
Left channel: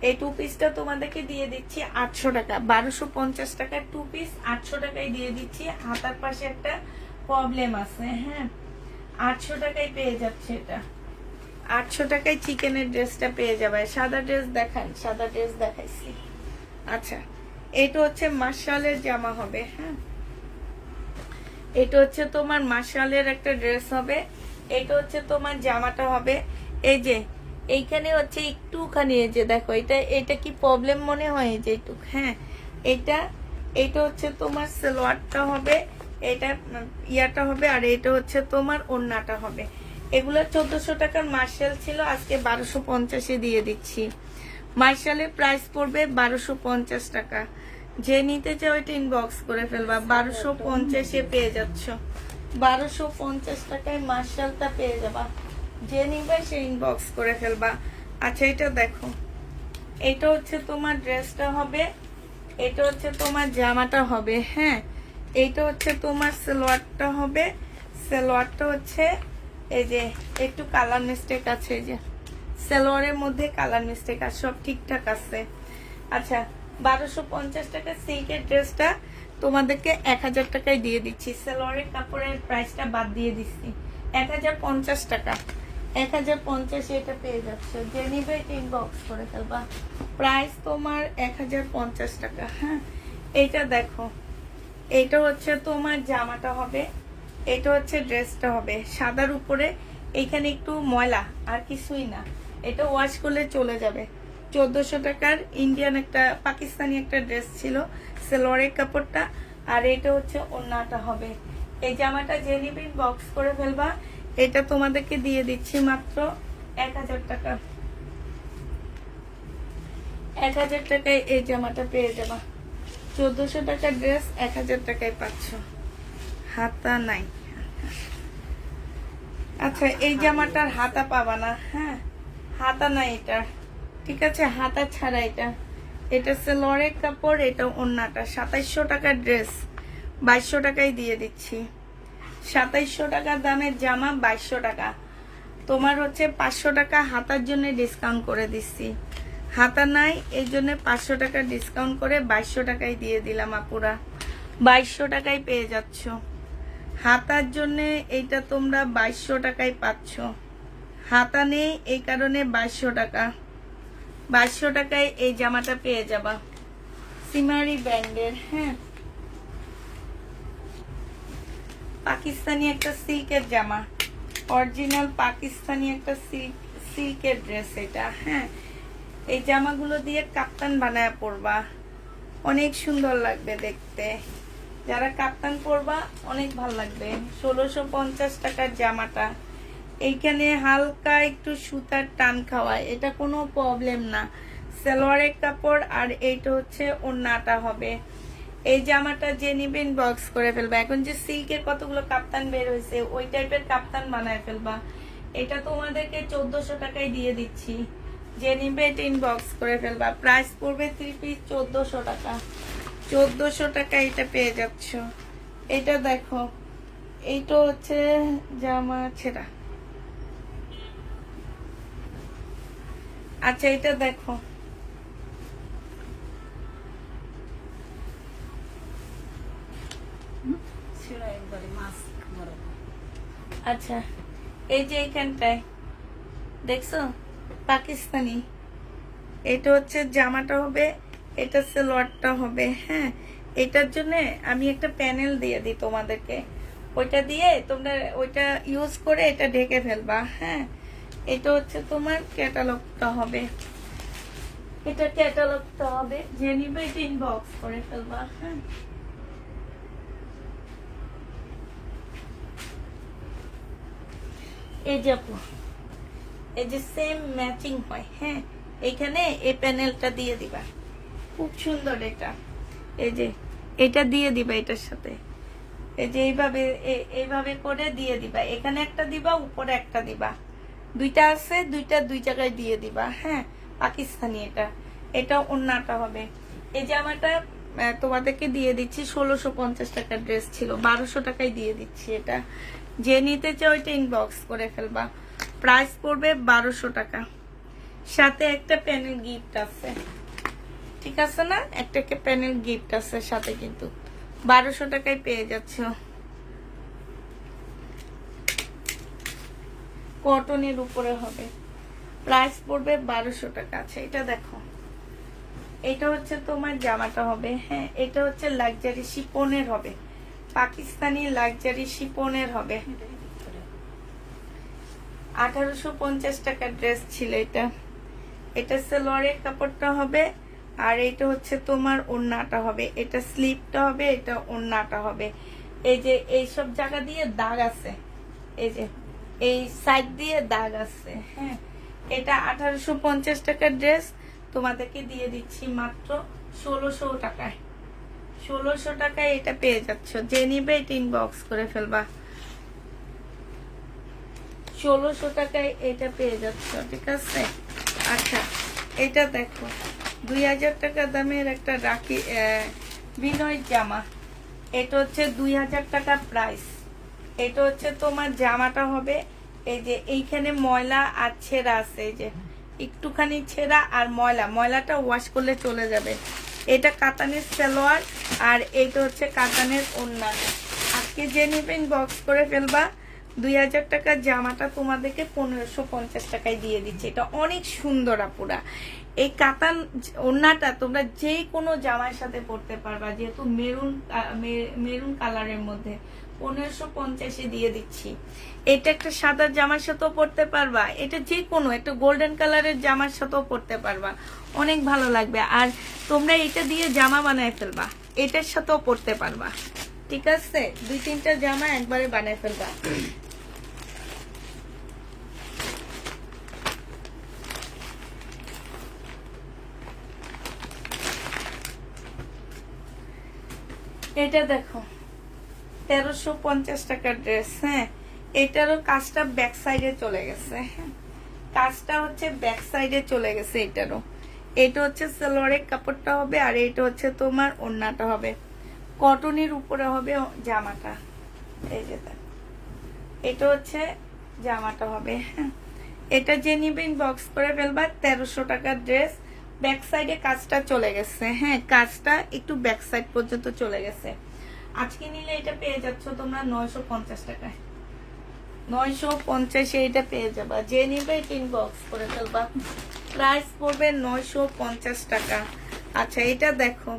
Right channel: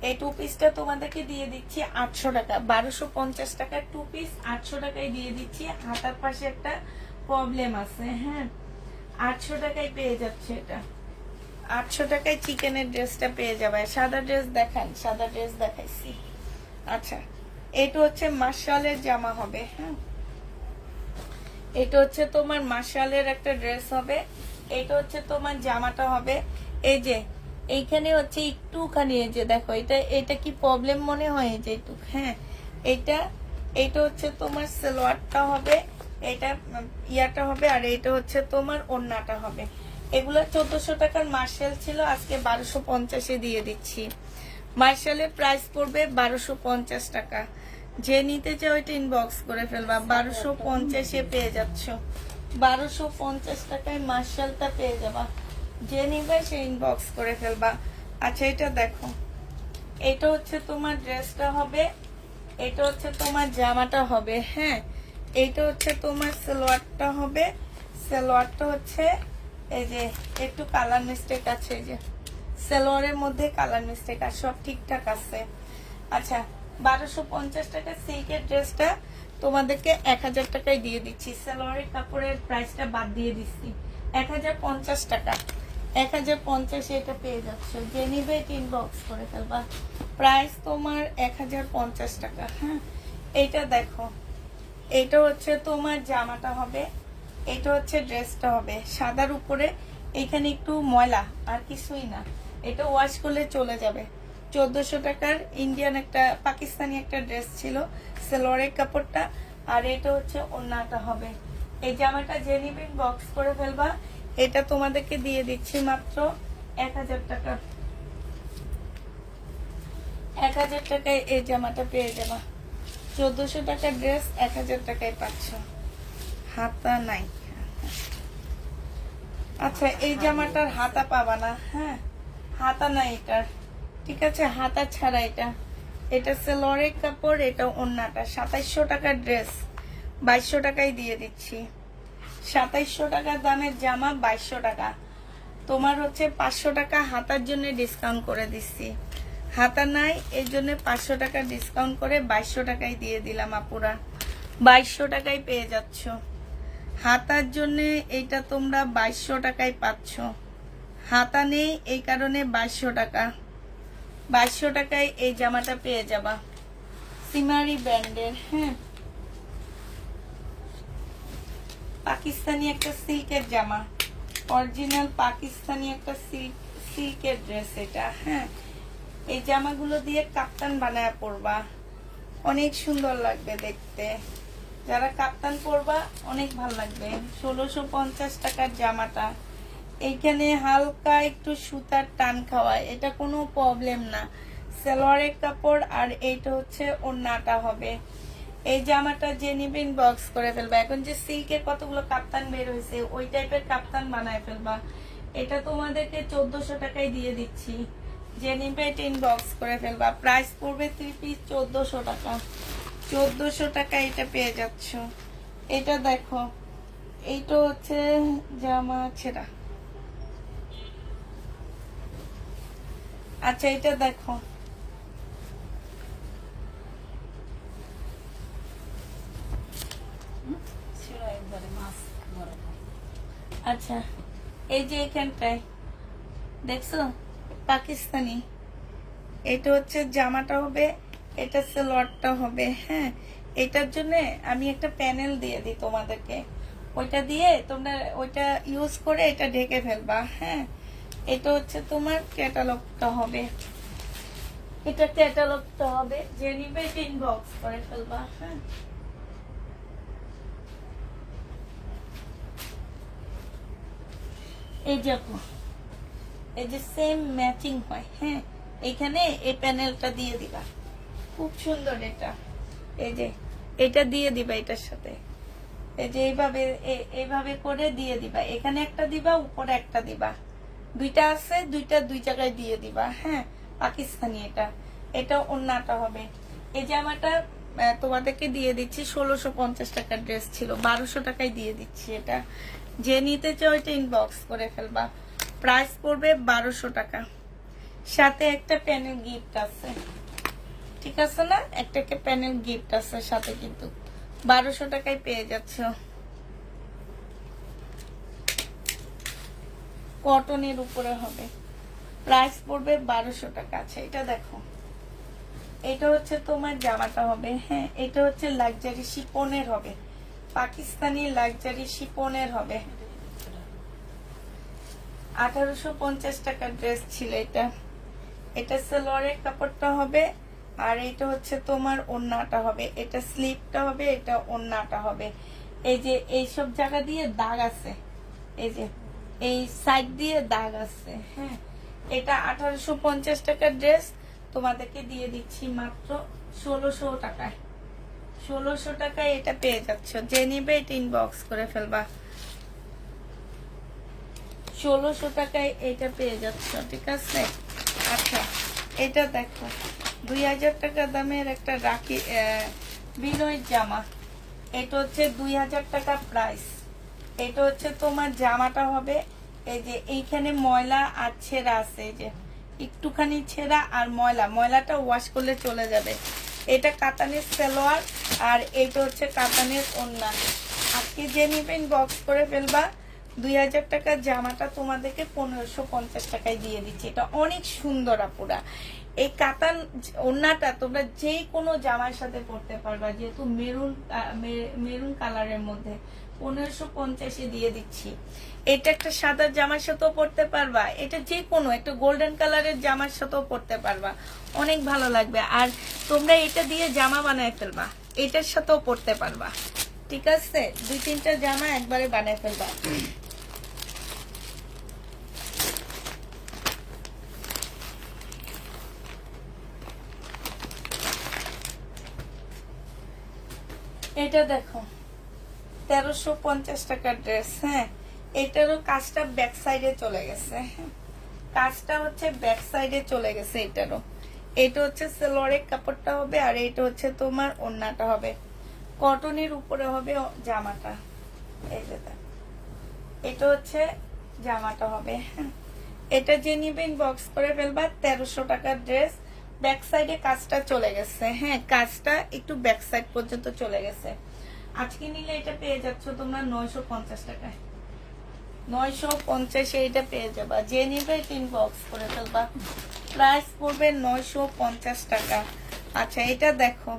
এই 2 পিসটা তোমাদেরকে দিয়ে দিচ্ছি 800 টাকা, 1250 টাকার 2 পিস 800 টাকায় দিয়ে দিচ্ছি। হাতার পাশে একটা প্রবলেম আছে। হ্যাঁ, 800 টাকায় পেয়ে যাচ্ছে এটা, 800 টাকায় চিকেনের ড্রেসটা পেয়ে যাবে। সাদা ড্রেস দেখান, সাদা ড্রেস দেখাইছি। আচ্ছা, এটা হচ্ছে মাশরালের জামা হবে। হ্যাঁ, এটা হচ্ছে তোমার মাশরালের একটা ড্রেস হবে, এটা হচ্ছে তোমার জামাটা হবে। এই যে এইখানে হচ্ছে একটুখানি, এই যে দেখো, এটা কি প্রবলেম মনে হয়, এই যে একটু। হ্যাঁ, এটা হচ্ছে তোমার সালোয়ারটা হবে, এটা ইয়াটা হবে, আর এটা হচ্ছে তোমার ওড়নাটা হবে। এগুলো 1400 টাকার মার্শাল ছিল, আজকে 1250 দিয়ে দিচ্ছি। মার্শালের প্রাইস পড়বে 1250 টাকা। যে নিতে চাও এটা ইনবক্স করে ফেলবা, 1250 পেয়ে যাচ্ছ। 1250 টাকায় মার্শালটা পেয়ে যাবা, যে নিবে সে ইনবক্স করে ফেলবা। আচ্ছা এটা দেখো, এটা হচ্ছে তোমার ড্রেসটা হবে, এটা হচ্ছে তোমার জামাটা হবে। হ্যাঁ, এইটা হচ্ছে তোমার সালোয়ারটা হবে, সালোয়ারটা হচ্ছে এই যে একটু কালার মিস্টেক আছে, এই যে সালোয়ারের মধ্যে কালার মিস্টেক আছে, সব ঠিকঠাক আছে। আচ্ছা, 1250 টাকা সিল্কের ড্রেসটা তোমাদেরকে 1000 টাকায় দিয়ে দিচ্ছি। সালোয়ারের কাপড়ের প্রাইসটা বাদ দিয়ে দিচ্ছি, 1050 টাকা। 1050 এটা পেয়ে যাচ্ছে, যে নিবে ইনবক্স করে ফেলবা। প্রাইস তোমার 1050 টাকা। হ্যাঁ, এইটা দেখো, এটা হচ্ছে তোমার জামাটা হবে, এটা হচ্ছে ড্রেসটা হবে সাদার উপরে। এখানে একটু ময়লা, আর কিছুই না, এটা ওয়াশ করলে চলে যাবে। 1400 টাকার ইন্ডিয়ান একটা পাকিস্তানি একটা ড্রেস ছিল, সালোয়ারের কাপড়টা, আর এটা হচ্ছে ওড়নাটা হবে। এই জামাটা যে নিবেন বক্স করে ফেলবা। এটা তোমাদেরকে দিয়ে দিচ্ছি মাত্র 1000 টাকা। 1000 টাকায় এই জামাটা পেয়ে যাবা। 1400 টাকার ড্রেস 1000 টাকায় পাচ্ছ। হাতা নাই। আচ্ছা, এই জামাটার হাতা পাবা না। হ্যাঁ, হাতা নাই এটা, ঠিক আছে, হাতা ছাড়া এটা। এটা সালোয়ারের কাপড়, এটা ওড়নাটা। 2700 টাকার ড্রেস 2200 টাকায় দিয়ে দিচ্ছি। 2700 টাকা দামের জামা 2200 টাকা। তোমার হচ্ছে 500 টাকা হাতার জন্য ডিসকাউন্ট করে দিচ্ছি। হাতা নাই, এই জন্য 500 টাকা ডিসকাউন্ট করে 2200 টাকায় দিয়ে দিলাম আপুরা। 2200 টাকায় পেয়ে যাচ্ছ। হাতার জন্য এইটা তোমরা 2200 টাকায় পাচ্ছ। হাতা নেই এই কারণে 2200 টাকা। 2200 টাকায় এই জামাটা পেয়ে যাবা, সিমারি ব্র্যান্ডের। হ্যাঁ, পাকিস্তানি একটা সিল্কের জামা, অরিজিনাল পাকিস্তানি একটা সিল্কের ড্রেস এটা। হ্যাঁ, এই জামাগুলো দিয়ে কাপ্তান বানায় পরবা, অনেক সুন্দর লাগবে দেখতে। যারা কাপ্তান পরবা অনেক ভালো লাগবে। 1650 টাকার জামাটা। এইখানে হালকা একটু সুতার টান খাওয়া, এটা কোনো প্রবলেম না। সালোয়ারের কাপড় আর এইটা হচ্ছে ওড়নাটা হবে। এই জামাটা যে নিবেন বক্স করে ফেলবা। এখন যে সিল্কের কতগুলো কাপ্তান বের হয়েছে, ওই টাইপের কাপ্তান বানায় ফেলবা। এটা তোমাদেরকে 1400 টাকায় দিয়ে দিচ্ছি। যে নিবে এটা ইনবক্স করে ফেলবা। প্রাইস পড়বে 3 পিস 1400 টাকা। 1400 টাকা এটা পেয়ে যাচ্ছ। এটা দেখো, এইটা হচ্ছে জামা ছেঁড়া। আচ্ছা, এটা দেখো, সেটা একবারে মাছ বরাবর। আচ্ছা এই যে এখানটায় দেখছো পাকিস্তানি, এটা হচ্ছে জামাটা হবে, এটা সালোয়ারটা হবে। হ্যাঁ, এটার জন্য আমি একটা প্যানেল দিয়ে দিই তোমাদেরকে, ওইটা দিয়ে তোমরা ওইটা ইউজ করে এটা ঢেকে ফেলবা। হ্যাঁ, এটা হচ্ছে তোমার ক্যাটালগটা হবে, এটা ক্যাটালগটা হবে। যে নিবে এটা ইনবক্স করে ফেলবা। হ্যাঁ, এই যে আপু, এই যে সেম ম্যাচিং হয়। হ্যাঁ, এখানে এই প্যানেলটা দিয়ে দিবা, খুব সুন্দর এটা। এই যে এটা দিয়ে দিবা এটার সাথে, এই যে এইভাবে এইভাবে করে দিয়ে দিবা। এখানে একটা দিবা, উপরে একটা দিবা, দুইটা আছে, দুইটা দুই জায়গায় দিয়ে দিবা। হ্যাঁ, পাকিস্তানি এটা। এটা ওড়নাটা হবে। এই জামাটা তোমাদেরকে দিয়ে দিচ্ছি 1650 টাকার ড্রেস ছিল, 1200 টাকায় দিয়ে দিচ্ছি এটা। যে নিতে চাও এটা ইনবক্স করে ফেলবা। প্রাইস পড়বে 1200 টাকা। সাথে একটা প্যানেল গিফট আছে, ঠিক আছে না? একটা প্যানেল গিফট আছে সাথে, কিন্তু 1200 টাকায় পেয়ে যাচ্ছ। কটনের উপরে হবে, প্রাইস পড়বে 1200 টাকা। আচ্ছা, এটা দেখো, এটা হচ্ছে তোমার জামাটা হবে। হ্যাঁ, এটা হচ্ছে লাক্সারি শিপনের হবে, পাকিস্তানি লাক্সারি শিপনের হবে। 1850 টাকার ড্রেস ছিল এটা। এটা সালোয়ারের কাপড়টা হবে, আর এটা হচ্ছে তোমার ওড়নাটা হবে। এটা স্লিপটা হবে, এটা ওড়নাটা হবে। এই যে এই সব জায়গা দিয়ে দাগ আছে, এই যে এই সাইড দিয়ে দাগ আছে। হ্যাঁ, এটা 1850 টাকার ড্রেস তোমাদেরকে দিয়ে দিচ্ছি মাত্র 1600 টাকায়। 1600 টাকায় এটা পেয়ে যাচ্ছ। যে নিবে এটা ইনবক্স করে ফেলবা। 1600 টাকায় এটা পেয়ে যাচ্ছ, ঠিক আছে? আচ্ছা, এটা দেখো, 2000 টাকা দামের একটা রাখি বিনয়ের জামা। এটা হচ্ছে 2000 টাকা প্রাইস। এটা হচ্ছে তোমার জামাটা হবে। এই যে এইখানে ময়লা আর ছেঁড়া আছে, এই যে একটুখানি ছেঁড়া আর ময়লাটা ওয়াশ করলে চলে যাবে। এটা কাতানের সালোয়ার, আর এইটা হচ্ছে কাতানের ওড়না। আজকে যে নিবেন বক্স করে ফেলবা। 2000 টাকার জামাটা তোমাদেরকে 1550 টাকায় দিয়ে দিচ্ছে। এটা অনেক সুন্দর আপুরা। এই কাতান ওড়নাটা তোমরা যে কোনো জামার সাথে পরতে পারবা, যেহেতু মেরুন কালারের মধ্যে 1550 দিয়ে দিচ্ছি। এটা একটা সাদা জামার সাথেও পরতে পারবা, এটা যে কোনো একটা গোল্ডেন কালারের জামার সাথেও পরতে পারবা, অনেক ভালো লাগবে। আর তোমরা এটা দিয়ে জামা বানায় ফেলবা, এটার সাথেও পরতে পারবা, ঠিক আছে? 2-3টা জামা একবারে বানায় ফেলবা। এটা দেখো, 1350 টাকার ড্রেস। হ্যাঁ, এটারও কাজটা ব্যাক সাইডে চলে গেছে। কাজটা হচ্ছে ব্যাক সাইডে চলে গেছে এটারও। এটা হচ্ছে সালোয়ারের কাপড়টা হবে, আর এটা হচ্ছে তোমার ওড়নাটা হবে। কটনের উপরে হবে জামাটা। এই যে দেখো, এটা হচ্ছে জামাটা হবে। এটা যে নিবেন বক্স করে ফেলবা। 1300 টাকার ড্রেস, ব্যাক সাইডে কাজটা চলে গেছে। হ্যাঁ, কাজটা একটু ব্যাক সাইড পর্যন্ত চলে গেছে। আজকে নিলে এটা পেয়ে যাচ্ছ তোমরা 950 টাকায়। 950 এটা পেয়ে যাবা। যে নিবে তিন বক্স করে ফেলবা। প্রাইস পড়বে 950 টাকা। আচ্ছা, এটা দেখো,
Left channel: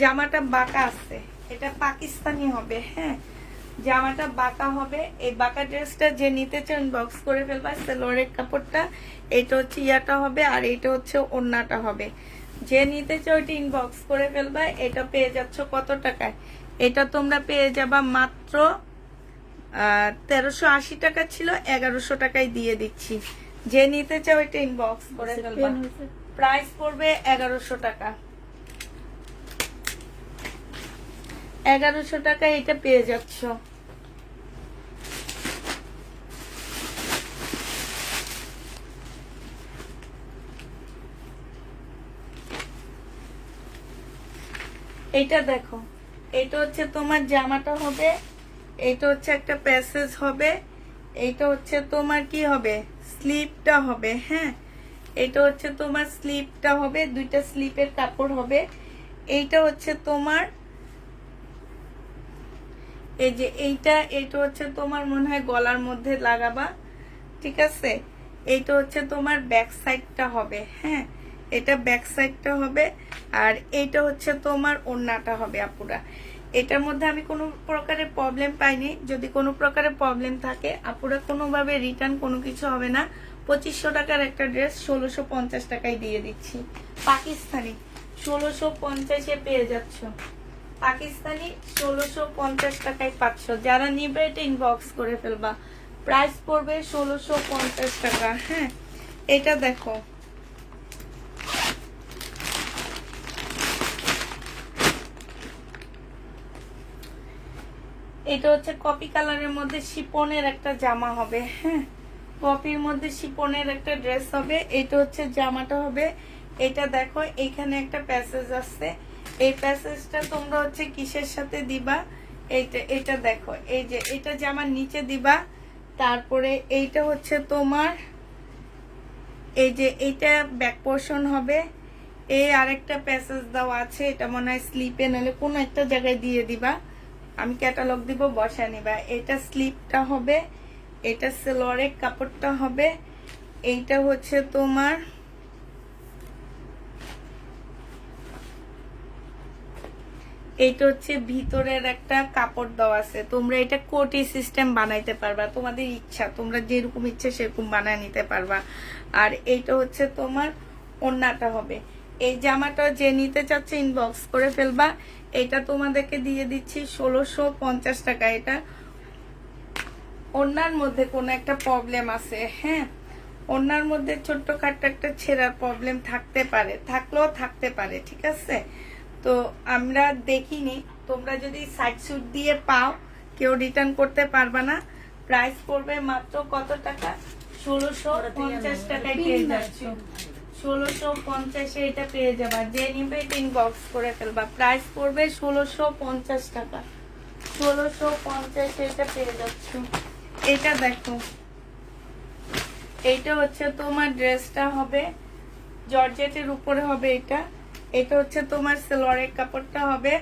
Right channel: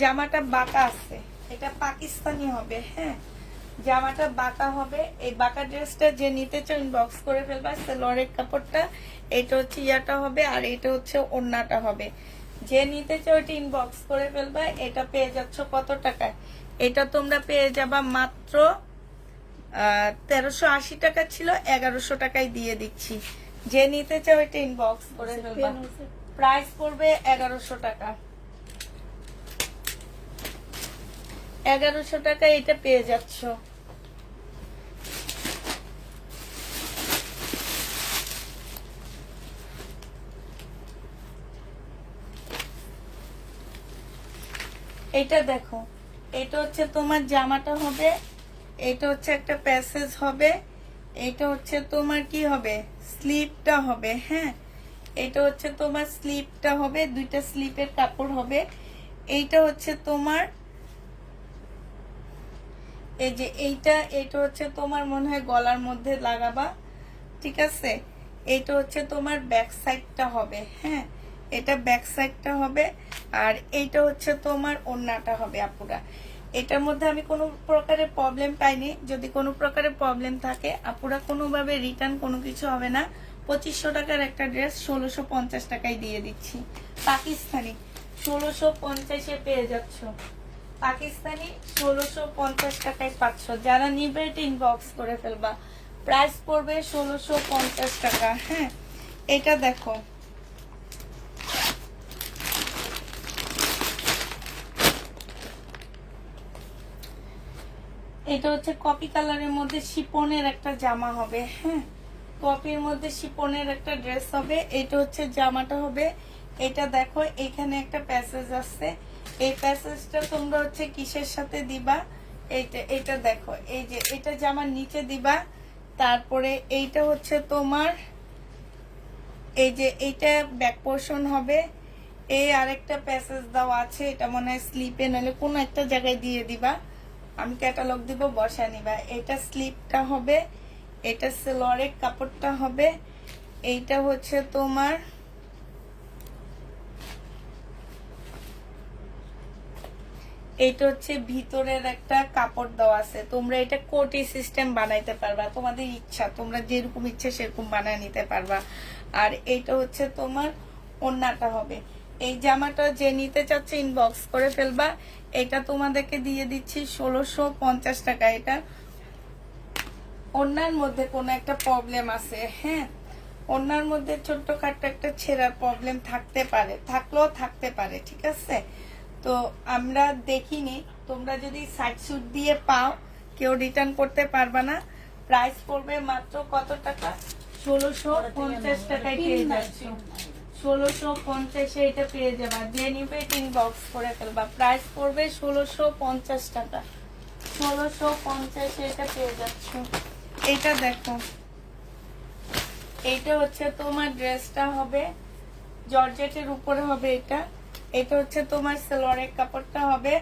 জামাটা বাটা আছে, এটা পাকিস্তানি হবে। হ্যাঁ, জামাটা বাঁকা হবে। এই বাঁকা ড্রেসটা যে নিতে চাও ইনবক্স করে ফেলবা। সালোয়ারের কাপড়টা এটা হচ্ছে ইয়াটা হবে, আর এটা হচ্ছে ওড়নাটা হবে। যে নিতে চাও এটা ইনবক্স করে ফেলবা। এটা পেয়ে যাচ্ছ কত টাকায়? এটা তোমরা পেয়ে যাবা মাত্র 1380 টাকা ছিল, 1100 টাকায় দিয়ে দিচ্ছি। যে নিতে চাও এটা ইনবক্স করে ফেলবা। প্রাইস পড়বে 1100 টাকা। 1100 টাকায় এটা পেয়ে যাচ্ছ। এটা দেখো, এটা হচ্ছে তোমার জামাটা হবে, এটা হচ্ছে একটা প্যাসেজ হবে, এটা হচ্ছে তোমার কি হবে, স্লিপটা হবে। হ্যাঁ, এটা হচ্ছে তোমার স্লিপটা হবে, দুইটা স্লিপের কাপড় হবে। এইটা হচ্ছে তোমার এই যে এটা হচ্ছে তোমার মনে হয় গলার মধ্যে লাগাবা, ঠিক আছে। এইটা হচ্ছে তোমার ব্যাক সাইডটা হবে। হ্যাঁ, এটা ব্যাক সাইডটা হবে, আর এইটা হচ্ছে তোমার ওড়নাটা হবে আপুরা। এটার মধ্যে আমি কোনো প্রকারের প্রবলেম পাইনি। যদি কোনো প্রকারের প্রবলেম থাকে আপুরা কোনোভাবে রিটার্ন কোনো কিছু হবে না। 2500 টাকার একটা ড্রেস 1650 টাকায় দিয়ে দিচ্ছি। পাকিস্তানি 1650-এ পেয়ে যাচ্ছ। পাকিস্তানি 1650 টাকায় পাচ্ছ। যারা নিবে এটা ইনবক্স করে ফেলবা। প্রাইস পড়বে 1650 টাকা। হ্যাঁ, এটা দেখো, এটা হচ্ছে কপি কালারের মধ্যে শিপনের একটা জামা হবে। হ্যাঁ, কপির মধ্যে শিপনের একটা ড্রেস হবে। এটা হচ্ছে জামাটা হবে। এটা দেখো, এখানে একটা প্যাসেজ আছে। এই প্যাসেজটা তোমরা হচ্ছে কিসের সাথে দিবা, এটা দেখো, এই যে এটা জামার নিচে দিবা। তারপরে এইটা হচ্ছে তোমার এই যে এইটা ব্যাক পোর্শন হবে। এই আরেকটা প্যাসেজ দেওয়া আছে, এটা মনে হয় স্লিপে নাহলে কোনো একটা জায়গায় দিয়ে দিবা। আমি ক্যাটালগ দিব, বসা নিবা। এটা স্লিপটা হবে, এটা সালোয়ারের কাপড়টা হবে। এইটা হচ্ছে তোমার এইটা হচ্ছে ভিতরের একটা কাপড় দেওয়া আছে। তোমরা এটা কোটি সিস্টেম বানাইতে পারবা, তোমাদের ইচ্ছা, তোমরা যেরকম ইচ্ছা সেরকম বানায় নিতে পারবা। আর এইটা হচ্ছে তোমার ওড়নাটা হবে। এই জামাটা যে নিতে চাচ্ছে ইনবক্স করে ফেলবা। এটা তোমাদেরকে দিয়ে দিচ্ছি 1650 টাকা। এটা ওড়নার মধ্যে কোনো একটা প্রবলেম আছে। হ্যাঁ, ওড়নার মধ্যে ছোট্টখাট্ট একটা ছেঁড়ার প্রবলেম থাকতে পারে, থাকলেও থাকতে পারে, ঠিক আছে। তো আমরা দেখিনি, তোমরা যদি সাইড সুট দিয়ে পাও কেউ রিটার্ন করতে পারবা না। প্রাইস পড়বে মাত্র কত টাকা? 1650 টাকায় পেয়ে যাচ্ছ। 1650-এ এটা পেয়ে যাবা। যে নিবে ইনবক্স করে ফেলবা। প্রাইস পড়বে 1650 টাকা। 1650-এ এটা পেয়ে যাচ্ছ। এটা দেখো, এইটা হচ্ছে তোমার ড্রেসটা হবে, জর্জেটের উপরে হবে এটা। এটা হচ্ছে তোমার সালোয়ারের কাপড়টা হবে।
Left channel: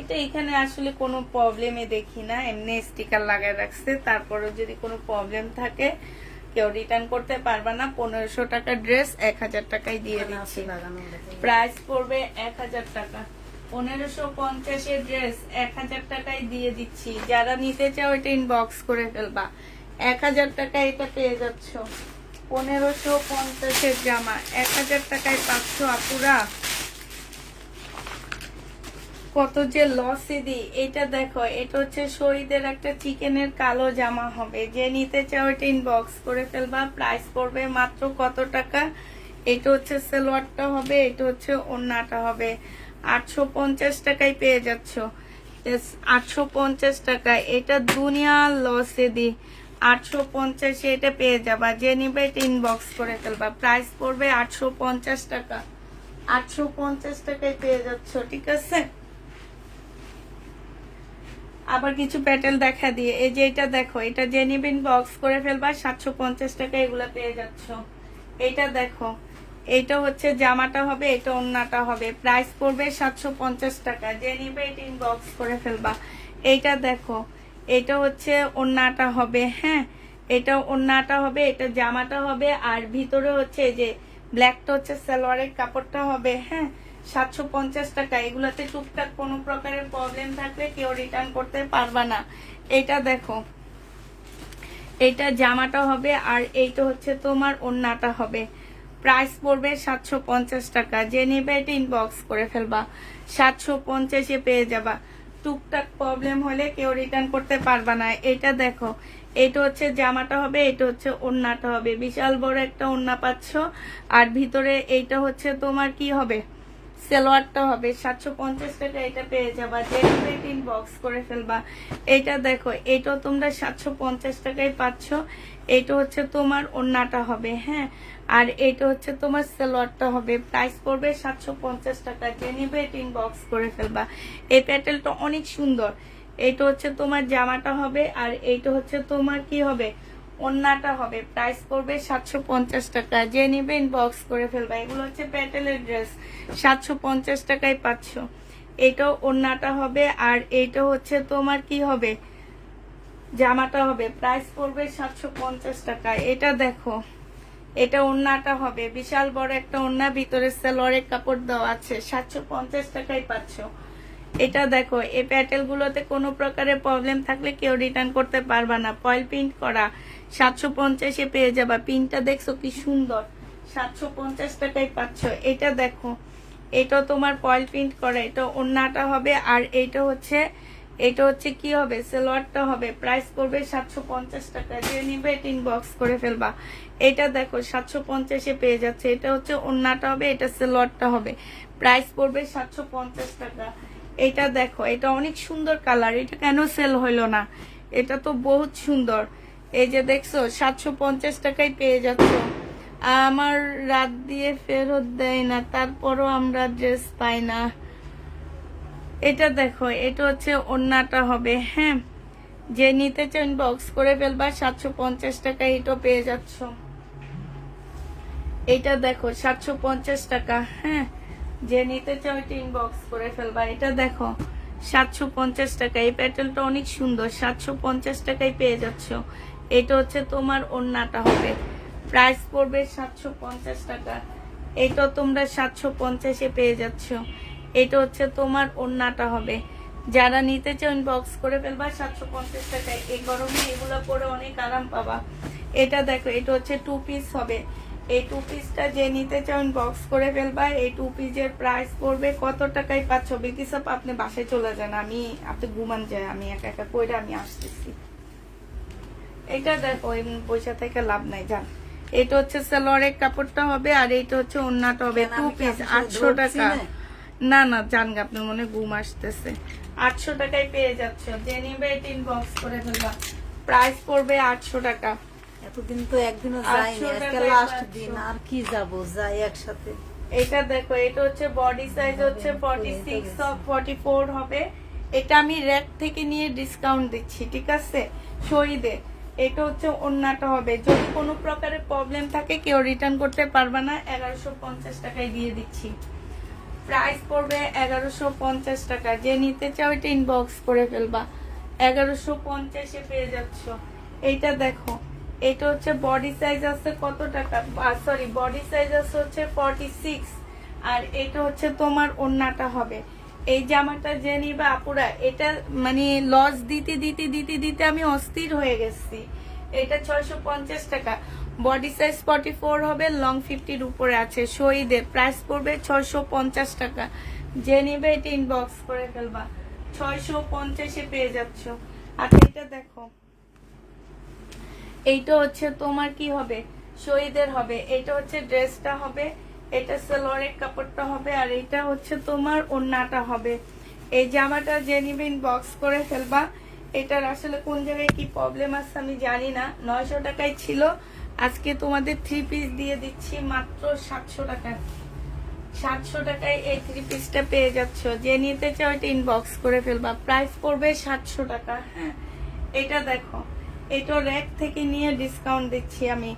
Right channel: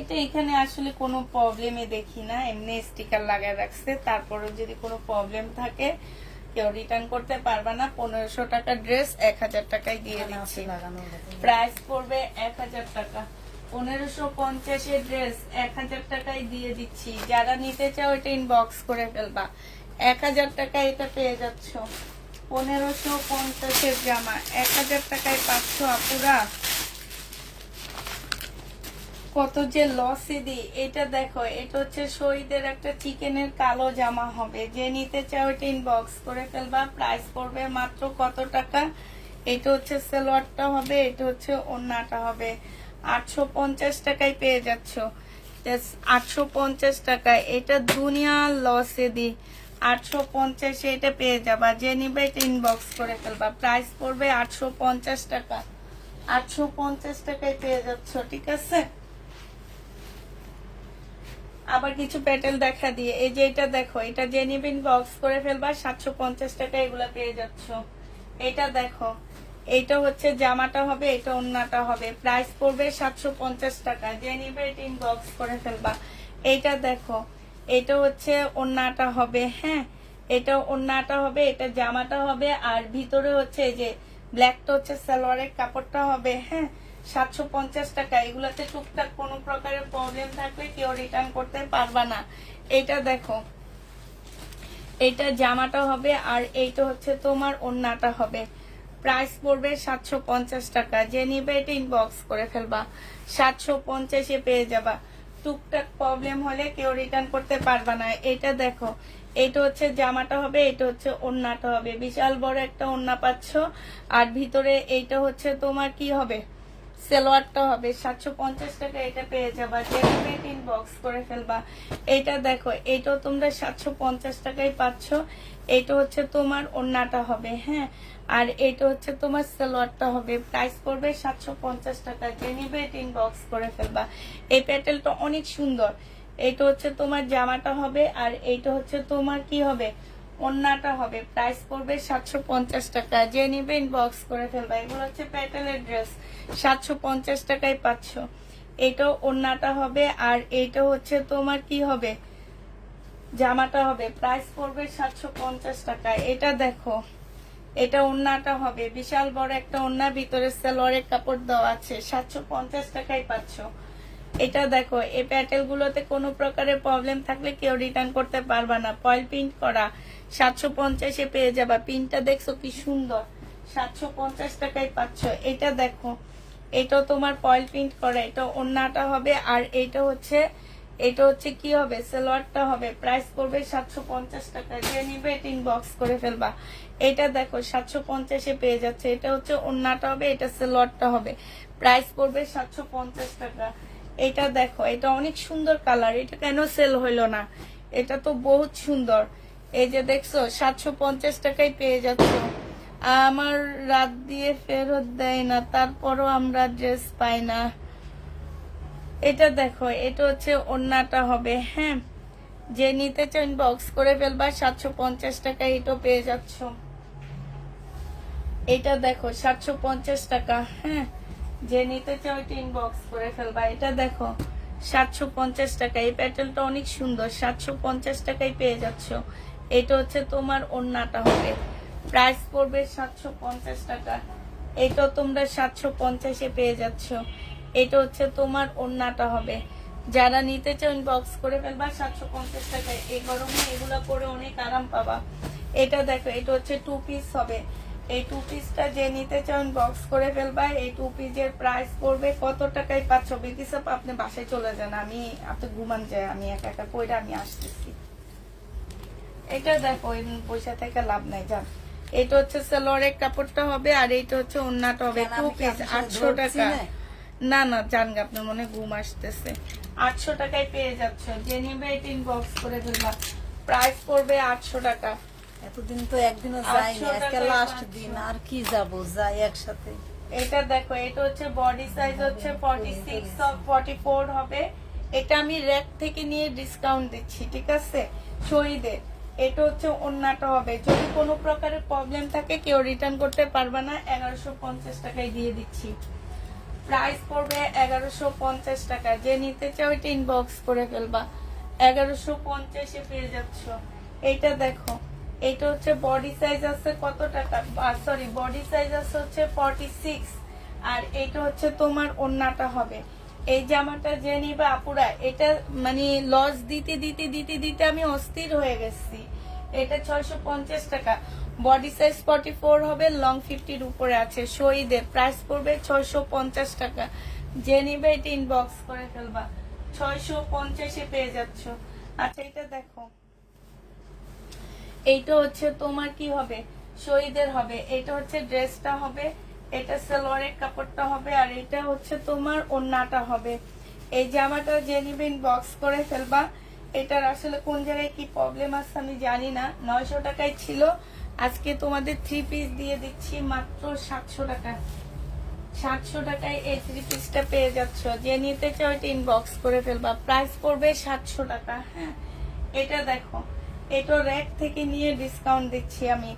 এটা এখানে আসলে কোনো প্রবলেমে দেখি না, এমনি স্টিকার লাগায় রাখছে। তারপরেও যদি কোনো প্রবলেম থাকে কেউ রিটার্ন করতে পারবে না। 1500 টাকা ড্রেস 1000 টাকায় দিয়ে দিচ্ছি। প্রাইস পড়বে 1000 টাকা। 1550-এর ড্রেস 1000 টাকায় দিয়ে দিচ্ছি। যারা নিতে চাও এটা ইনবক্স করে ফেলবা। 1000 টাকায় এটা পেয়ে যাচ্ছ। 1550-এর জামা 1000 টাকায় পাচ্ছ আপুরা। কত যে লসে দিই। এটা দেখো, এটা হচ্ছে শহীদের একটা চিকেনের কালো জামা হবে। যে নিতে চাও এটা ইনবক্স করে ফেলবা। প্রাইস পড়বে মাত্র কত টাকা? এটা হচ্ছে সালোয়ারটা হবে, এটা হচ্ছে ওড়নাটা হবে। 850 টাকায় পেয়ে যাচ্ছ। 850 টাকা। এটা দুনিয়ার লসে দিই। 850-এ এটা পেয়ে যাবা। যে নিবে এটা ইনবক্স করে ফেলবা। প্রাইস পড়বে 850 টাকা। 850 টাকায় পেয়ে যাচ্ছ, ঠিক আছে। আবার কিছু প্যাটেল দেখা দিয়ে, এই যে এটা দেখো, এটা যে নিবে ইনবক্স করে ফেলবা। 750 টাকা এগুলা পেয়ে যাচ্ছ। এটা দেখো, এইটা হচ্ছে জামাটা হবে, এটা ওড়নাটা হবে। প্রাইস পড়বে 750 টাকা। যে নিবে এটা ইনবক্স করে ফেলবা। এইটা দেখো, এটা হচ্ছে ওড়নাটা হবে। হ্যাঁ, এটা ওড়নাটা হবে, এটা জামাটা হবে, আর ভিতরে হচ্ছে এই যে ব্ল্যাকটা হচ্ছে সালোয়ারের কাপড়টা হবে। হ্যাঁ, 750 টাকা। এগুলাতে টুকটাক কোনো প্রকারের প্রবলেম থাকলে কেউ রিটার্ন করতে পারবা না। এটা দেখো, এটা জামাটা হবে, আর এইটা হচ্ছে তোমার ওড়নাটা হবে। প্রাইস পড়বে 750 টাকা। যে নিবে এটা ইনবক্স করে ফেলবা, 750-এ পেয়ে যাবা। টুকটাক প্রবলেম হলে কেউ রিটার্ন করতে পারবা না। এটা দেখো, এটা হচ্ছে জামাটা হবে, এটা হচ্ছে ওড়নাটা হবে। বিশাল বড় একটা ওড়না পাচ্ছ, আর ভিতরে এইটা হচ্ছে তোমার কি হবে, সালোয়ারটা হবে। 750 টাকা এটা পেয়ে যাবা। যে ইনবক্স করে ফেলবা। এটা দেখো, এটাও তোমরা 750 টাকায় পাচ্ছ। এটা হচ্ছে তোমার ওড়নাটা হবে। হ্যাঁ, আর এটা হচ্ছে তোমার সালোয়ারটা হবে। প্রাইস পড়বে 750 টাকা। যে নিবে এটা ইনবক্স করে ফেলবা। এই প্যাটেলটা অনেক সুন্দর। এটা হচ্ছে তোমার জামাটা হবে, আর এইটা হচ্ছে তোমার কি হবে, ওড়নাটা হবে। প্রাইস পড়বে 750 টাকা। যে নিবে ইনবক্স করে ফেলবা। এগুলো হচ্ছে প্যাটেলের ড্রেস, 750 টাকায় পাচ্ছ। এটাও ওড়নাটা হবে, আর এইটা হচ্ছে তোমার কি হবে, জামাটা হবে। প্রাইস পড়বে 750 টাকা। এটা দেখো, এটা ওড়নাটা হবে, বিশাল বড় একটা ওড়না, ভিতরে সালোয়ারের কাপড় দেওয়া আছে। 750 টাকায় পাচ্ছ। এটা দেখো, এই প্যাটেল গুলোতে কোনো প্রকারের প্রবলেম থাকলে কেউ রিটার্ন করতে পারবা না। ফয়েল প্রিন্ট করা, 750-এ পেয়ে যাবা। প্রিন্টটা দেখছো কি সুন্দর, 750 টাকায় পাচ্ছ। এটা দেখো, এটা তোমার ফয়েল প্রিন্ট করা, এটা ওড়নাটা হবে, আর এটা হচ্ছে কি হবে, সালোয়ারটা হবে। প্রাইস পড়বে 750 টাকা। যে নিবে এটা ইনবক্স করে ফেলবা। এটা দেখো, 750-এ পেয়ে যাচ্ছে। এটা হচ্ছে ওড়নাটা হবে, এটা সালোয়ারটা হবে। প্রাইস পড়বে 750 টাকা। এটা দেখো, এটা অনেক সুন্দর কালার। এটা কেন সেল হইলো না, এটা তো বহুত সুন্দর। এই যে দেখছো, 750 টাকায় পেয়ে যাচ্ছ। আমার রাত দিয়ে ফেরত দেয় না, তারপরও আমরা ড্রেস পাই না। এটা দেখো, এটা হচ্ছে ওড়নাটা হবে। হ্যাঁ, যে নিতে চান বক্স করে ফেলবা। 750 টাকা এটাও পেয়ে যাচ্ছ। এটা দেখো, 750 টাকা। হ্যাঁ, যে নিতে চাও এটা ইনবক্স করে ফেলবা। এটা দেখো, 750 টাকা। এই প্যাটেলটা অনেক সুন্দর, 750 টাকায় পেয়ে যাচ্ছ। এটা হচ্ছে তোমার ওড়নাটা হবে। প্রাইস পড়বে 750 টাকা। এটা তোমরা 750-এ পেয়ে যাচ্ছ। এটা হচ্ছে তোমার ওড়নাটা হবে। যারা নিতে চাও ইনবক্স করে ফেলবা, 750 টাকায়। এই গরমে এগুলো পরে অনেক আরাম পাবা। এটা দেখো, এটা হচ্ছে 2 পিস হবে। এই 2 পিসটা যে নিতে চাও ইনবক্স করে ফেলবা। এই 2 পিসের প্রাইস পড়বে কত টাকায় পাচ্ছ। বিদিসব আপনি বাসায় চলে যান, আপনি ঘুমান যায়, আমি একা একা কইরা আমি আসতেছি। এটা দেখো, পয়সা থেকে লাভ নাই, যান। এটা হচ্ছে সালোয়ারের কাপড়টা হবে, আর এটা হচ্ছে ওড়নাটা হবে। 2 পিস 800 টাকা। না না, জান গা, আপনার মনে ঘুম আসতেছে। 800 টাকায় পেয়ে যাচ্ছ। যে নিবে এটা ইনবক্স করে ফেলবা। প্রাইস পড়বে 800 টাকা। এতদিন তো একদিনও যাইনি, আজকে লাস্ট দিন, আর কি যাব, যাই একসাথে। এটা দেখো, এটা হচ্ছে বডি সাইজ হচ্ছে 46 অফ 44 হবে। এটা আমি রেট থেকে নিয়ে ডিসকাউন্ট দিচ্ছি, ঠিক আছে, শহীদের। এটা হচ্ছে ওড়নাটা হবে। যদি কোনো প্রকারের প্রবলেম থাকে কেউ রিটার্ন করতে পারবে না। 1150 টাকায় দিয়ে দিচ্ছি। প্রাইস পড়বে 1150 টাকা। যে নিতে চাও এটা ইনবক্স করে ফেলবা। 1150-এ পেয়ে যাচ্ছ। এইটা দেখো, এটা হচ্ছে বডি সাইজ আছে কত টাকা, সরি, বডি সাইজ আছে হচ্ছে 46, আর এটা হচ্ছে তোমার ওড়নাটা হবে। এই জামাটা যে নিবে আপুরা, এটা মানে লস দিতে দিতে দিতে দিতে আমি অস্থির হয়ে গেছি। এটা 650 টাকা। বডি সাইজ 44 হবে, লং 50-র উপরে আছে। শহীদের প্রাইস পড়বে 650 টাকা। যে নিবে এটা ইনবক্স করে ফেলবা। 650-এ পেয়ে যাচ্ছ। আর এটা দেখো, এইটা হচ্ছে তোমার কি হবে, শহীদের হবে। এটা হচ্ছে ড্রেসটা হবে, এটা সালোয়ারের কাপড়টা হবে, আর এটা হচ্ছে তোমার ওড়নাটা হবে। এই জামাটা যে নিবে ইনবক্স করে ফেলবা। এটার আসলে কোন জায়গায় কি প্রবলেম আছে আমি জানি না। 900 টাকায় ছিল, আজকে তোমাদের 3 পিস দিয়ে দিচ্ছি মাত্র 700 টাকা। 700 টাকায় এই 3 পিসটা পেয়ে যাচ্ছ। যে নিতে চাও এটা ইনবক্স করে ফেলবা। প্রাইস পড়বে 700 টাকা। হ্যাঁ, এটা দেখো, এটা র্যাক থেকে নিয়ে ডিসকাউন্ট দিচ্ছি আমি।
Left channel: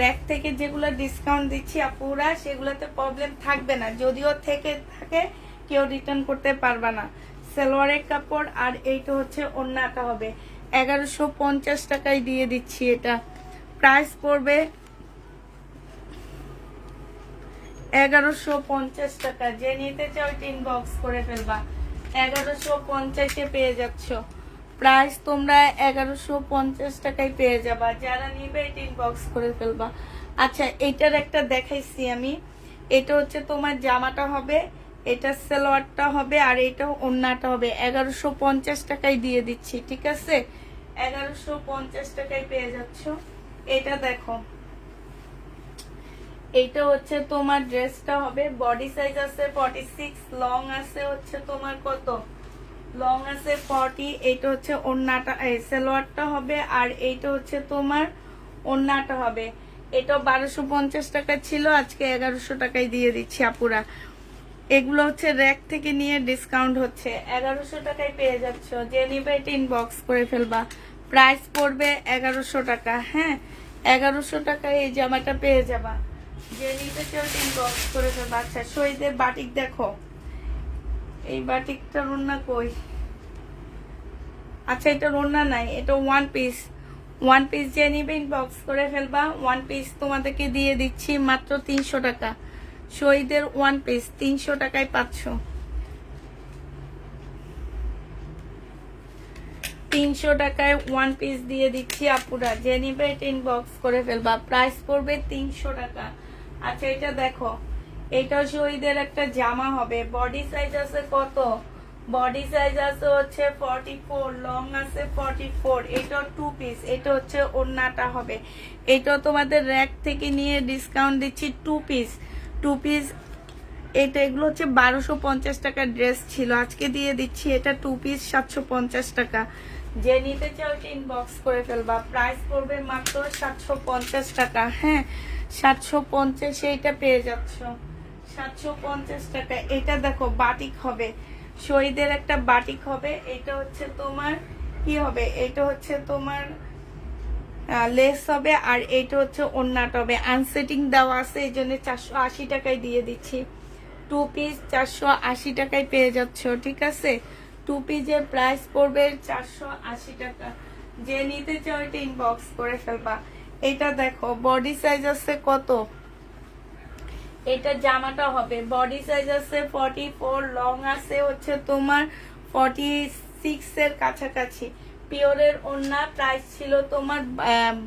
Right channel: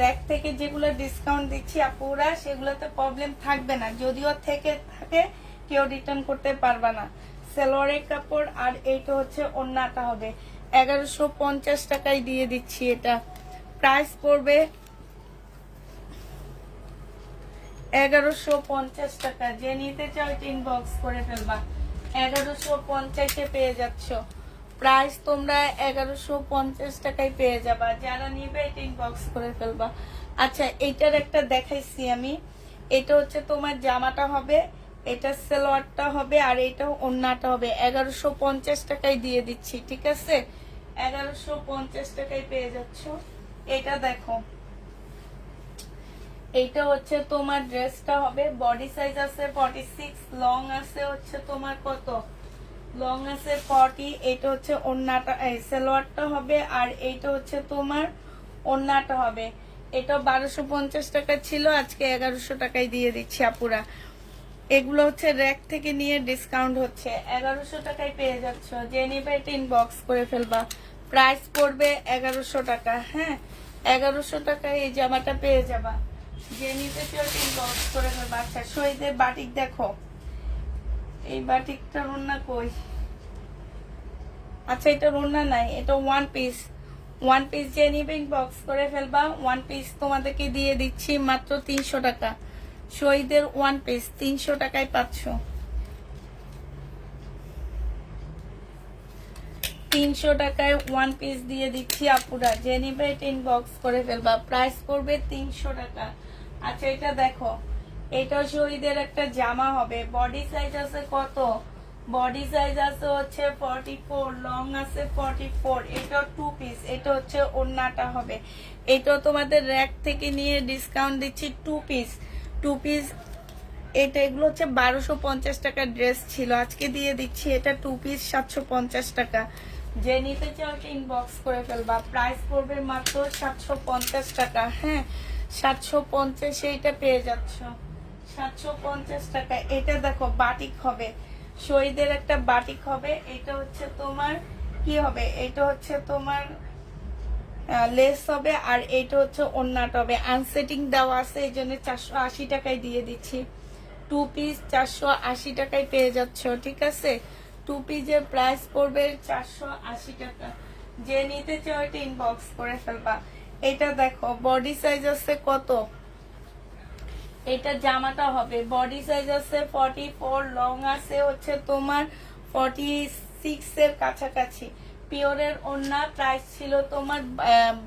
র্যাক থেকে যেগুলো ডিসকাউন্ট দিচ্ছি আপুরা, সেগুলোতে প্রবলেম থাকবে না। যদিও থেকে থাকে কেউ রিটার্ন করতে পারবে না। সালোয়ারের কাপড়, আর এইটা হচ্ছে ওড়নাটা হবে। 1150 টাকায় দিয়ে দিচ্ছি এটা। প্রাইস পড়বে 1150 টাকা। যে নিতে চাও ইনবক্স করে ফেলবা। 1150 পেয়ে যাচ্ছ। প্রাইস তোমরা 1150 টাকায় পেয়ে যাবা। যারা নিবে এটা ইনবক্স করে ফেলবা। আচ্ছা, এটার একটা দেখাইছি আমি। এটা হচ্ছে তোমার জামাটা হবে, এটা সালোয়ারটা হবে, আর এটা ওড়নাটা হবে। 1150 টাকায় দিয়ে দিচ্ছি, ঠিক আছে? 1150 টাকায় পেয়ে যাচ্ছ। এটা দেখো, এইটা হচ্ছে তোমার ড্রেসটা হবে, বডি সাইজ আছে 46, লং আছে হচ্ছে তোমার কত, লং আছে 40। এইটা হচ্ছে ওড়নাটা, সালোয়ারটা হবে, আর এইটা হচ্ছে তোমার ওড়নাটা হবে। এটা 1250 টাকা ছিল, আজকে 1100 টাকায় দিয়ে দিচ্ছি আপুরা। এগুলো হচ্ছে র্যাক থেকে নিয়ে ডিসকাউন্ট হচ্ছে, 1100 টাকায় পেয়ে যাচ্ছ। যে নিবে এটা ইনবক্স করে ফেলবা। প্রাইস পড়বে 1100 টাকা। হ্যাঁ, 1100 টাকায় এই জামাটা পেয়ে যাবা। যে নিতে কেউ ইনবক্স করে ফেলবা। আচ্ছা, শহীদের বাটিক দেখো, এই বাটিকটার ওড়না কই? আচ্ছা, এটা ওড়না নাই, এটা ওয়ান পিস। ওয়ান পিস যে নিবে ইনবক্স করে ফেলবা। ওয়ান পিস তোমাদেরকে দিয়ে দিচ্ছি মাত্র 300 টাকা। শহীদের ওয়ান পিস 300 টাকায় পাচ্ছ। 300 টাকায় ওয়ান পিস দিয়ে দিচ্ছি আপুরা। যে নিবে এটা ইনবক্স করে ফেলবা। প্রাইস পড়বে 300 টাকা। আচ্ছা, এটা দেখো, এটা শহীদের একটা জামা হবে। বডি সাইজ আছে কত? বডি সাইজ আছে হচ্ছে 44, লং আছে 44। এটা টু পিস, এটা হচ্ছে ওড়নাটা হবে। এটা তোমাদের র্যাক থেকে নিয়ে ডিসকাউন্ট দিচ্ছি টু পিস। টু পিস এটা, এগুলো হচ্ছে 1250 টাকার ড্রেস ছিল, আজকে দিয়ে দিচ্ছি এটা টু পিস 750 টাকা। যে নিতে চাও ইনবক্স করে ফেলবা। প্রাইস পড়বে মাত্র 750 টাকা। হ্যাঁ, 750 এইটা পেয়ে যাচ্ছ। 750 টাকা। এটা দেখো, বাটিক হবে, শহীদের একটা বাটিক হবে। এটা হচ্ছে তোমার কি হবে, এটা হচ্ছে তোমার লেস হবে, আর এইটা হচ্ছে ওড়নাটা হবে। আনসেটিং দেওয়া আছে, এই জন্য 480 টাকায় দিয়ে দিচ্ছি। টু পিস 480 টাকায় পেয়ে যাচ্ছ, ঠিক আছে? টু পিসের প্রাইস পড়বে 480 টাকা। যে নিতে চাও এটা ইনবক্স করে ফেলবা। এটা দেখো, বডি সাইজ আছে কত? এটা জামাটা হবে, বডি সাইজ আছে 44, লং আছে হচ্ছে তোমার 46 এর কাছাকাছি। পিওরের ওড়না। প্রাইস ছিল তোমার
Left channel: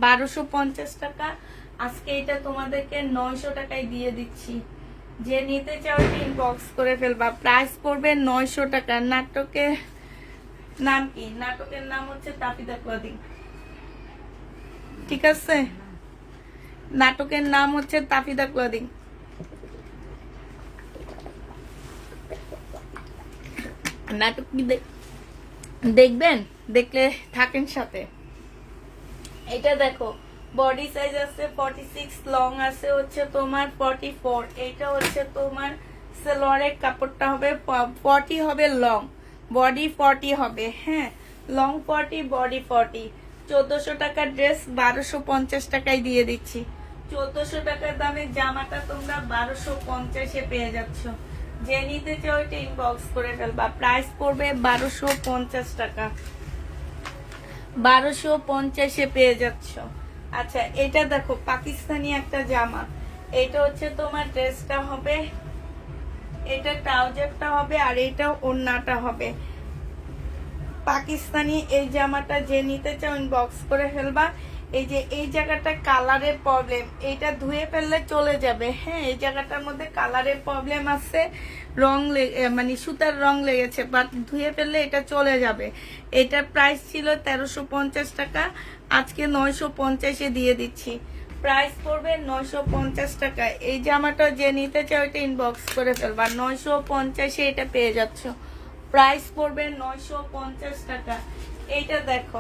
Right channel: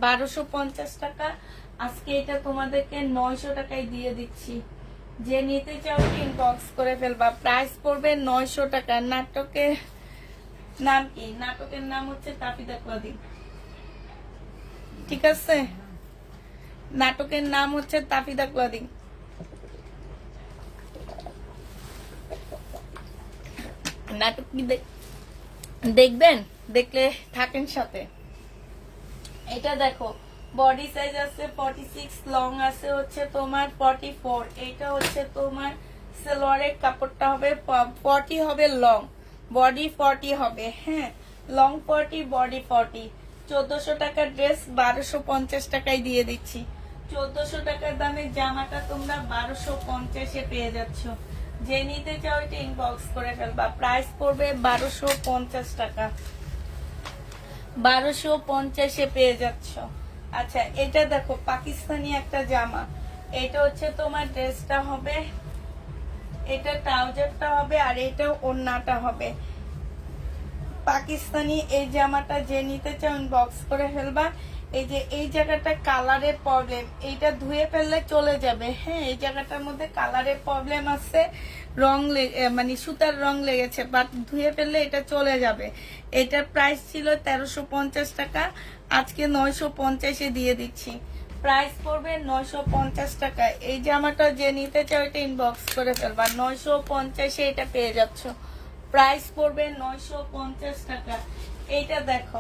1250 টাকা, আজকে এটা তোমাদেরকে 900 টাকায় দিয়ে দিচ্ছি। যে নিতে চাও ইনবক্স করে ফেলবা। প্রাইস পড়বে 900 টাকা। নাটকের নাম কি? নাটকের নাম হচ্ছে তাফিদা ক্লদিং, ঠিক আছে? নাটকের নাম হচ্ছে তাফিদা ক্লদিং। নাটক কি দেখবেন? দেখলে থাকেন সাথে। এটা দেখো, বডি সাইজ আছে 46, লং আছে হচ্ছে তোমার 44। এটা হচ্ছে তোমার সালোয়ারের কাপড়টা হবে 40 হবে, লং বডি 40 হবে। হ্যাঁ, লং 40, বডি 40। 1400 টাকার ড্রেস 1250 টাকায় দিয়ে দিচ্ছি। 1400 টাকার দামে জামাটা তোমরা 1250-এ পেয়ে যাচ্ছ। যে নিতে চাও এটা ইনবক্স করে ফেলবা। প্রাইস পড়বে 1250 টাকা। 1250-এ পেয়ে যাচ্ছ। আচ্ছা, এটা দেখো, পাকিস্তানি একটা জামা। এটা হচ্ছে তোমার ড্রেসটা হবে, এটা ট্রাউজারটা হবে, আর এটা ওড়নাটা হবে। পাকিস্তানি এই জামাটা যে নিতে চাও ইনবক্স করে ফেলবা। এই যে এই জায়গাটা কালারের প্রবলেম, এইটা ধুয়ে ফেললে চলে যাবে। হ্যাঁ, এই জায়গাটার মধ্যে কালারের প্রবলেম আছে, রং মানে সুতার রং লেগেছে, বাট ধুয়ে ফেললে এটা চলে যাবে। এটার প্রাইস ছিল 1350 টাকা, আজকে 950-এ দিয়ে দিচ্ছি। প্রাইস পড়বে 950 টাকা। এই জামাটা যে নিতে চাও এটা ইনবক্স করে ফেলবা। 950-এ এটা পেয়ে যাচ্ছ। প্রাইস পড়বে 950 টাকা। এইটা দেখো,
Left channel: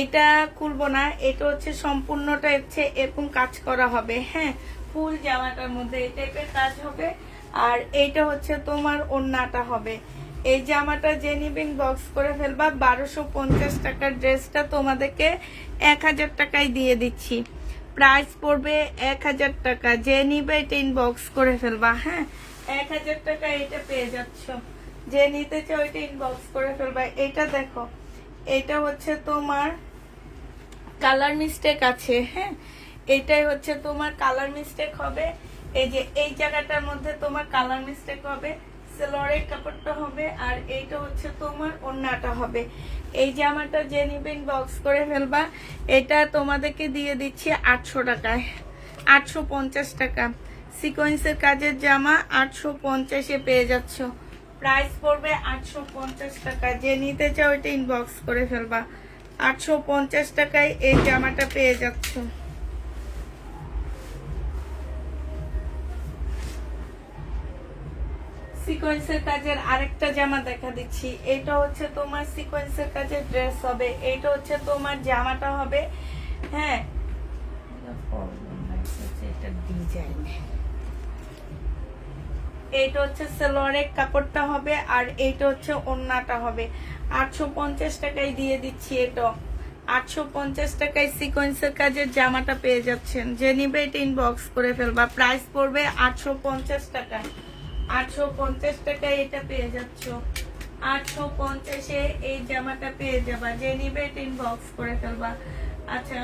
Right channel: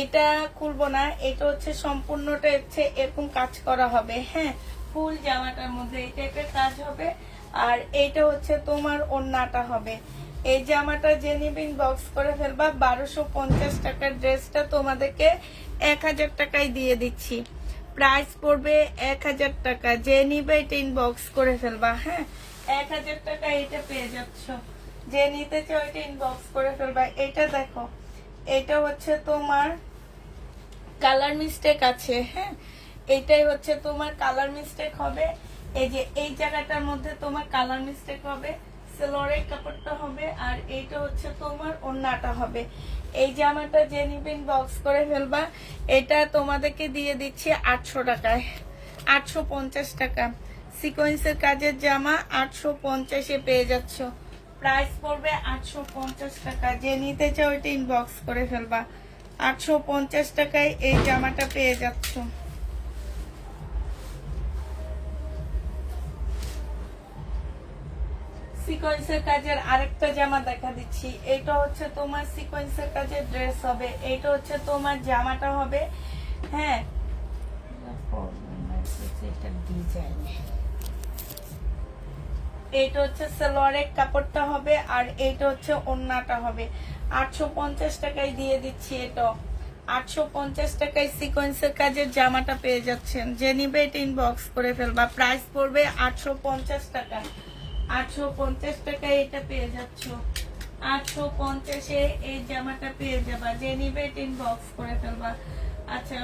এটা খুলবো না, এটা হচ্ছে সম্পূর্ণটা হচ্ছে এরকম কাজ করা হবে। হ্যাঁ, ফুল জামাটার মধ্যে এই টাইপের কাজ হবে, আর এইটা হচ্ছে তোমার ওড়নাটা হবে। এই জামাটা যে নিবে বক্স করে ফেলবা। 1250 টাকার ড্রেসটা তোমাদেরকে 1000 টাকায় দিয়ে দিচ্ছি। প্রাইস পড়বে 1000 টাকা। যে নিবে এটা ইনবক্স করে ফেলবা। হ্যাঁ, 1000 টাকা এটা পেয়ে যাচ্ছ। যে নিতে চাও এটা ইনবক্স করে ফেলবা। এটা দেখো, এটা হচ্ছে তোমার কালার মিস্টেক আছে। হ্যাঁ, এইটাই হচ্ছে তোমার কালার মিস্টেক হবে, এই যে এই জায়গাটার মধ্যে তোমার কালার মিস্টেক হবে, সেলোয়ারের কাপড়টা হবে, আর এইটা হচ্ছে তোমার ওড়নাটা হবে। এই জামাটা যে নিবেন বক্স করে ফেলবা। এটা তোমাদেরকে দিয়ে দিচ্ছি 800 টাকায়, 850 টাকা। সিকোয়েন্সের কাজের জামা 850-এ পেয়ে যাচ্ছ। প্রাইস পড়বে 850 টাকা। যে নিতে চাও এটা ইনবক্স করে ফেলবা। 850 টাকায় এই জামাটা পেয়ে যাচ্ছ। সিকোয়েন্সের কাজের আরেকটা জামা দেখা দিচ্ছি। এটা হচ্ছে তোমার সিকোয়েন্সের কাজের ড্রেস হবে, এটা হচ্ছে তোমার জামাটা হবে। হ্যাঁ, এটা ডিজাইন, এইটা হচ্ছে সালোয়ারের কাপড়টা হবে, আর এইটা হচ্ছে ওড়নাটা হবে। 850 টাকায় দিয়ে দিচ্ছি। এটা 850 টাকায় সিকোয়েন্সের কাজের জামাটা পেয়ে যাচ্ছেন। যে নিবে এটা ইনবক্স করে ফেলবা। প্রাইস পড়বে 850 টাকা। 850 টাকায় এটা পেয়ে যাচ্ছ। 850-এ এই জামাটা পেয়ে যাবা। যে নিবে এটা ইনবক্স করে ফেলবা। আচ্ছা,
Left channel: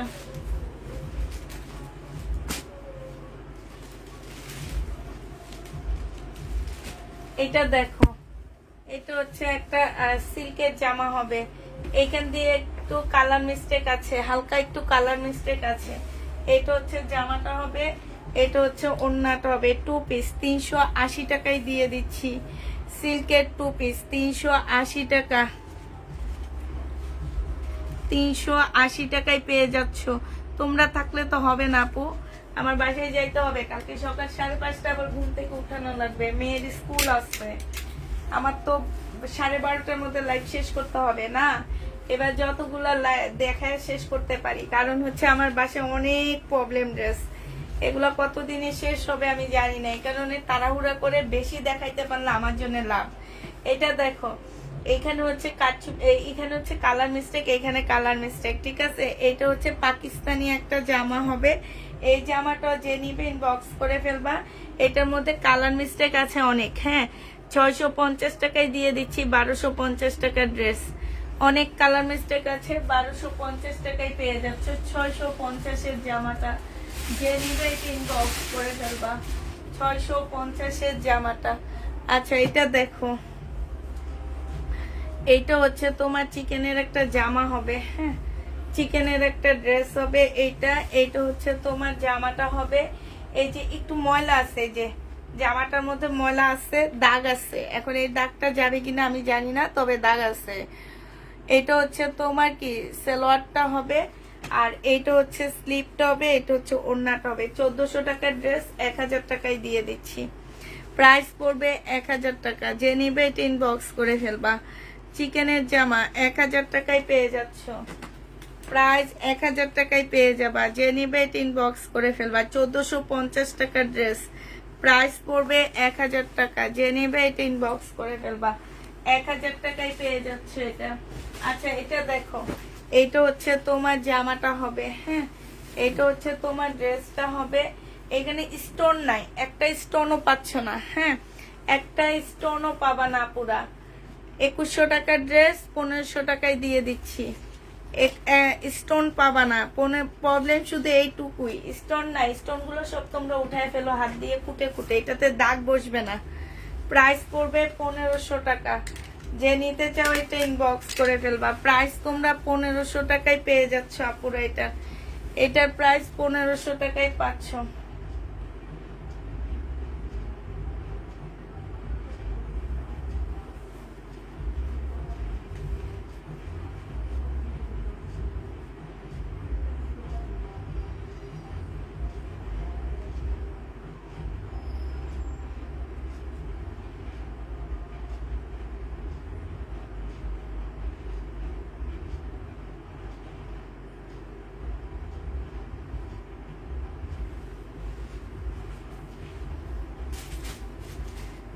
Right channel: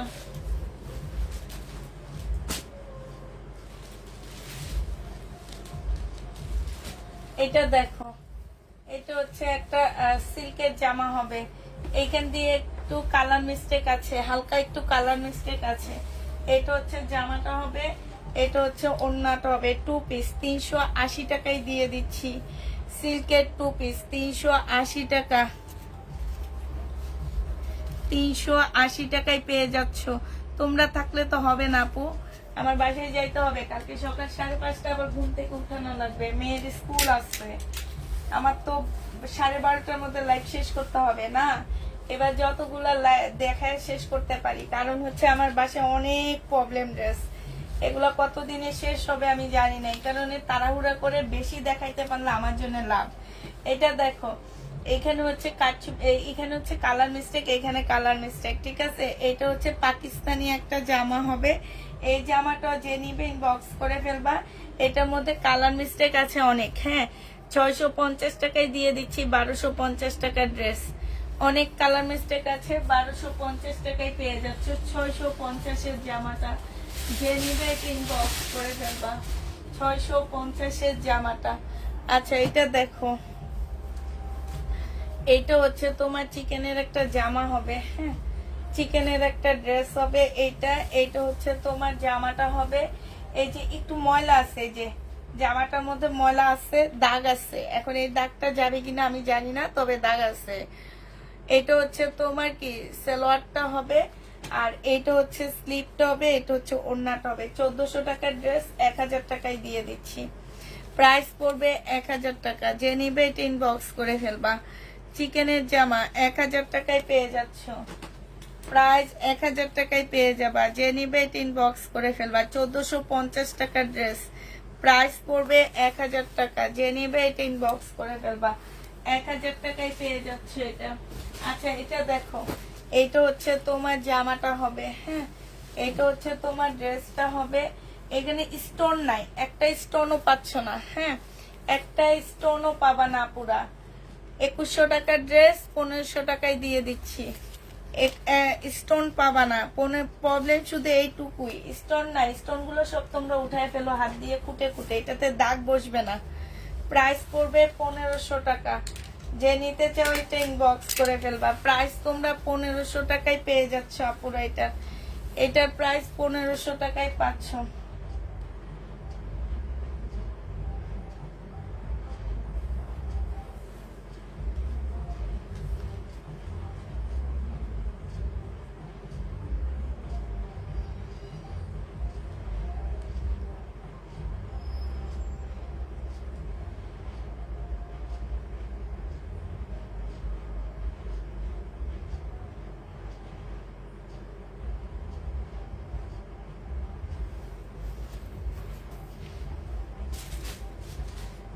এটা দেখো, এটা হচ্ছে একটা সিল্কের জামা হবে। এইখান দিয়ে একটু কালার মিস্টেক আছে, হালকা একটু কালার মিস্টেক আছে। এটা হচ্ছে জামাটা হবে, এটা হচ্ছে ওড়নাটা হবে। 2 পিস 380 টাকায় দিয়ে দিচ্ছি। সিল্কের 2 পিস 380 টাকা, 380 টাকায় পেয়ে যাচ্ছ। তোমরা থাকলে তো হবে না আপু, আমার বাসায় যাইতে হবে। কালকে সকাল 5:30 আবার ঘুম থেকে উঠানো লাগবে, মেয়ের স্কুল আছে। আমার তো 12:30টার মধ্যে লাইভ শেষ করতে হবে না। এবার যতগুলো দেখায় শেষ করতে পারি, কারণ হচ্ছে আমার বাসায় অনেক প্রবলেম ড্রেস। এগুলো কতদিনে শেষ হবে আমি জানি না। এই কারণে তাড়াহুড়া করে বেশি দেখাইতে পারলে আমার জন্য লাভ। এটা দেখো, এখানে হচ্ছে এখানে হচ্ছে কালার মিস্টেক, এখানে কালার মিস্টেক, ঠিক আছে। এটা হচ্ছে পাকিস্তানি একটা জামা হবে। এই জামাটা যে নিবে ইনবক্স করে ফেলবা। এটার মধ্যে কালার মিস্টেক আছে অনেক। হ্যাঁ, 650 টাকায় দিয়ে দিচ্ছি। 1250 টাকার ড্রেস, অনেক কালার মিস্টেক আছে। 1250 টাকায় পেয়ে যাচ্ছ 650-এর জামাটা। যে নিবে এটা ইনবক্স করে ফেলবা। 650-এর জামাটা। আচ্ছা, এটা দেখো, এইটা হচ্ছে তোমার চিকেনের একটা জামা হবে। হ্যাঁ, চিকেনের একটা ড্রেস হবে। এইটা হচ্ছে তোমার জামাটা হবে। এই যে একটু ময়লা আছে, যে জামাটার মধ্যে ময়লা আছে, দাগ আছে। এখন এই দাগটা যাবে কিনা আমি জানি না, তবে দাগ আছে। এটা হচ্ছে তোমার কি সালোয়ারটা হবে, আর এইটা হচ্ছে স্লিপটা হবে, এটা হচ্ছে ওড়নাটা হবে। 1400 টাকার ড্রেস 1000 টাকায় দিয়ে দিচ্ছি। প্রাইস পড়বে 1000 টাকা। যে নিবে এটা ইনবক্স করে ফেলবা। চিকেনের জামা 1000 টাকায় পেয়ে যাচ্ছ। প্রাইস 1000 টাকায় পেয়ে যাবা। যে নিবে এটা ইনবক্স করে ফেলবা। 1450 টাকার ড্রেস, প্রাইস পড়বে 1000 টাকা। যে নিবে এটা ইনবক্স করে ফেলবা। 1000 টাকায় পেয়ে যাচ্ছে এটা। আচ্ছা, এটা দেখো, এইটা হচ্ছে তোমার জামাটা হবে। হ্যাঁ, এইটা হচ্ছে তোমার ড্রেসটা হবে। এখানে স্টোন নাই, একটা স্টোনও পাচ্ছ না। হ্যাঁ, একটা স্টোনও পাবা না। পুরা 2100 টাকার ড্রেস 1500 টাকায় দিয়ে দিচ্ছি। স্টোন পাবা না। প্রবলেম শুধু এইটুকুই, স্টোন নাই। স্টোন গুলো সব তোমরা উঠায় ফেলো হাত দিয়ে কুটে কুটে, এটাতে দাগ বসবে না। প্রাইস পড়বে 1500 টাকা। যে নিতে চাও এটা ইনবক্স করে ফেলবা। প্রাইস তোমরা 1500 টাকায় পেয়ে যাচ্ছ আপুরা। এটার প্রাইস 1500 টাকায় পাচ্ছ।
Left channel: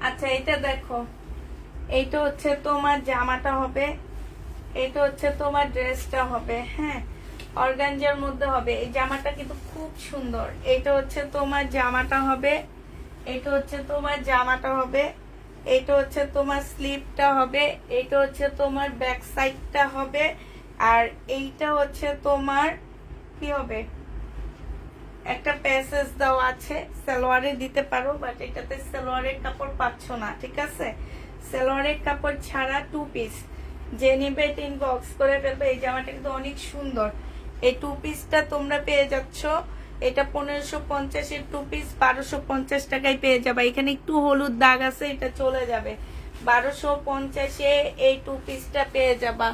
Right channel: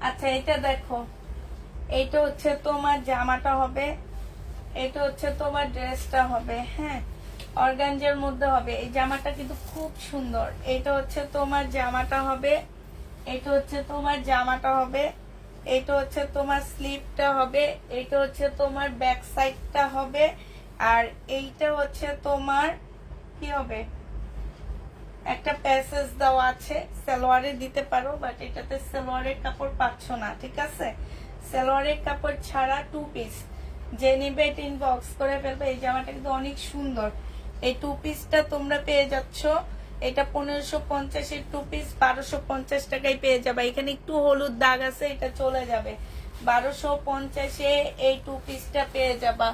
আচ্ছা, এটা দেখো, এইটা হচ্ছে তোমার জামাটা হবে, এটা হচ্ছে তোমার ড্রেসটা হবে। হ্যাঁ, অর্গানজার মধ্যে হবে। এই জামাটা কিন্তু খুব সুন্দর। এটা হচ্ছে তোমার জামাটা হবে, এটা হচ্ছে তোমার জামাটা হবে, এটা হচ্ছে তোমার স্লিভটা হবে, এটা হচ্ছে তোমার ব্যাক সাইডটা হবে, আর এইটা হচ্ছে তোমার কি হবে, একটা প্যাসেজ দেওয়া আছে, সালোয়ারে দিতে পারো, বাট এটাতে সালোয়ারের কাপড় পাচ্ছ না, ঠিক আছে? সালোয়ারের কাপড় ছাড়া 2 পিস, যে নিবে এটা ইনবক্স করে ফেলবে। এই জামাটা কিন্তু অনেক সুন্দর। এই 2 পিসটা তোমরা পেয়ে যাচ্ছ, এটা 1550 এর 2 পিস 1250 টাকায় পেয়ে যাবে। এখানে একটু হলুদ দাগ আছে, এটা চলে যাবে। 1250 এ এই 2 পিসটা পেয়ে যাবা।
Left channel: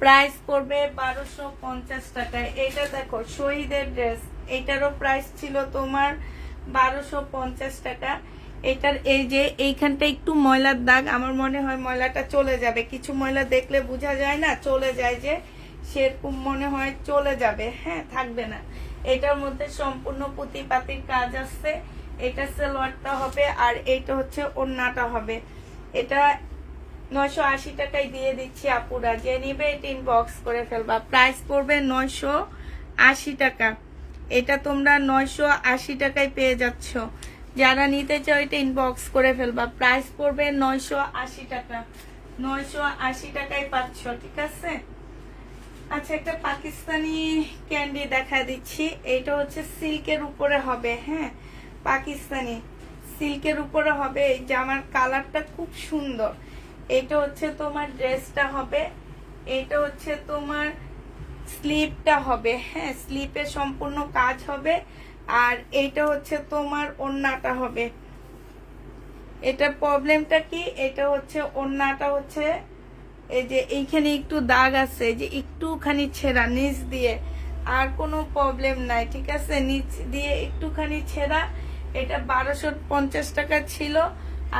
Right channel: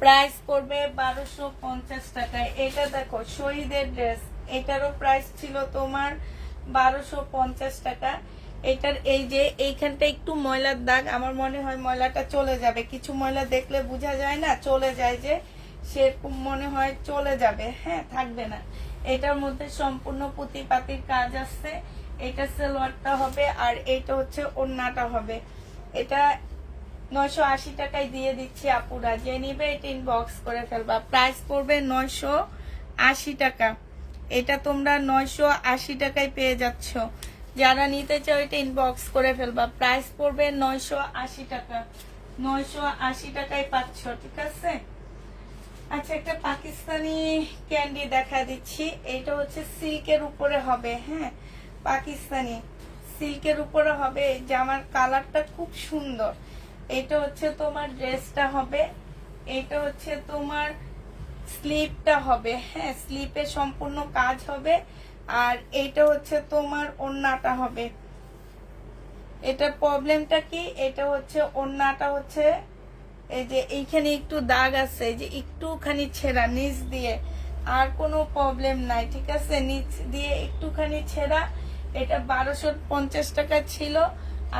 প্রাইস পড়বে 1250 টাকায়। এটা দেখো শহীদের ড্রেস, এটারও প্রাইস ছিল তোমার 1250 টাকা। এটার এই যে এইখানটা একটু ময়লার দাগ, আমার মনে হয় ময়লাটা চলে যাবে। কিছু ময়লা দেখলে বোঝা যায় না, চলে যায় যে, সেরকম মনে হয় চলে যাবে, হ্যাঁ, থাকবে না। এটার মধ্যে সম্পূর্ণ পুঁতিপাতির কাজ আছে। এটা সালোয়ারটা হবে, আর এটা হচ্ছে ওড়নাটা হবে। এটা 980 টাকায় দিয়ে দিচ্ছি আপুরা, যে নিবে এটা ইনবক্স করে ফেলবা। প্রাইস পড়বে 980 টাকা। এটা তোমরা 980 টাকায় পেয়ে যাচ্ছ। যারা নিতে চাও এটা ইনবক্স করে ফেলবা। প্রাইস পড়বে 980 টাকা। 980 টাকায় পাচ্ছ, ঠিক আছে? আচ্ছা, একটা পাকিস্তানি ক্যান্ডি দেখা দিচ্ছি। এটা হচ্ছে সিল্কের উপরে হবে, হ্যাঁ, পাকিস্তানি সিল্কের উপরে হবে। এই জামার কালারটা খুব সুন্দর। এটা হচ্ছে তোমার ড্রেসটা হবে, এটা হচ্ছে তোমার স্লিপটা হবে, হ্যাঁ, স্লিপে সম্পূর্ণ কাজ হবে। আর এটা হচ্ছে তোমার ওড়নাটা হবে। এটা প্রবলেমটা কি, এটা হচ্ছে ওড়নাটা হচ্ছে এই যে এইখানে একটু দাগ আছে, যে একটুখানি ছেঁড়া নিচ দিয়ে, আর কোনো প্রবলেম নাই, ঠিক আছে? নিচ দিয়ে একটুখানি ছেঁড়া। এটা 1250 টাকা ছিল,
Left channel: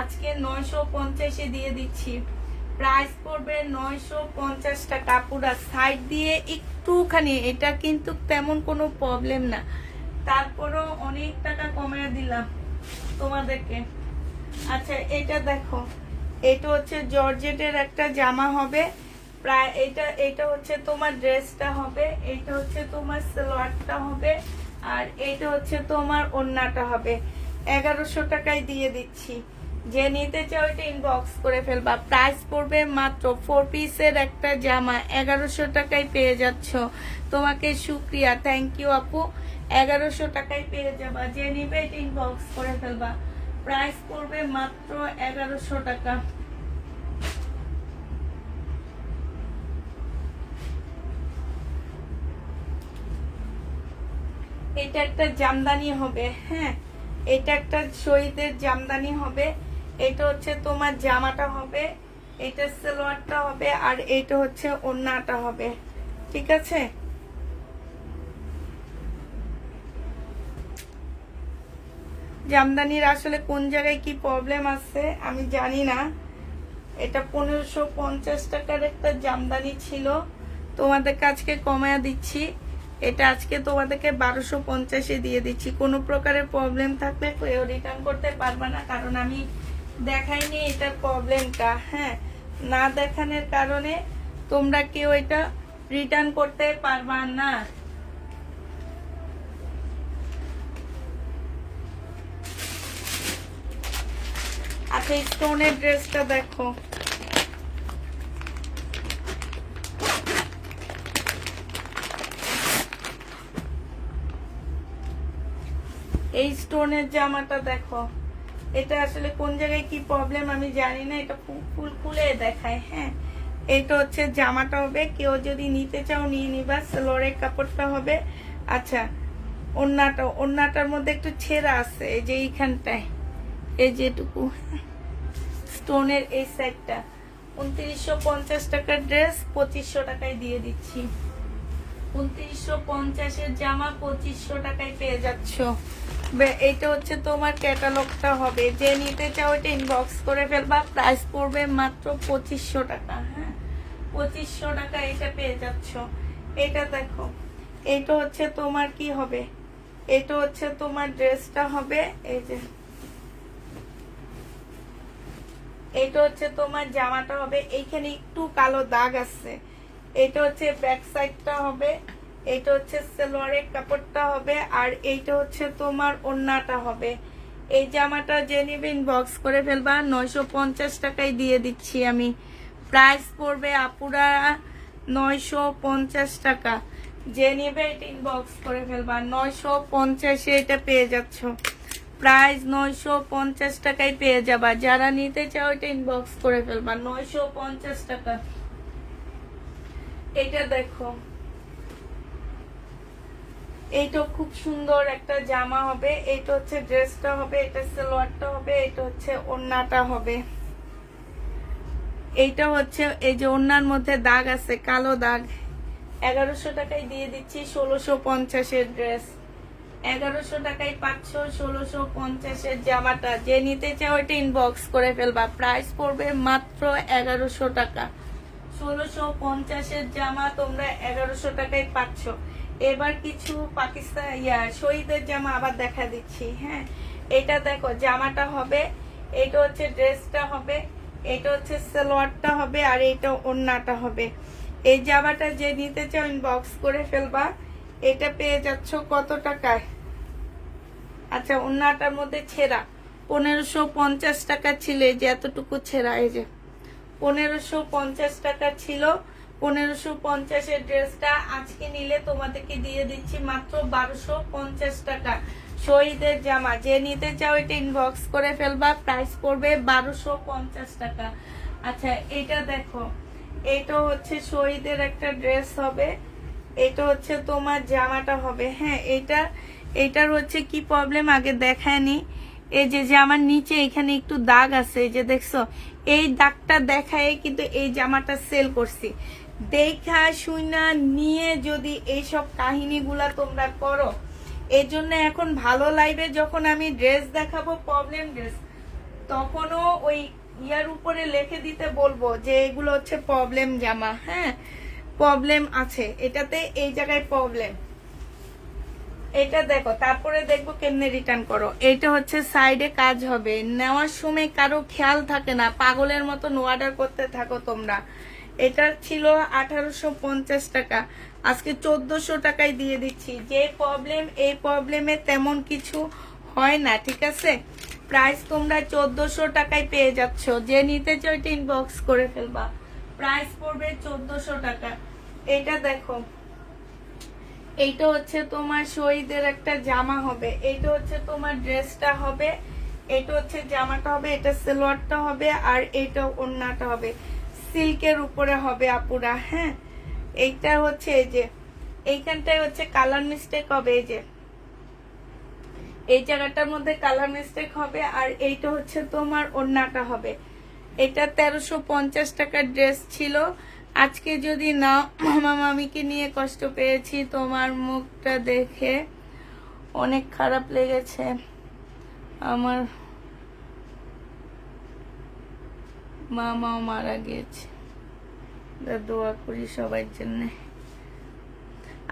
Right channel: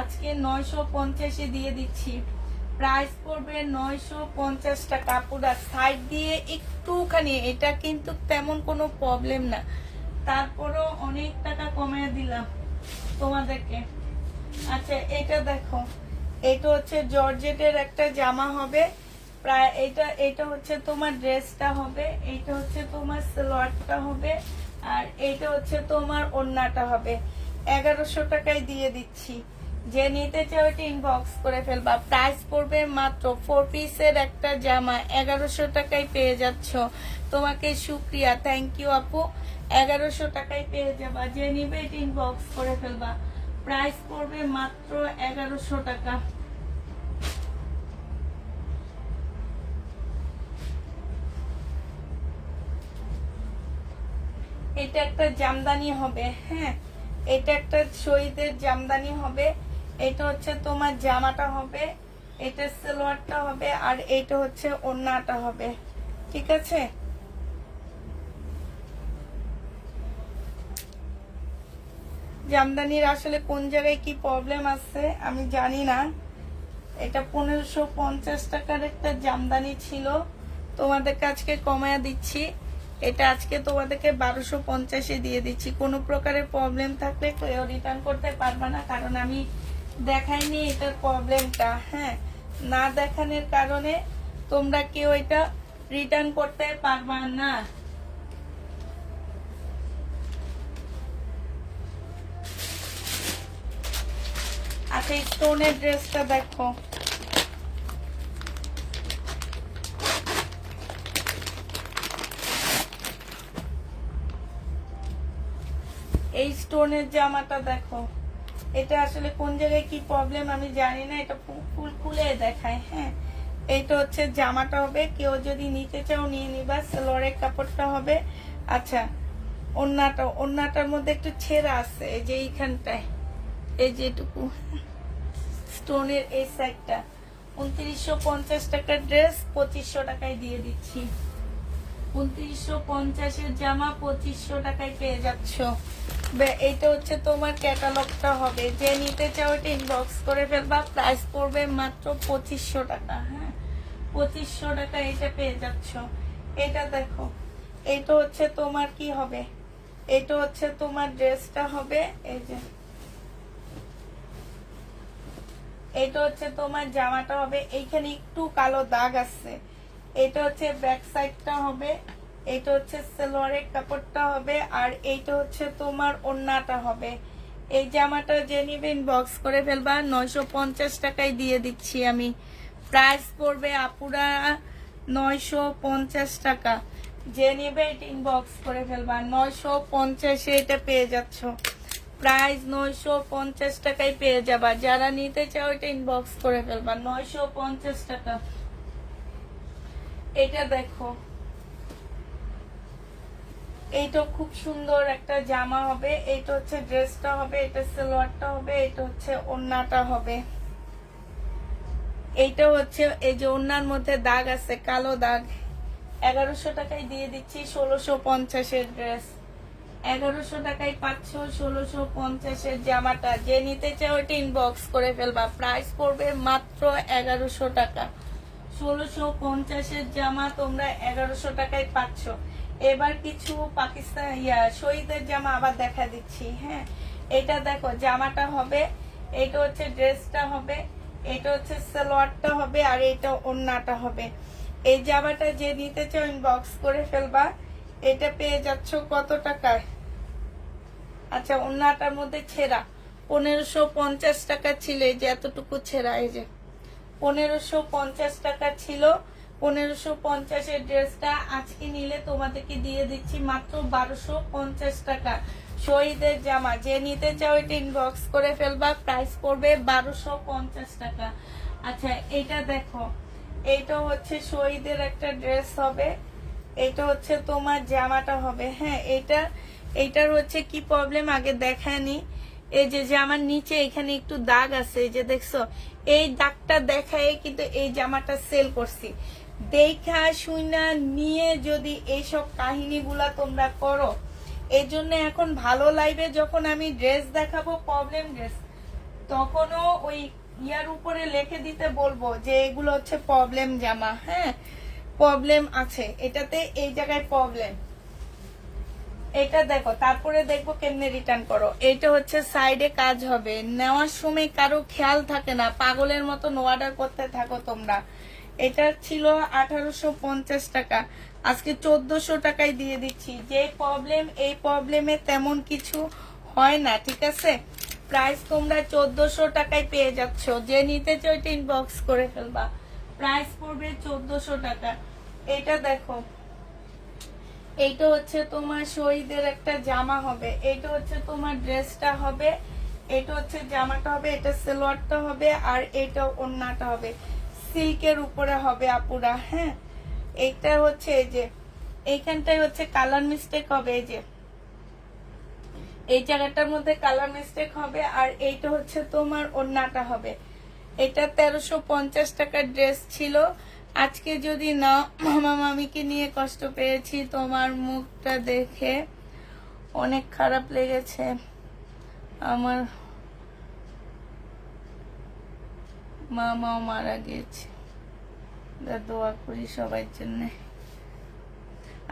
আজকে 950 দিয়ে দিচ্ছি। প্রাইস পড়বে 950 টাকা। পুরা সাইড দিয়ে একটুখানি, এটা কিন্তু তেমন কোনো প্রবলেম না, তারপরও অনেক টাকা কমিয়ে দিলাম তোমাদেরকে। আচ্ছা, এটা দেখো, এটা হচ্ছে জর্জেটের একটা জামা হবে। প্রায় এটা হচ্ছে তোমার ড্রেসটা হবে, এটা হচ্ছে তোমার সালোয়ারটা হবে, আর এটা হচ্ছে তোমার ওড়নাটা হবে। 1100 টাকায় দিয়ে দিচ্ছি। যে নিতে চাও এটা ইনবক্স করে ফেলবা। প্রাইস পড়বে মাত্র 4 পিসের একটা জামা 1100 টাকায় পেয়ে যাচ্ছ। তোমাকে শুক্রিয়া, থ্যাংক ইউ আপু। 1100 টাকায় পেয়ে যাবা। যে নিবে এটা ইনবক্স করে ফেলবা। প্রাইস পড়বে মাত্র 1100 টাকা। এটা একটা জামদানি হবে, হ্যাঁ, এটা একটা শহীদের জামদানি হবে। এটা হচ্ছে তোমার জামাটা হবে, এটা সালোয়ারটা হবে, আর এটা হচ্ছে ওড়নাটা হবে, ঠিক আছে? জামদানির আসলে কোন জায়গায় কি প্রবলেম আছে আমি জানি না। এটা 1550 টাকার একটা জামদানি ছিল, তোমাদের কাছকে কমায়া দিচ্ছি। এটা আজকে তোমাদেরকে 1250 দিয়ে দিচ্ছি। কোনো প্রকারের প্রবলেম থাকলে কেউ রিটার্ন করতে পারবে না, কারণ আমি দেখাইনি এটার প্রবলেমটা, হ্যাঁ, না দেখানোর কারণে তোমরা কেউ এটা রিটার্ন করতে পারবা না। আচ্ছা, এই স্টোনের ড্রেসটা দেখো, এই স্টোনের জামাটা দেখো। এটা আসলে কোন জায়গায় কি প্রবলেম আমি জানি না, এটা ফুল খুলে দেখায়, হ্যাঁ। এটা হচ্ছে জামাটা হবে, কেউ যদি নিতে চাও নিয়ে নিবা। সালোয়ারের কাপড়টা হবে। আচ্ছা, ওড়নাটার মধ্যে একটু ছেঁড়া আছে, এই যে এইখানটায়, এই যেটুকু স্টোনের এই সাইডটা। 2950 টাকার ড্রেস 2500 টাকায় দিয়ে দিচ্ছি। 2950 জামা 2500 টাকায় পেয়ে যাচ্ছ। এটা হচ্ছে তোমার ক্যাটালগটা হবে। যে নিতে চাও এটা ইনবক্স করে ফেলবা। প্রাইস পড়বে মাত্র 2500 টাকা, হ্যাঁ, 2500 টাকা এটা পেয়ে যাচ্ছ। এটা দেখো, এটা হচ্ছে তোমার কি হবে, এটা হচ্ছে তোমার ড্রেসটা হবে। এই যে এটা হচ্ছে তোমার জামাটা হবে, এইখানে একটু কালো দাগ আছে। এটা হচ্ছে ব্যাক সাইডটা হবে, এটা হচ্ছে সালোয়ারের কাপড়টা হবে, আর এইটা হচ্ছে তোমার ওড়নাটা হবে। এই জামাটা যে নিবে ইনবক্স করে ফেলবা। 950 টাকায় দিয়ে দিচ্ছি আমি। প্রাইস পড়বে আপুরা 950 টাকা। যে নিবে এটা ইনবক্স করে ফেলবা। 950 এটা পেয়ে যাচ্ছ, প্রাইস 950 টাকায় পেয়ে যাবা। যারা নিতে চাও এটা ইনবক্স করে ফেলবা, 950 টাকা। এটা দেখো, এইটা খুব সুন্দর একটা জামা হবে। এইটা হচ্ছে ড্রেসটা হবে, এটা সালোয়ারটা হবে, এটা হচ্ছে ওড়নাটা হবে। এইটা হচ্ছে এই যে ওড়নার মধ্যে দাগ আছে, কালো দাগ। 1100 টাকায় দিয়ে দিচ্ছি 1650 ড্রেস। 1100 টাকায় পাচ্ছ 1650 জামাটা। যে নিতে চাও এটা ইনবক্স করে ফেলবা। প্রাইস পড়বে মাত্র 1100 টাকা। 1650 জামা তোমরা 1100 টাকায় পাচ্ছ। এবার কিছু পাকিস্তান শহীদের জামা আবার দেখা দিচ্ছি। হ্যাঁ, এটা দেখো, জামাটা হবে, এটা হচ্ছে ড্রেসটা হবে, এটা হচ্ছে সালোয়ারটা হবে, আর এটা ওড়নাটা হবে। এই জামাটা যে নিতে চাও ইনবক্স করে ফেলবা। এটা পেয়ে যাচ্ছ কত টাকায়? আচ্ছা, ওড়নাটার মধ্যে ছেঁড়া 1550 টাকা ছিল, এই যে এতটুকু ছেঁড়া, এই যে 1550 টাকা ছিল। 1550 ড্রেসটা আজকে নিলে তোমাদেরকে দিয়ে দিচ্ছি মাত্র 1250 টাকা। শহীদের জামা যে নিতে চাও এটা ইনবক্স করে ফেলবা। প্রাইস পড়বে 1250 টাকা। আচ্ছা, এটা দেখো, এটা হচ্ছে শহীদের একটা ড্রেস হবে, এটা হচ্ছে তোমার জামাটা হবে। হ্যাঁ, এইটার হচ্ছে কি প্রবলেম আগে দেখায়নি। এই যে জামার নিচে এখানে একটু দাগ আছে, এই যে দেখছো, এই দাগটা দেখায় কিন্তু এই জামাটা সেল করছি। দেখা শুনা নিয়ে যদি এইসব কাহিনীগুলা তোমরা করো, এই জন্য এখন ভালো লাইভে যখন আমি ড্রেস দেখাবো প্রবলেম ড্রেস, তখনও ওই ইয়ার উপরে লিখে দিতে বলবো যে এগুলো হচ্ছে প্রবলেম জামা। হ্যাঁ, প্রবলেম আছে এটাতে, এই জায়গায় প্রবলেম। এটা দেখো, তারপরে দেখবো কেমনে রিটার্ন করো। এটা হচ্ছে সাইডে কাজ হবে, নেওয়ার সময় কারো খেয়াল থাকে না, পাগলের মতন অর্ডার করতে থাকো তোমরা। এটা ছিল 1850 টাকা, আজকে 1400 টাকায় দিয়ে দিচ্ছি। যে প্রবলেম, এই প্রবলেমে তেমন কিছু হয় না, ঠিক আছে? প্রাইস তোমরা 1400 টাকায় পেয়ে যাচ্ছ। যে নিতে চাও এটা ইনবক্স করে ফেলবা। প্রাইস পড়বে 1400 টাকা। এটা দেখো, এইটা হচ্ছে তোমার শহীদের একটা জামা হবে, এটা হচ্ছে তোমার ড্রেসটা হবে, এটা হচ্ছে জামাটা হবে, এটা সালোয়ারটা হবে, আর এটা ওড়নাটা হবে। সিল্কের উপরে হবে আপুরা। হ্যাঁ, এইটা হচ্ছে এই যে এইখানটায় হচ্ছে কালার মিস্টেক হবে, এই যে এই জায়গাটার মধ্যে কালার মিস্টেক হবে, আর এইটা হচ্ছে তোমার ওড়নাটা হবে। এটা 1350 টাকার ড্রেস ছিল। আজকে যদি না, মামা মামিকে নিয়ে কষ্ট পেয়েছি, তোমার মুখটা দেখে অনেক খারাপ লেগেছে আমার। মামাও মারা গিয়েছে, দোয়া করি সবার জন্য।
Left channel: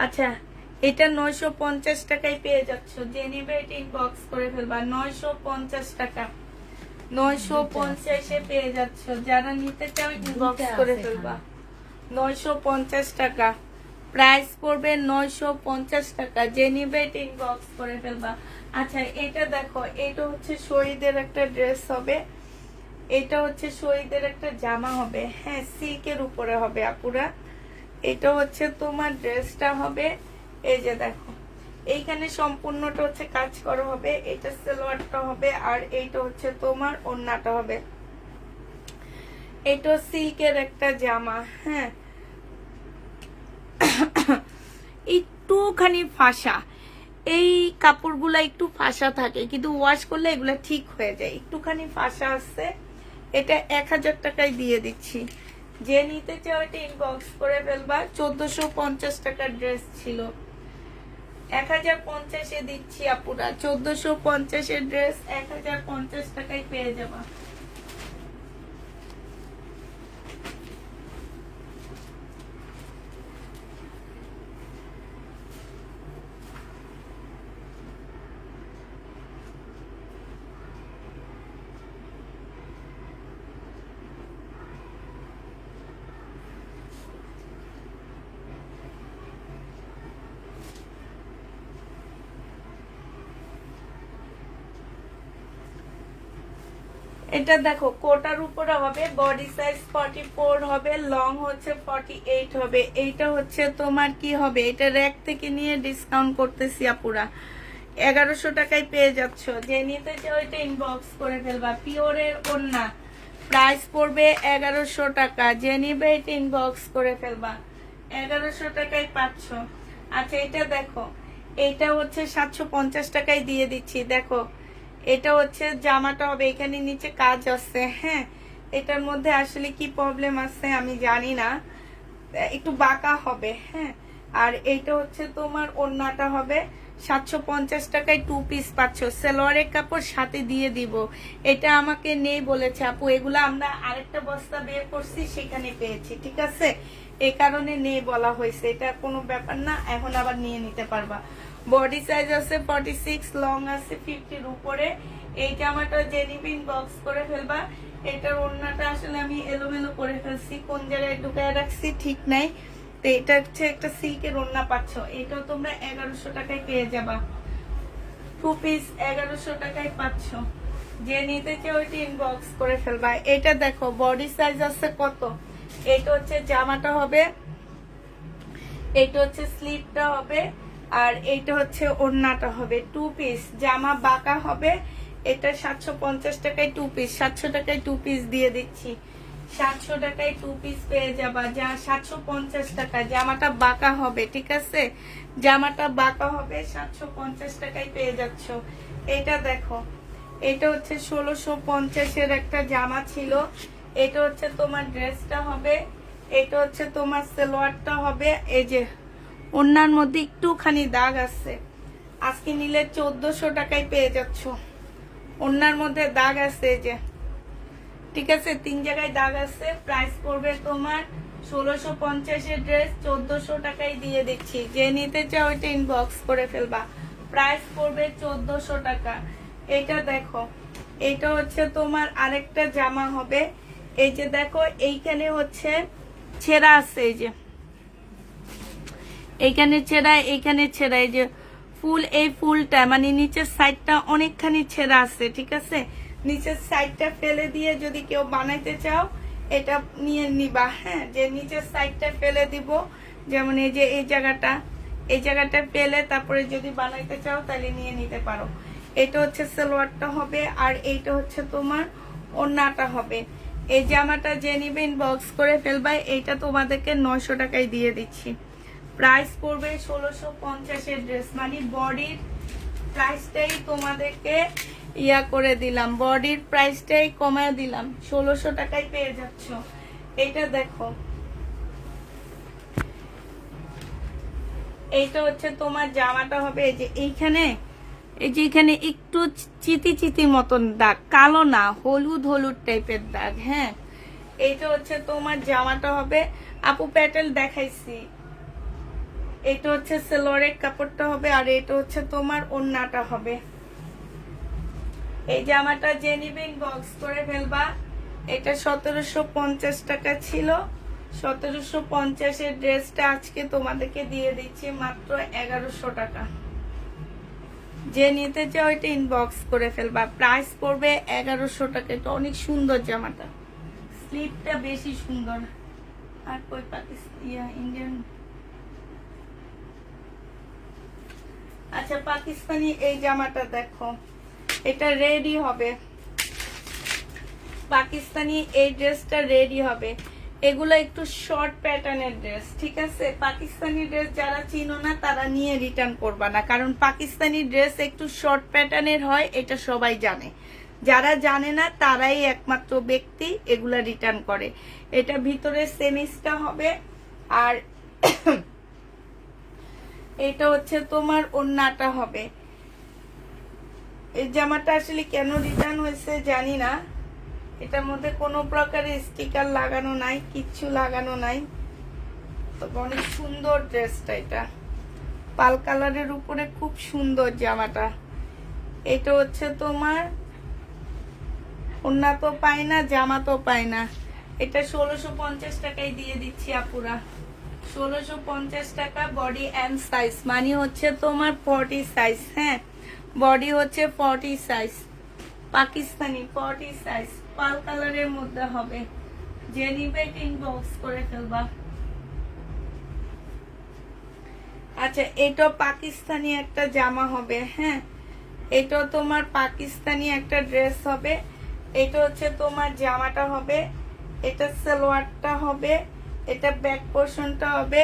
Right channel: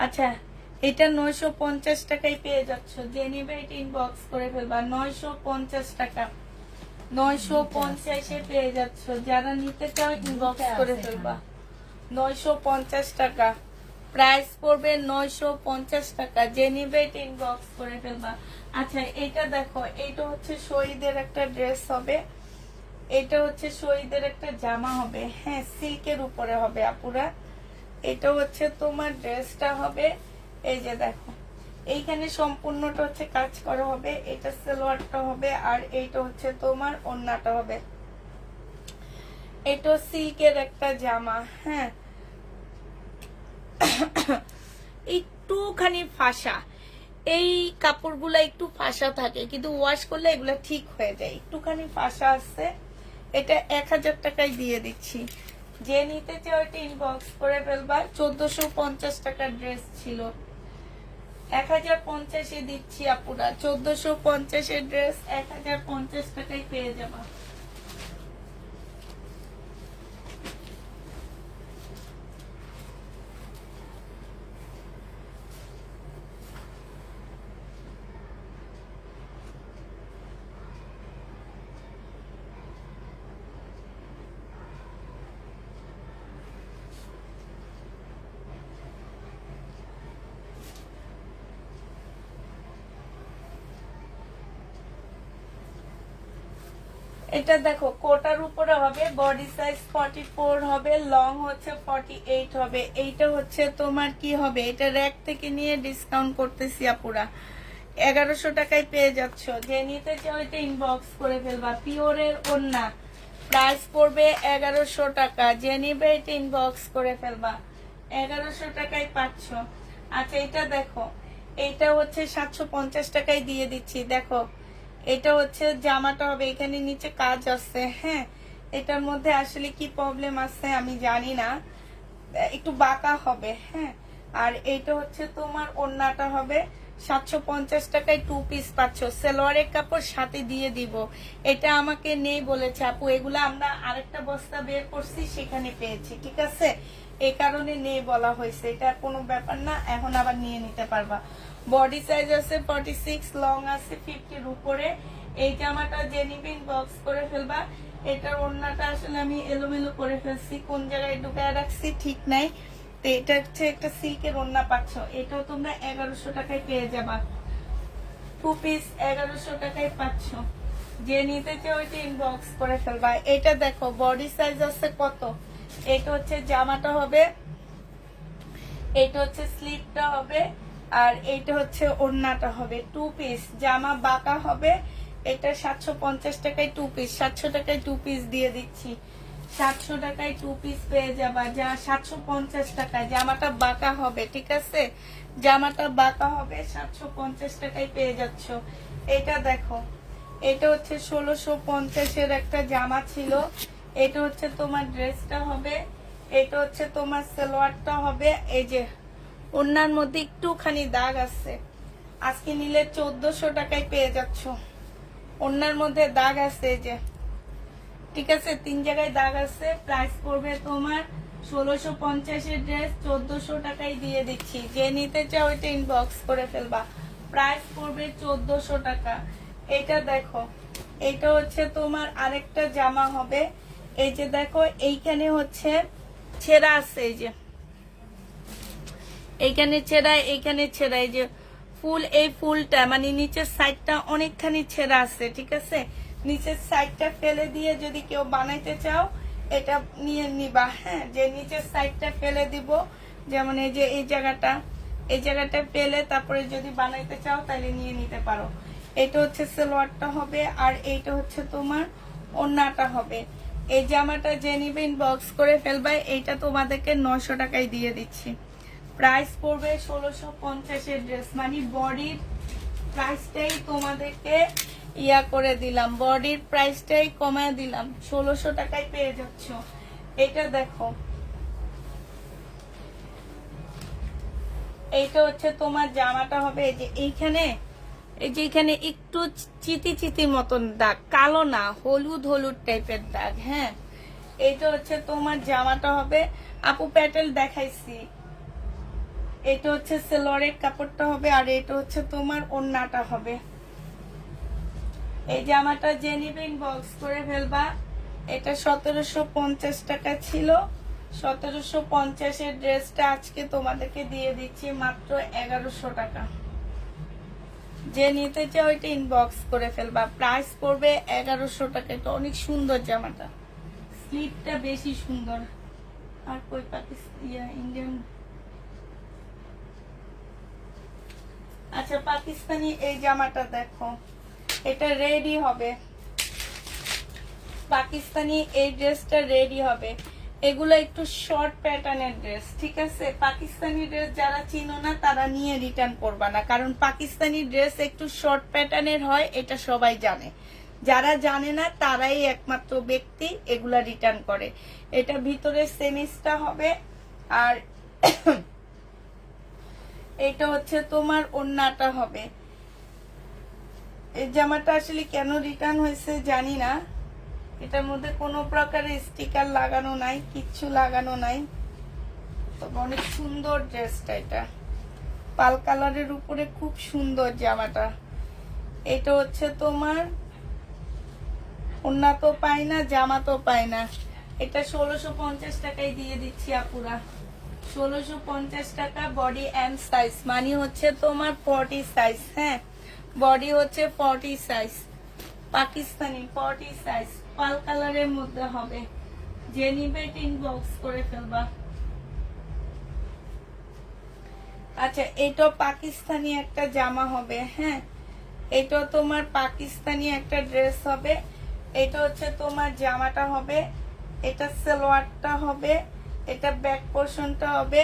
আচ্ছা, এটা 950 টাকায় পেয়ে যাচ্ছ। যে নিবে এটা ইনবক্স করে ফেলবা। 950 টাকা, 950 পেয়ে যাচ্ছ। যারা নিতে চাও ইনবক্স করে ফেলবা। 950 টাকা, প্রাইস পড়বে 950 টাকা। যে নিবে এটা ইনবক্স করে ফেলবা। আচ্ছা, এটা দেখো, এটা হচ্ছে শহীদের একটা ড্রেস হবে, এটা হচ্ছে শহীদের একটা জামা হবে। হ্যাঁ, সিল্কের উপরে হবে আপুরা। এটা হচ্ছে তোমার ড্রেসটা হবে, এই যে দেখো, এইখানে সম্পূর্ণটা হচ্ছে কাজ করা হবে, এটা সালোয়ারটা হবে, আর এইটা হচ্ছে তোমার ওড়নাটা হবে। এটা সিল্কের একটা জামা। হ্যাঁ, একটুখানি ফাঁসা, এই কাপড়গুলা একটু ফাঁসা থাকে, কিন্তু ওয়াশ করলে এগুলো ঠিক হয়ে যায়। একটুখানি ফাঁসা আছে। এটা 1000 টাকায় দিয়ে দিচ্ছি। যে নিতে চাও এটা ইনবক্স করে ফেলবা। 1450 টাকার ড্রেস ছিল, 1050 দিচ্ছি আপুরা। 1450 ড্রেস 1050 টাকায় পেয়ে যাবা। এটা দেখো কোটার উপরে হবে, বডি সাইজ 44 হবে, লং হচ্ছে 48 হবে। এইটা হচ্ছে তোমার কি হবে, এটা র্যাক থেকে নিয়ে ডিসকাউন্ট করতেছি আপুরা, 1100 টাকায় পেয়ে যাচ্ছ। যে নিতে চাও এটা ইনবক্স করে ফেলবা। পিওরের ওড়না, প্রাইস পড়বে 1100 টাকা। যে নিবে এটা ইনবক্স করে ফেলবা, 1100 টাকায় পাচ্ছ। আচ্ছা এটা দেখো, এটা হচ্ছে 750 টাকায় দিয়ে দিচ্ছি। দেখো এটা হচ্ছে জামাটা হবে, এখানে নিচে কাজ আছে। হ্যাঁ, এটার মধ্যে আসলে কি প্রবলেম আছে আমি জানি না, একটু বাঁকা হবে। হ্যাঁ, আর এইটা হচ্ছে তোমার ওড়নাটা হবে 750 টাকায় 2 পিস পাচ্ছ। সালোয়ারের কাপড় সাথে দিয়ে দিব। এটা আমাকে নেই বলেছে আপু, এগুলা আমরা আরেকটা বস্তা বের করছি সেখানে পেয়েছি, ঠিক আছে, এই কারণে নেই বলা হয়েছে। এটা কোনো ব্যাপার না, এখন আবার নিয়ে নিতে পারবা। বডি সাইজ আছে 46, লং আছে 50 উপরে। এই জামাটা জেনিবিন বক্স করে ফেলবা। এটার ওড়নাটা আসলে আমি এলোমেলো করে ফেলছি, কোন জায়গায় ঢুকায় রাখছি ঠিক নাই। তো এটা হচ্ছে একটা সিল্কের ওড়না পাচ্ছ, এটাও তোমরা 1100 টাকায় পেয়ে যাবা। 2 পিস 1100 টাকায় পাচ্ছ। যে নিতে চাও ওইটা ইনবক্স করে ফেলবা। এটা দেখো বডি সাইজ আছে কত, এটা হচ্ছে জামাটা হবে, এইটা হচ্ছে স্লিভটা হবে, আর এইটা হচ্ছে ওড়নাটা হবে। 2 পিস জামা বাঁকা হবে। এটা 750 টাকায় 2 পিস, 700 টাকায় 2 পিস দিয়ে দিচ্ছি। 700 টাকায় 2 পিস পেয়ে যাবা, যা 750 টাকা। জামাটা বাঁকা হবে, ঠিক আছে, জামাটা বাঁকা হবে, 750 টাকায় পেয়ে যাচ্ছ। এটা দেখো, এটা হচ্ছে 1650 একটা জামা ছিল। এটা হচ্ছে তোমার ড্রেসটা হবে, এটা হচ্ছে তোমার সালোয়ারটা হবে। এই যে ওড়নার মধ্যে একটুখানি দাগ আছে, আজকে নিলে 1400 টাকায় পেয়ে যাচ্ছ। ওড়নার মধ্যে দাগ আছে, এই যে, ঠিক আছে, 3 জায়গায় দাগ আছে। প্রাইস পড়বে তোমার 1650 ড্রেস 1400 টাকায় দিয়ে দিচ্ছি। যে নিতে চাও ওইটা ইনবক্স করে ফেলবা। প্রাইস পড়বে 1400 টাকা। এটা দেখো, এটা হচ্ছে তোমার আরেকটা জামা হবে। এই যে দেখো, এইখানে হচ্ছে ছেঁড়া আছে, এই যে এইখানে ছেঁড়া, এইখানে ছেঁড়া, এই যে ফুল, এই ফুলটা মানে নিচের সাইডটা অনেকখানি ছেঁড়া আছে, ঠিক আছে। নিচের সাইডটা ফেলে দিয়ে যদি কেউ বানাইতে চাও এটা নিয়ে নিবা। হ্যাঁ, যে নিচের সাইডটা ফেলে দিব, যেমন এই যে এই জায়গাটা ফেলে তারপরে যদি বানাইতে চাও তাহলে নিয়ে নিতে পারো। এটা হচ্ছে সালোয়ারটা হবে, আর এইটা হচ্ছে তোমার ওড়নাটা হবে। এই জামাটা যে নিবে ইনবক্স করে ফেলবা। এইটা তোমাদেরকে 900 টাকায় দিয়ে দিচ্ছি। প্রাইস পড়বে 1650 ড্রেস, মানে বডির প্রাইসটাই তোমাদেরকে ইয়া করে দিলাম, বডির প্রাইসটাই কমায় দিলাম, 1600 টাকায় পেয়ে যাচ্ছ। এটা দেখো, এইটা হচ্ছে তোমার জামাটা হবে। এই যে এইখানে, এই যে এখানে একটু চিতি চিতির মতন দাগ, কালো না, হলুদ হলুদ টাইপের দাগ। হ্যাঁ, এইটা হচ্ছে তোমার জামাটা হবে। আপু প্যাটেল দেখাইছি। এটা হচ্ছে সালোয়ারের কাপড়টা হবে, আর এটা হচ্ছে তোমার ওড়নাটা হবে। এই জামাটা যে নিবে ইনবক্স করে ফেলবা। এটা 1750 টাকা ছিল, 1750 ড্রেসটা আজকে তোমাদেরকে দিয়ে দিচ্ছি মাত্র 1100 টাকা। যে নিতে চাও এটা ইনবক্স করে ফেলবা। প্রাইস পড়বে 1100 টাকা। এটা অনেক সুন্দর জামাটা, স্লিপটা বেশি সুন্দর। আর কই পাকিস্তানি ইন্ডিয়ান, আচ্ছা পাকিস্তানি এই জামাটা দেখো, এটা রেডি হবে, পাকিস্তানি এই ড্রেসটা রেডি হবে। এগুলো একটু শর্ট প্যাটার্নের ড্রেস, ঠিক আছে। পাকিস্তানি ড্রেস যারা চিনো না তারা নিয়ে রিটার্ন করবা না, কারণ পাকিস্তানি ড্রেস একটু শর্ট প্যাটার্নের হয়, এটা সবাই জানে। যারা জানে না তারাই একমাত্র ব্যক্তি এগুলা রিটার্ন করে। এটা ভিতরে সেমিসটা হবে, আর এটা হচ্ছে তোমার ওড়নাটা হবে। এই জামাটা আসলে কেন রিটার্ন হয়েছে জানি না, এটার মধ্যে কোনো প্রকারের স্টিকার লাগানো নাই, কিচ্ছু লাগানো নাই, তবে অনেক সুন্দর ড্রেসটা। এটা পাল কালারের উপরে খুব সুন্দর জামাটা। এটা হচ্ছে তোমার ওড়না তো পায় না, জামা তো পায় না। এটা 1650 টাকায় দিয়ে দিচ্ছি আপুরা, 1650 টাকা। বডি এম সাইজ, মানে হচ্ছে তোমার 40 সাইজ। হ্যাঁ, বডি হচ্ছে 40 সাইজ, পাকিস্তানি 40 সাইজ। পাল কালারের মধ্যে হবে, যে নিবে ইনবক্স করে ফেলবা। আচ্ছা, এটা পাকিস্তানি একটা জামা হবে। হ্যাঁ, এটা তোমার পাকিস্তানি একটা ড্রেস হবে। এটা হচ্ছে তোমার জামাটা হবে, এটা সালোয়ারটা হবে, এটা ব্যাক পোর্শনটা হবে,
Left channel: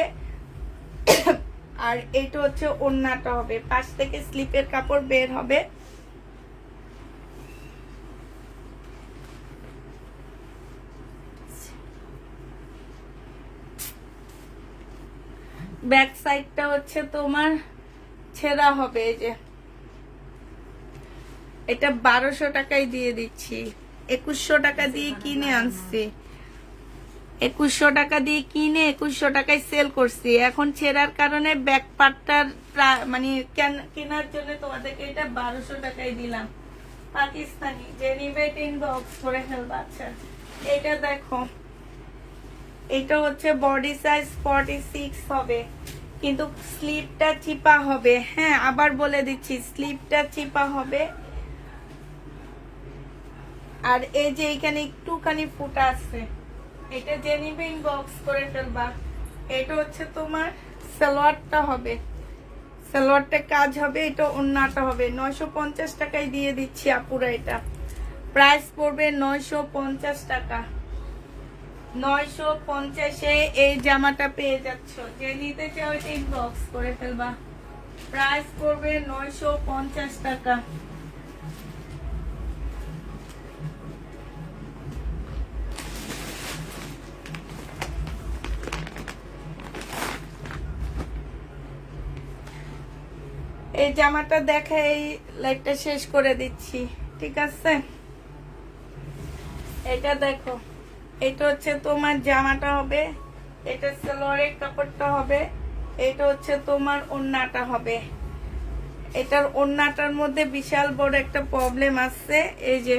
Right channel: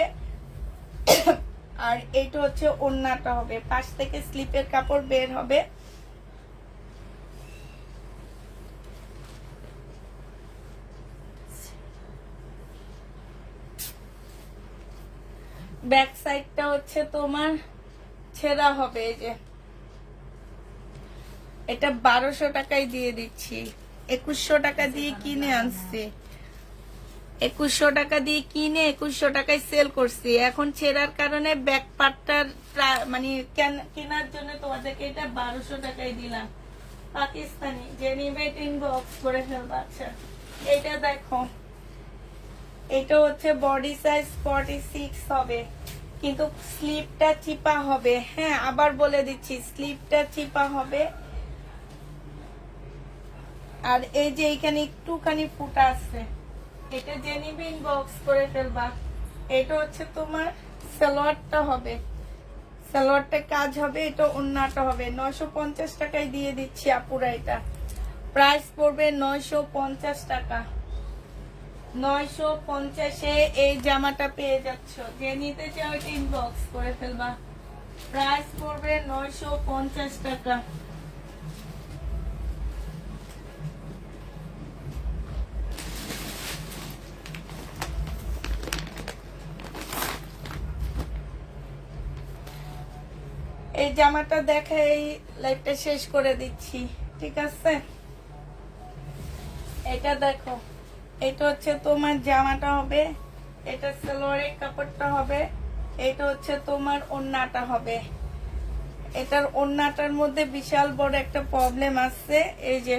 আর এটা হচ্ছে ওড়নাটা হবে। পাশ থেকে স্লিপের কাপড় বের হবে। ব্যাক সাইডটা হচ্ছে তোমার ছেঁড়া হবে। এই যে এটা 1200 টাকায় দিয়ে দিচ্ছি, 2100 টাকা দিয়ে কিনে আনছি, 2100 টাকা দিয়ে কিনে 2100 টাকায় সেল করছি। এখন ছেঁড়ার কারণে ব্যাক পার্টটার মানে কেনার জন্য তোমাদেরকে এটা 1200 টাকায় দিলাম। পাকিস্তানি, যে নিবে ইনবক্স করে ফেলবা। আচ্ছা, এটা দেখো, এটা হচ্ছে বডি সাইজ 46 হবে, কিন্তু স্লিপটা চিপা হবে। হ্যাঁ, আবার বলে দিচ্ছি, স্লিপটা চিপা হবে। আর এই যে এখানে একটুখানি ফুটা আছে, এটা যে নিবে ইনবক্স করে ফেলবা। এটা হচ্ছে তোমার সালোয়ারটা হবে, সালোয়ারটা কাজ হবে, এটা ওড়নাটা হবে। 950 টাকায় দিয়ে দিচ্ছি আপুরা। এটা প্রাইস পড়বে 950 টাকা। 950-এ এই জামাটা পেয়ে যাচ্ছ, যে নিতে চাও এটা ইনবক্স করে ফেলবা। প্রাইস পড়বে 950 টাকা। এই জামাটা দেখে এই লাইটটা শেষ করে দিচ্ছি, ঠিক আছে? এটা দেখো, এটা হচ্ছে তোমার জামাটা হবে, এটা সালোয়ারের কাপড়টা হবে, এটা হচ্ছে তোমার ওড়নাটা হবে। এটার ওড়নাটার মধ্যে বিশাল বড় একটা প্রবলেম আছে। এই যে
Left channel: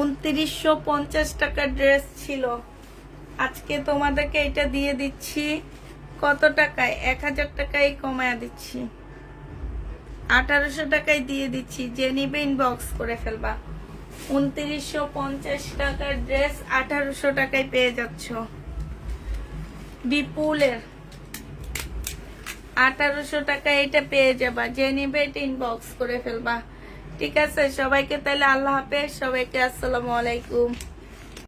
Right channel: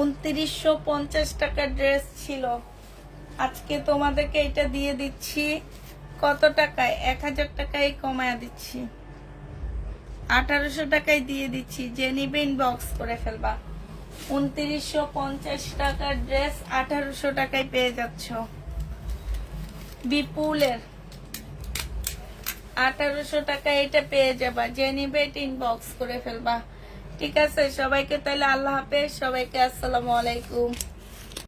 2950 টাকার ড্রেস ছিল, আজকে তোমাদেরকে এটা দিয়ে দিচ্ছি কত টাকায়? 1000 টাকায় কমায় দিচ্ছি, 1800 টাকায় দিয়ে দিচ্ছি। যে নিবে ইনবক্স করে ফেলবা। 2950 টাকার ড্রেস 1800 টাকায় পেয়ে যাচ্ছ। বিপুলের 1800 টাকায় এটা পেয়ে যাবা। যে নিবে এটা ইনবক্স করে ফেলবা, ঠিক আছে? সবাইকে তাহলে আল্লাহ হাফেজ, সবাইকে আসসালামু আলাইকুম।